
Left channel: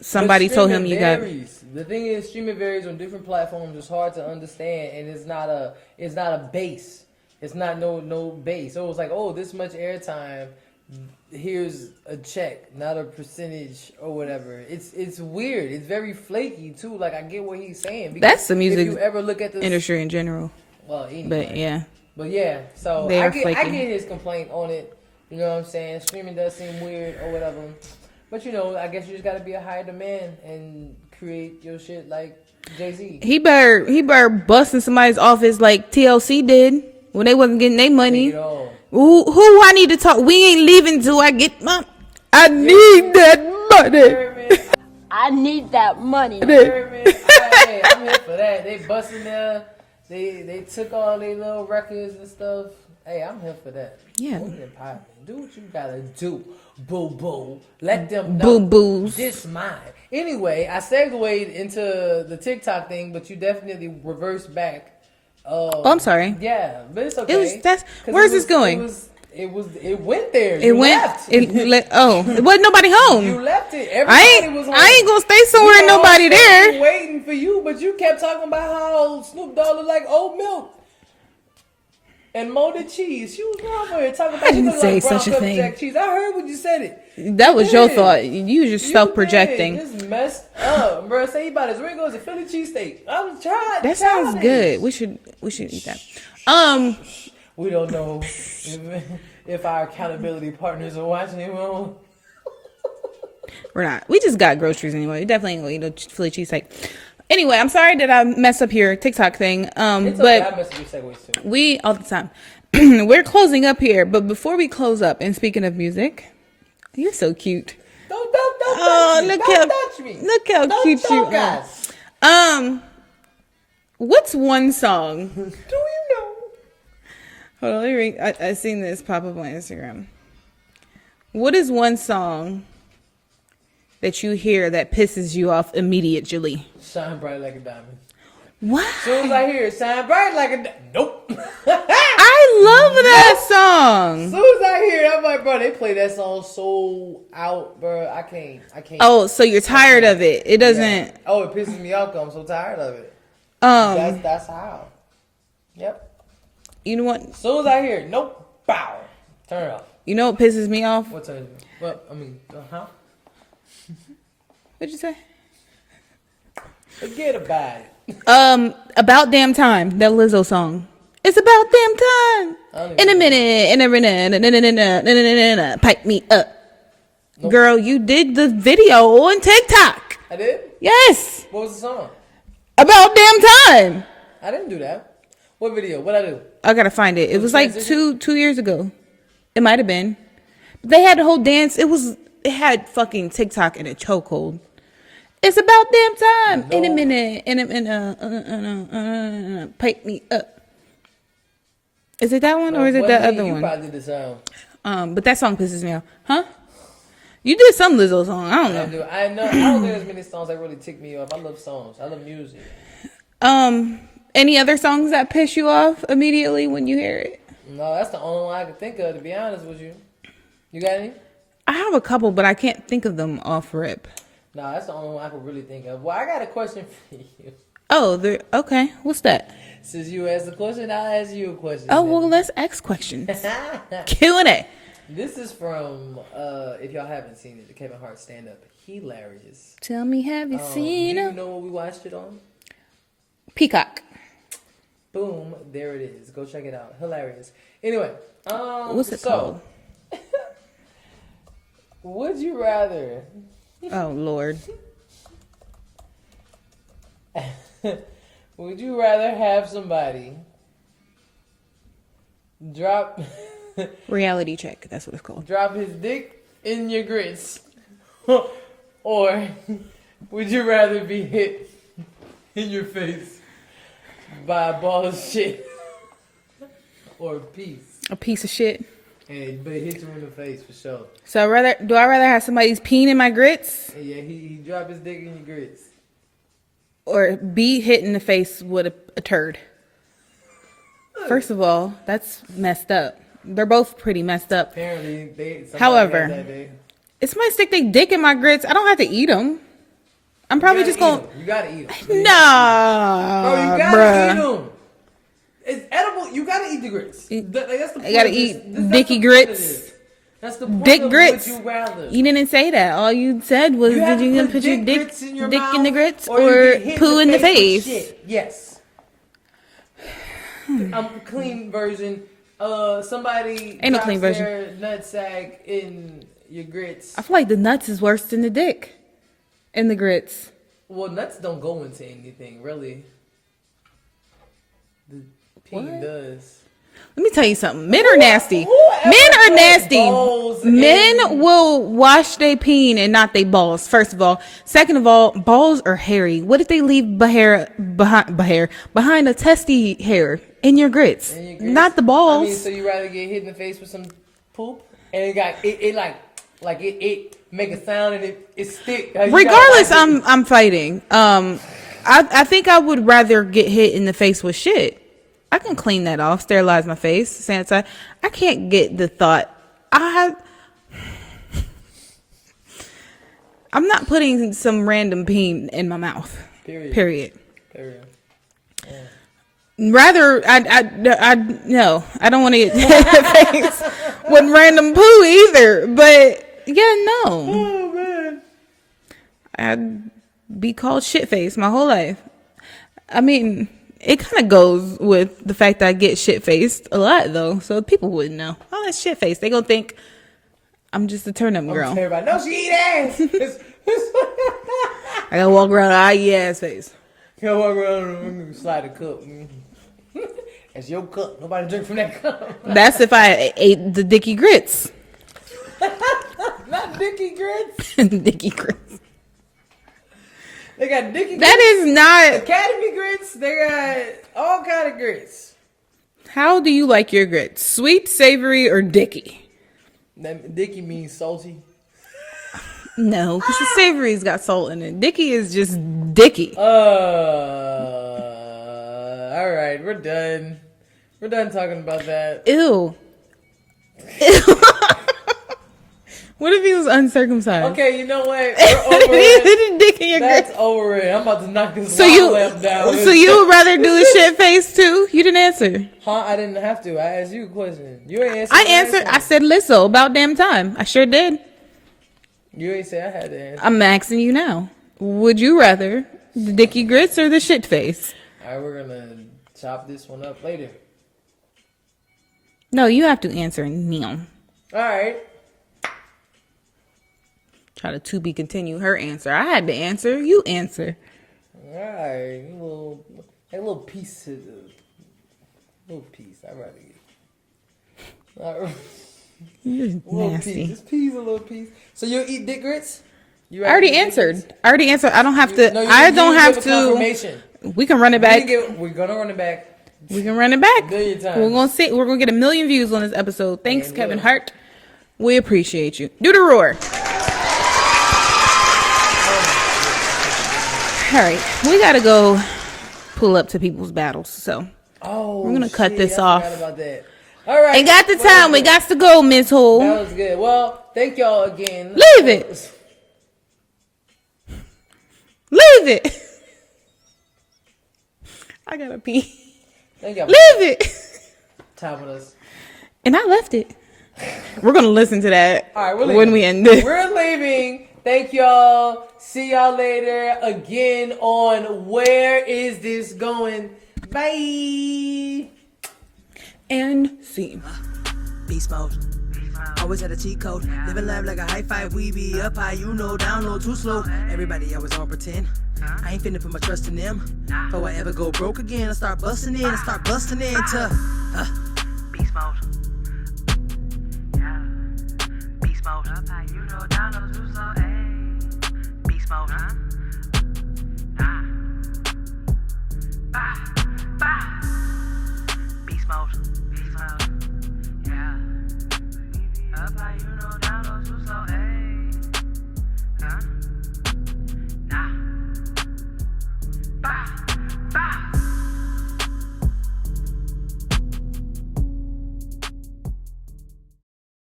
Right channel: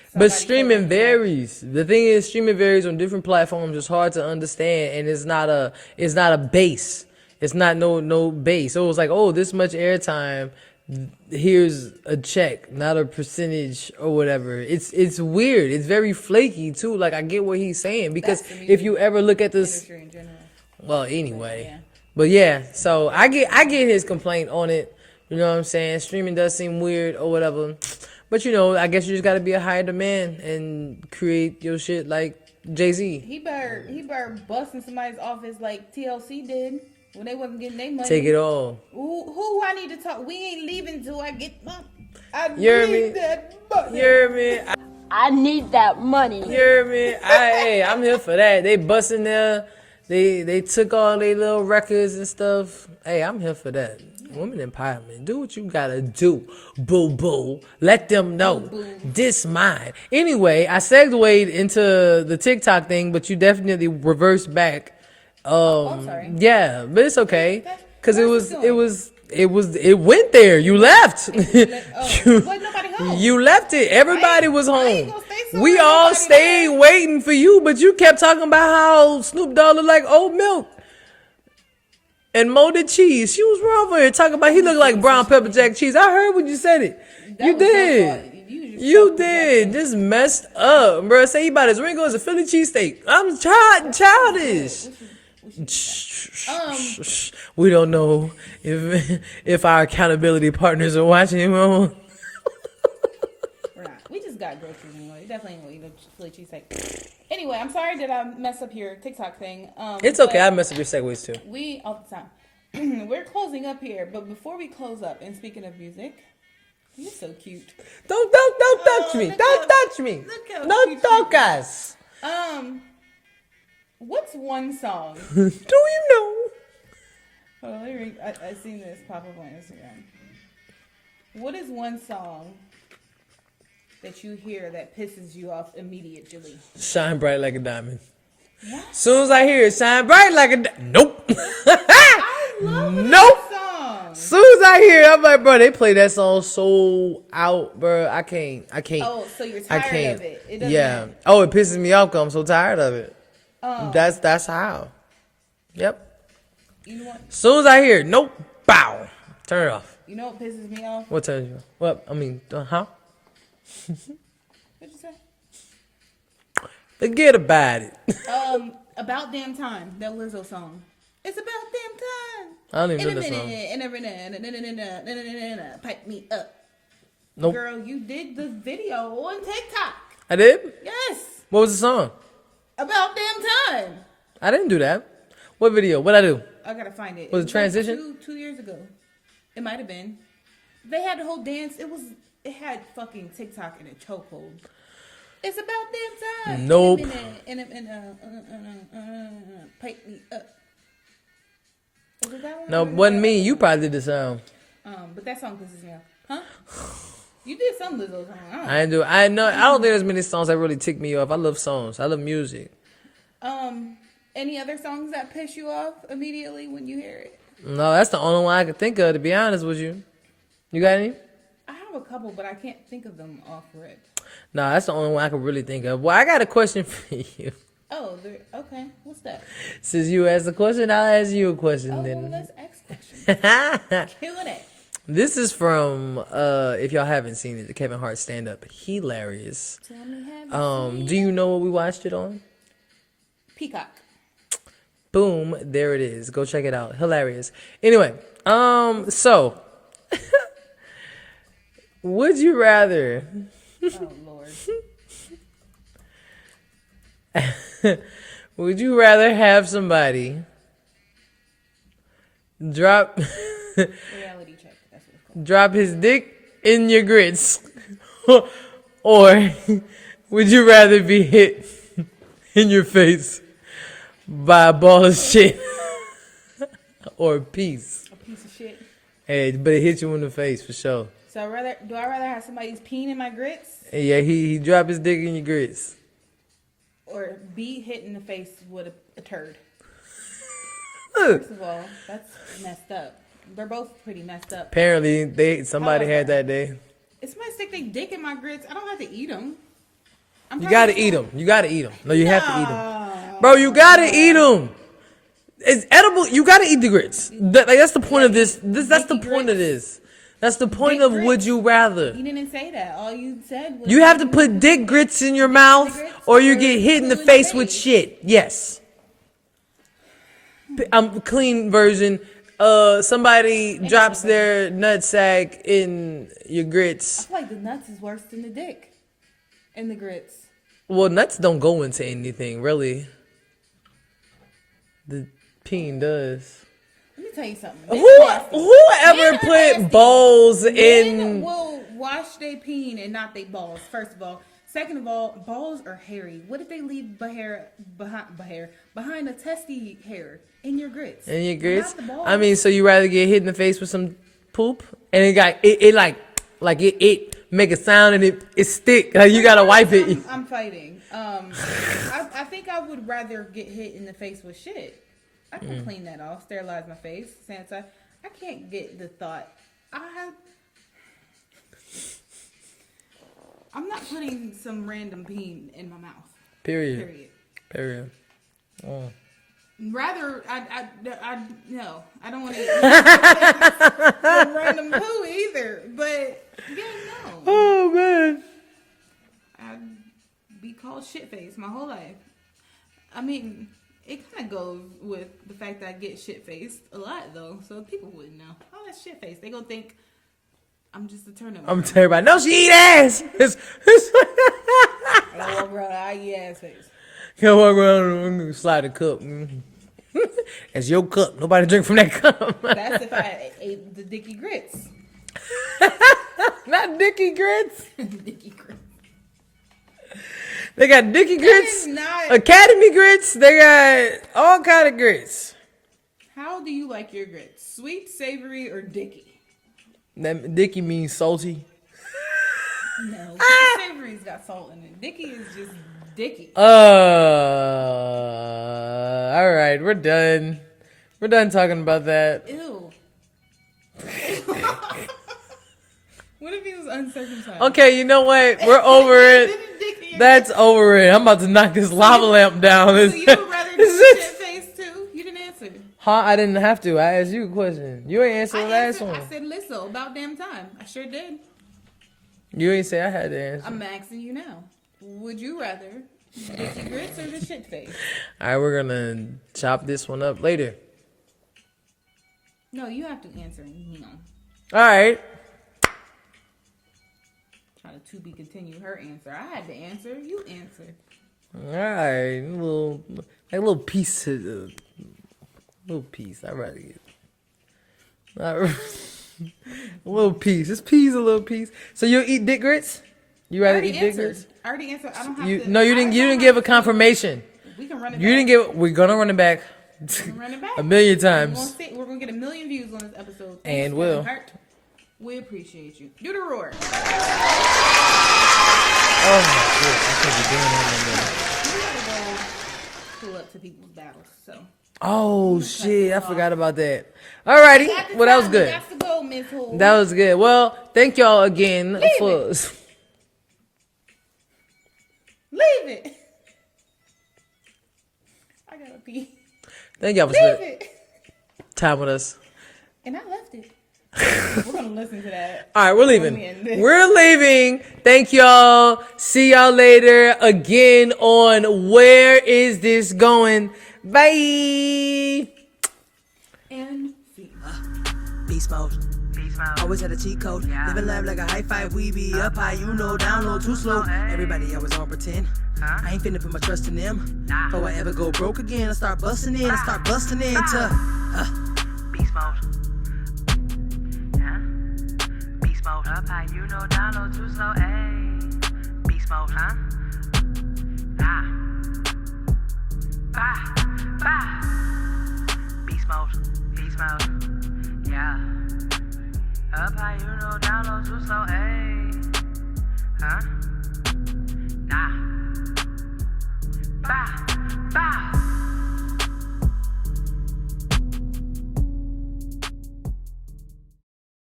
somebody told him varies. The thing is, streaming varies on different platforms. It's hard to understand, and it's not a base. It's not no base. So it was like, oh, this much airtime, here's a check, not a percentage or whatever. It's weird. It's very flaky too. Like, I get what he's saying, because that's the music if you ever look at this industry in general. Well, anyway. But yeah. So I get his complaint on it. You know what I'm saying? Streaming does seem weird or whatever. But I guess you just got to be a higher demand and create your shit like Jay-Z. He better bust in somebody's office like TLC did when they wasn't getting their money. Take it all. Who I need to talk? We ain't leaving till I get my. I need that money. I need that money. I'm here for that. They busting there. They took all their little records and stuff. Hey, I'm here for that. Yeah. Women empowerment. Do what you gotta do. Boo boo. Let them know. Boo boos. This mine. Anyway, I segued into the TikTok thing, but you definitely reversed back. I'm sorry. Yeah, but it's okay. Where's this going? It went there. You left. Wasn't nobody home. You left it. Everybody was home. I ain't gonna stay somewhere and nobody there. Waiting for you, but you kept talking about how Snoop Dogg looked like oat milk and molded cheese. She was wrong for it. Talking about he looked like brown pepper jack cheese. I heard when you said it. That was your thought. You were just self-projecting. This messed up, bro. Say he about as ring as a Philly cheesesteak. I'm childish. Good. We should eat that. We don't know if our accountability partners are watching him on. We're not. We just got groceries anyway. We definitely ain't gonna eat no Philly cheesesteak. Anyway, I'm sorry that I messed up your TikTok thing. It's okay. I mess up your segues too. We all the time. We're closing up here, but before we close up, and speaking of music, you're so cute. Don't touch me. Don't touch me. Look how cute you are. What's one song? Do you know? Hold on, let me read. I seen this pop up on Instagram. What is one song that you hear that pisses you off immediately? Shine bright like a diamond. What? As soon as I hear it, shine bright like a nope. I love that song. As soon as I hear it, I'm like, bro, they play that song so out, bro. I can't. Oh, so you're tired of it? It doesn't. Yeah. Oh, it pisses me off because I'm so tired of it. That's how. Yep. You know what? As soon as I hear it, nope, bow, turn it off. You know what pisses me off? What turns you off? Well, I mean, huh? What'd you say? Forget about it. About Damn Time, that Lizzo song. It's about damn time. In a minute, pipe me up. Nope. Girl, you did the video on TikTok. I did? Yes. What was the song? About damn time. I didn't do that. What video? What'd I do? I gotta find it. It was like transition? two years ago. It might have been. They had the whole dance. It had fucking TikTok in a chokehold. It's about damn time. Nope. In a minute, pipe me up. Is it that one No, or is it wasn't that me. other You one? probably did the sound. But that song pisses me off. Huh? You did some Lizzo song. I don't know. I know. I don't think there's many songs that really tick me off. I love songs. I love music. Any other songs that piss you off immediately when you hear it? No, that's the only one I can think of, to be honest with you. You got any? I have a couple, but I can't think of them off rip. No, that's the only one I can really think of. Well, I got a question for you. Oh, okay. What's that? Since you asked a question, I'll ask you a question. Oh, then. well, let's ask questions. Q&A. This is from, if y'all haven't seen it, the Kevin Hart stand-up. Hilarious. Tell me, have you Do seen you it? know what we watched it on? Peacock. Boom, there it is. Go check it out. Hilarious. Anyway, What's it so would you rather Oh, Lord. would you rather have somebody drop Reality check. That's what it's called. drop his dick in your grits? Or would you rather be hit in your face by a ball of shit or a piece? A piece of shit. Hey, but it hit you in the face for sure. So do I rather have somebody's peen in my grits And yeah, he dropped his dick in your grits. or be hit in the face with a turd? First of all, that's messed up. They're both pretty messed up. Apparently, somebody had that day. If somebody stick their dick in my grits, I don't have to eat them. I'm You probably gotta just eat gonna... them. You gotta eat them. No, you No, have to eat them. Bro, you gotta eat them. It's edible. You gotta eat the grits. That's the point of this. That's the dicky point grits. of this. That's the point Dick of grits. would you rather. You didn't say that. All you said was You have would to put dick your grits in your dick mouth, the grits or you get hit poo in the face with shit. Yes. Clean version. Somebody Ain't no drops clean version. their nutsack in your grits. I feel like the nuts is worse than the dick and the grits. Well, nuts don't go into anything, really. The peen does. Let me tell you something. Men are nasty. Whoever Men are put nasty. balls Men in- will wash their peen and not their balls. First of all. Second of all, balls are hairy. What if they leave behind a testy hair in your grits? In your grits? Not the balls. I mean, so you rather get hit in the face with some poop and it make a sound and it stick. Like you gotta regardless, wipe it. I'm fighting. I think I would rather get hit in the face with shit. I can clean that off, sterilize my face, sanitize. I can't get the thought. I'm not putting some random peen in my mouth. Period. Yeah. Rather, no, I don't want to get hit in the face with random poo either. But yeah, no. Oh man. I'd be called shit face my whole life. I mean, it kind of goes with the fact that I get shit faced a lot though, so people wouldn't know. Oh, that's shit face. They gonna think I'm just a turnip girl. Everybody, no, she eat ass. I gotta walk around with an eat ass face. Come walk around, slide the cup. That's your cup. Nobody drink from that cup. That's if I ate the Dicky Grits. Not Dicky Grits. Dicky Grits. They got Dicky Grits. That is not Academy Grits. They got all kind of grits. How do you like your grits? Sweet, savory, or Dicky? That Dicky means salty. No, because the savory's got salt in it. Dicky is just Dicky. All right, we're done. We're done talking about that. Ew. What if he was uncircumcised? Okay, you know what? We're over it. Dick in your That's grits. over it. I'm about to knock this lava lamp down. So you would rather do the shit face too? You didn't answer. Huh? I didn't have to. I asked you a question. You ain't answered. I answered. I said Lizzo. About damn time. I sure did. You ain't say I had to answer. I'm asking you now. Would you rather the Dicky Grits or the shit face? All right, we're gonna chop this one up later. No, you have to answer now. All right. Try to be continue her answer. I had to answer. You answer. All right. A little piece. Little piece. I'd rather get. A little piece. This piece, a little piece. So you'll eat dick grits? I already answered. I don't have to. No, you I didn't, don't you didn't have give a to. confirmation. We can run it back. We're gonna run it back. We can run it back A million times. We're gonna see. We're gonna get 1 million views on this episode. Thanks, And Kevin we'll. Hart. We appreciate you. Do the roar. All right, we gotta go pull up to people's battles. So Oh, we're gonna cut this I off. forgot about that. All right, we got the well, time. We got to go, Miss Hole. That was good. Well, thank y'all again. Leave it. Leave it. I gotta pee. Thank y'all. Leave it. Time with us. And I left it. We're gonna listen to that. All right, we're leaving. When we end this. We're leaving. Thank y'all. See y'all later again on Where Is This Going? Bye. And see. Beast mode. Always had a cheat code. Living life like a high five. We be up high, you know, down low, too slow. Everybody always on pretend. I ain't finna put my trust in them. Before I ever go broke again, I start busting in. To beast mode. Beast mode. Up high, you know, down low, too slow. Ayy. Beast mode, huh? Beast mode. Yeah. Up high, you know, down low, too slow. Ayy. Huh?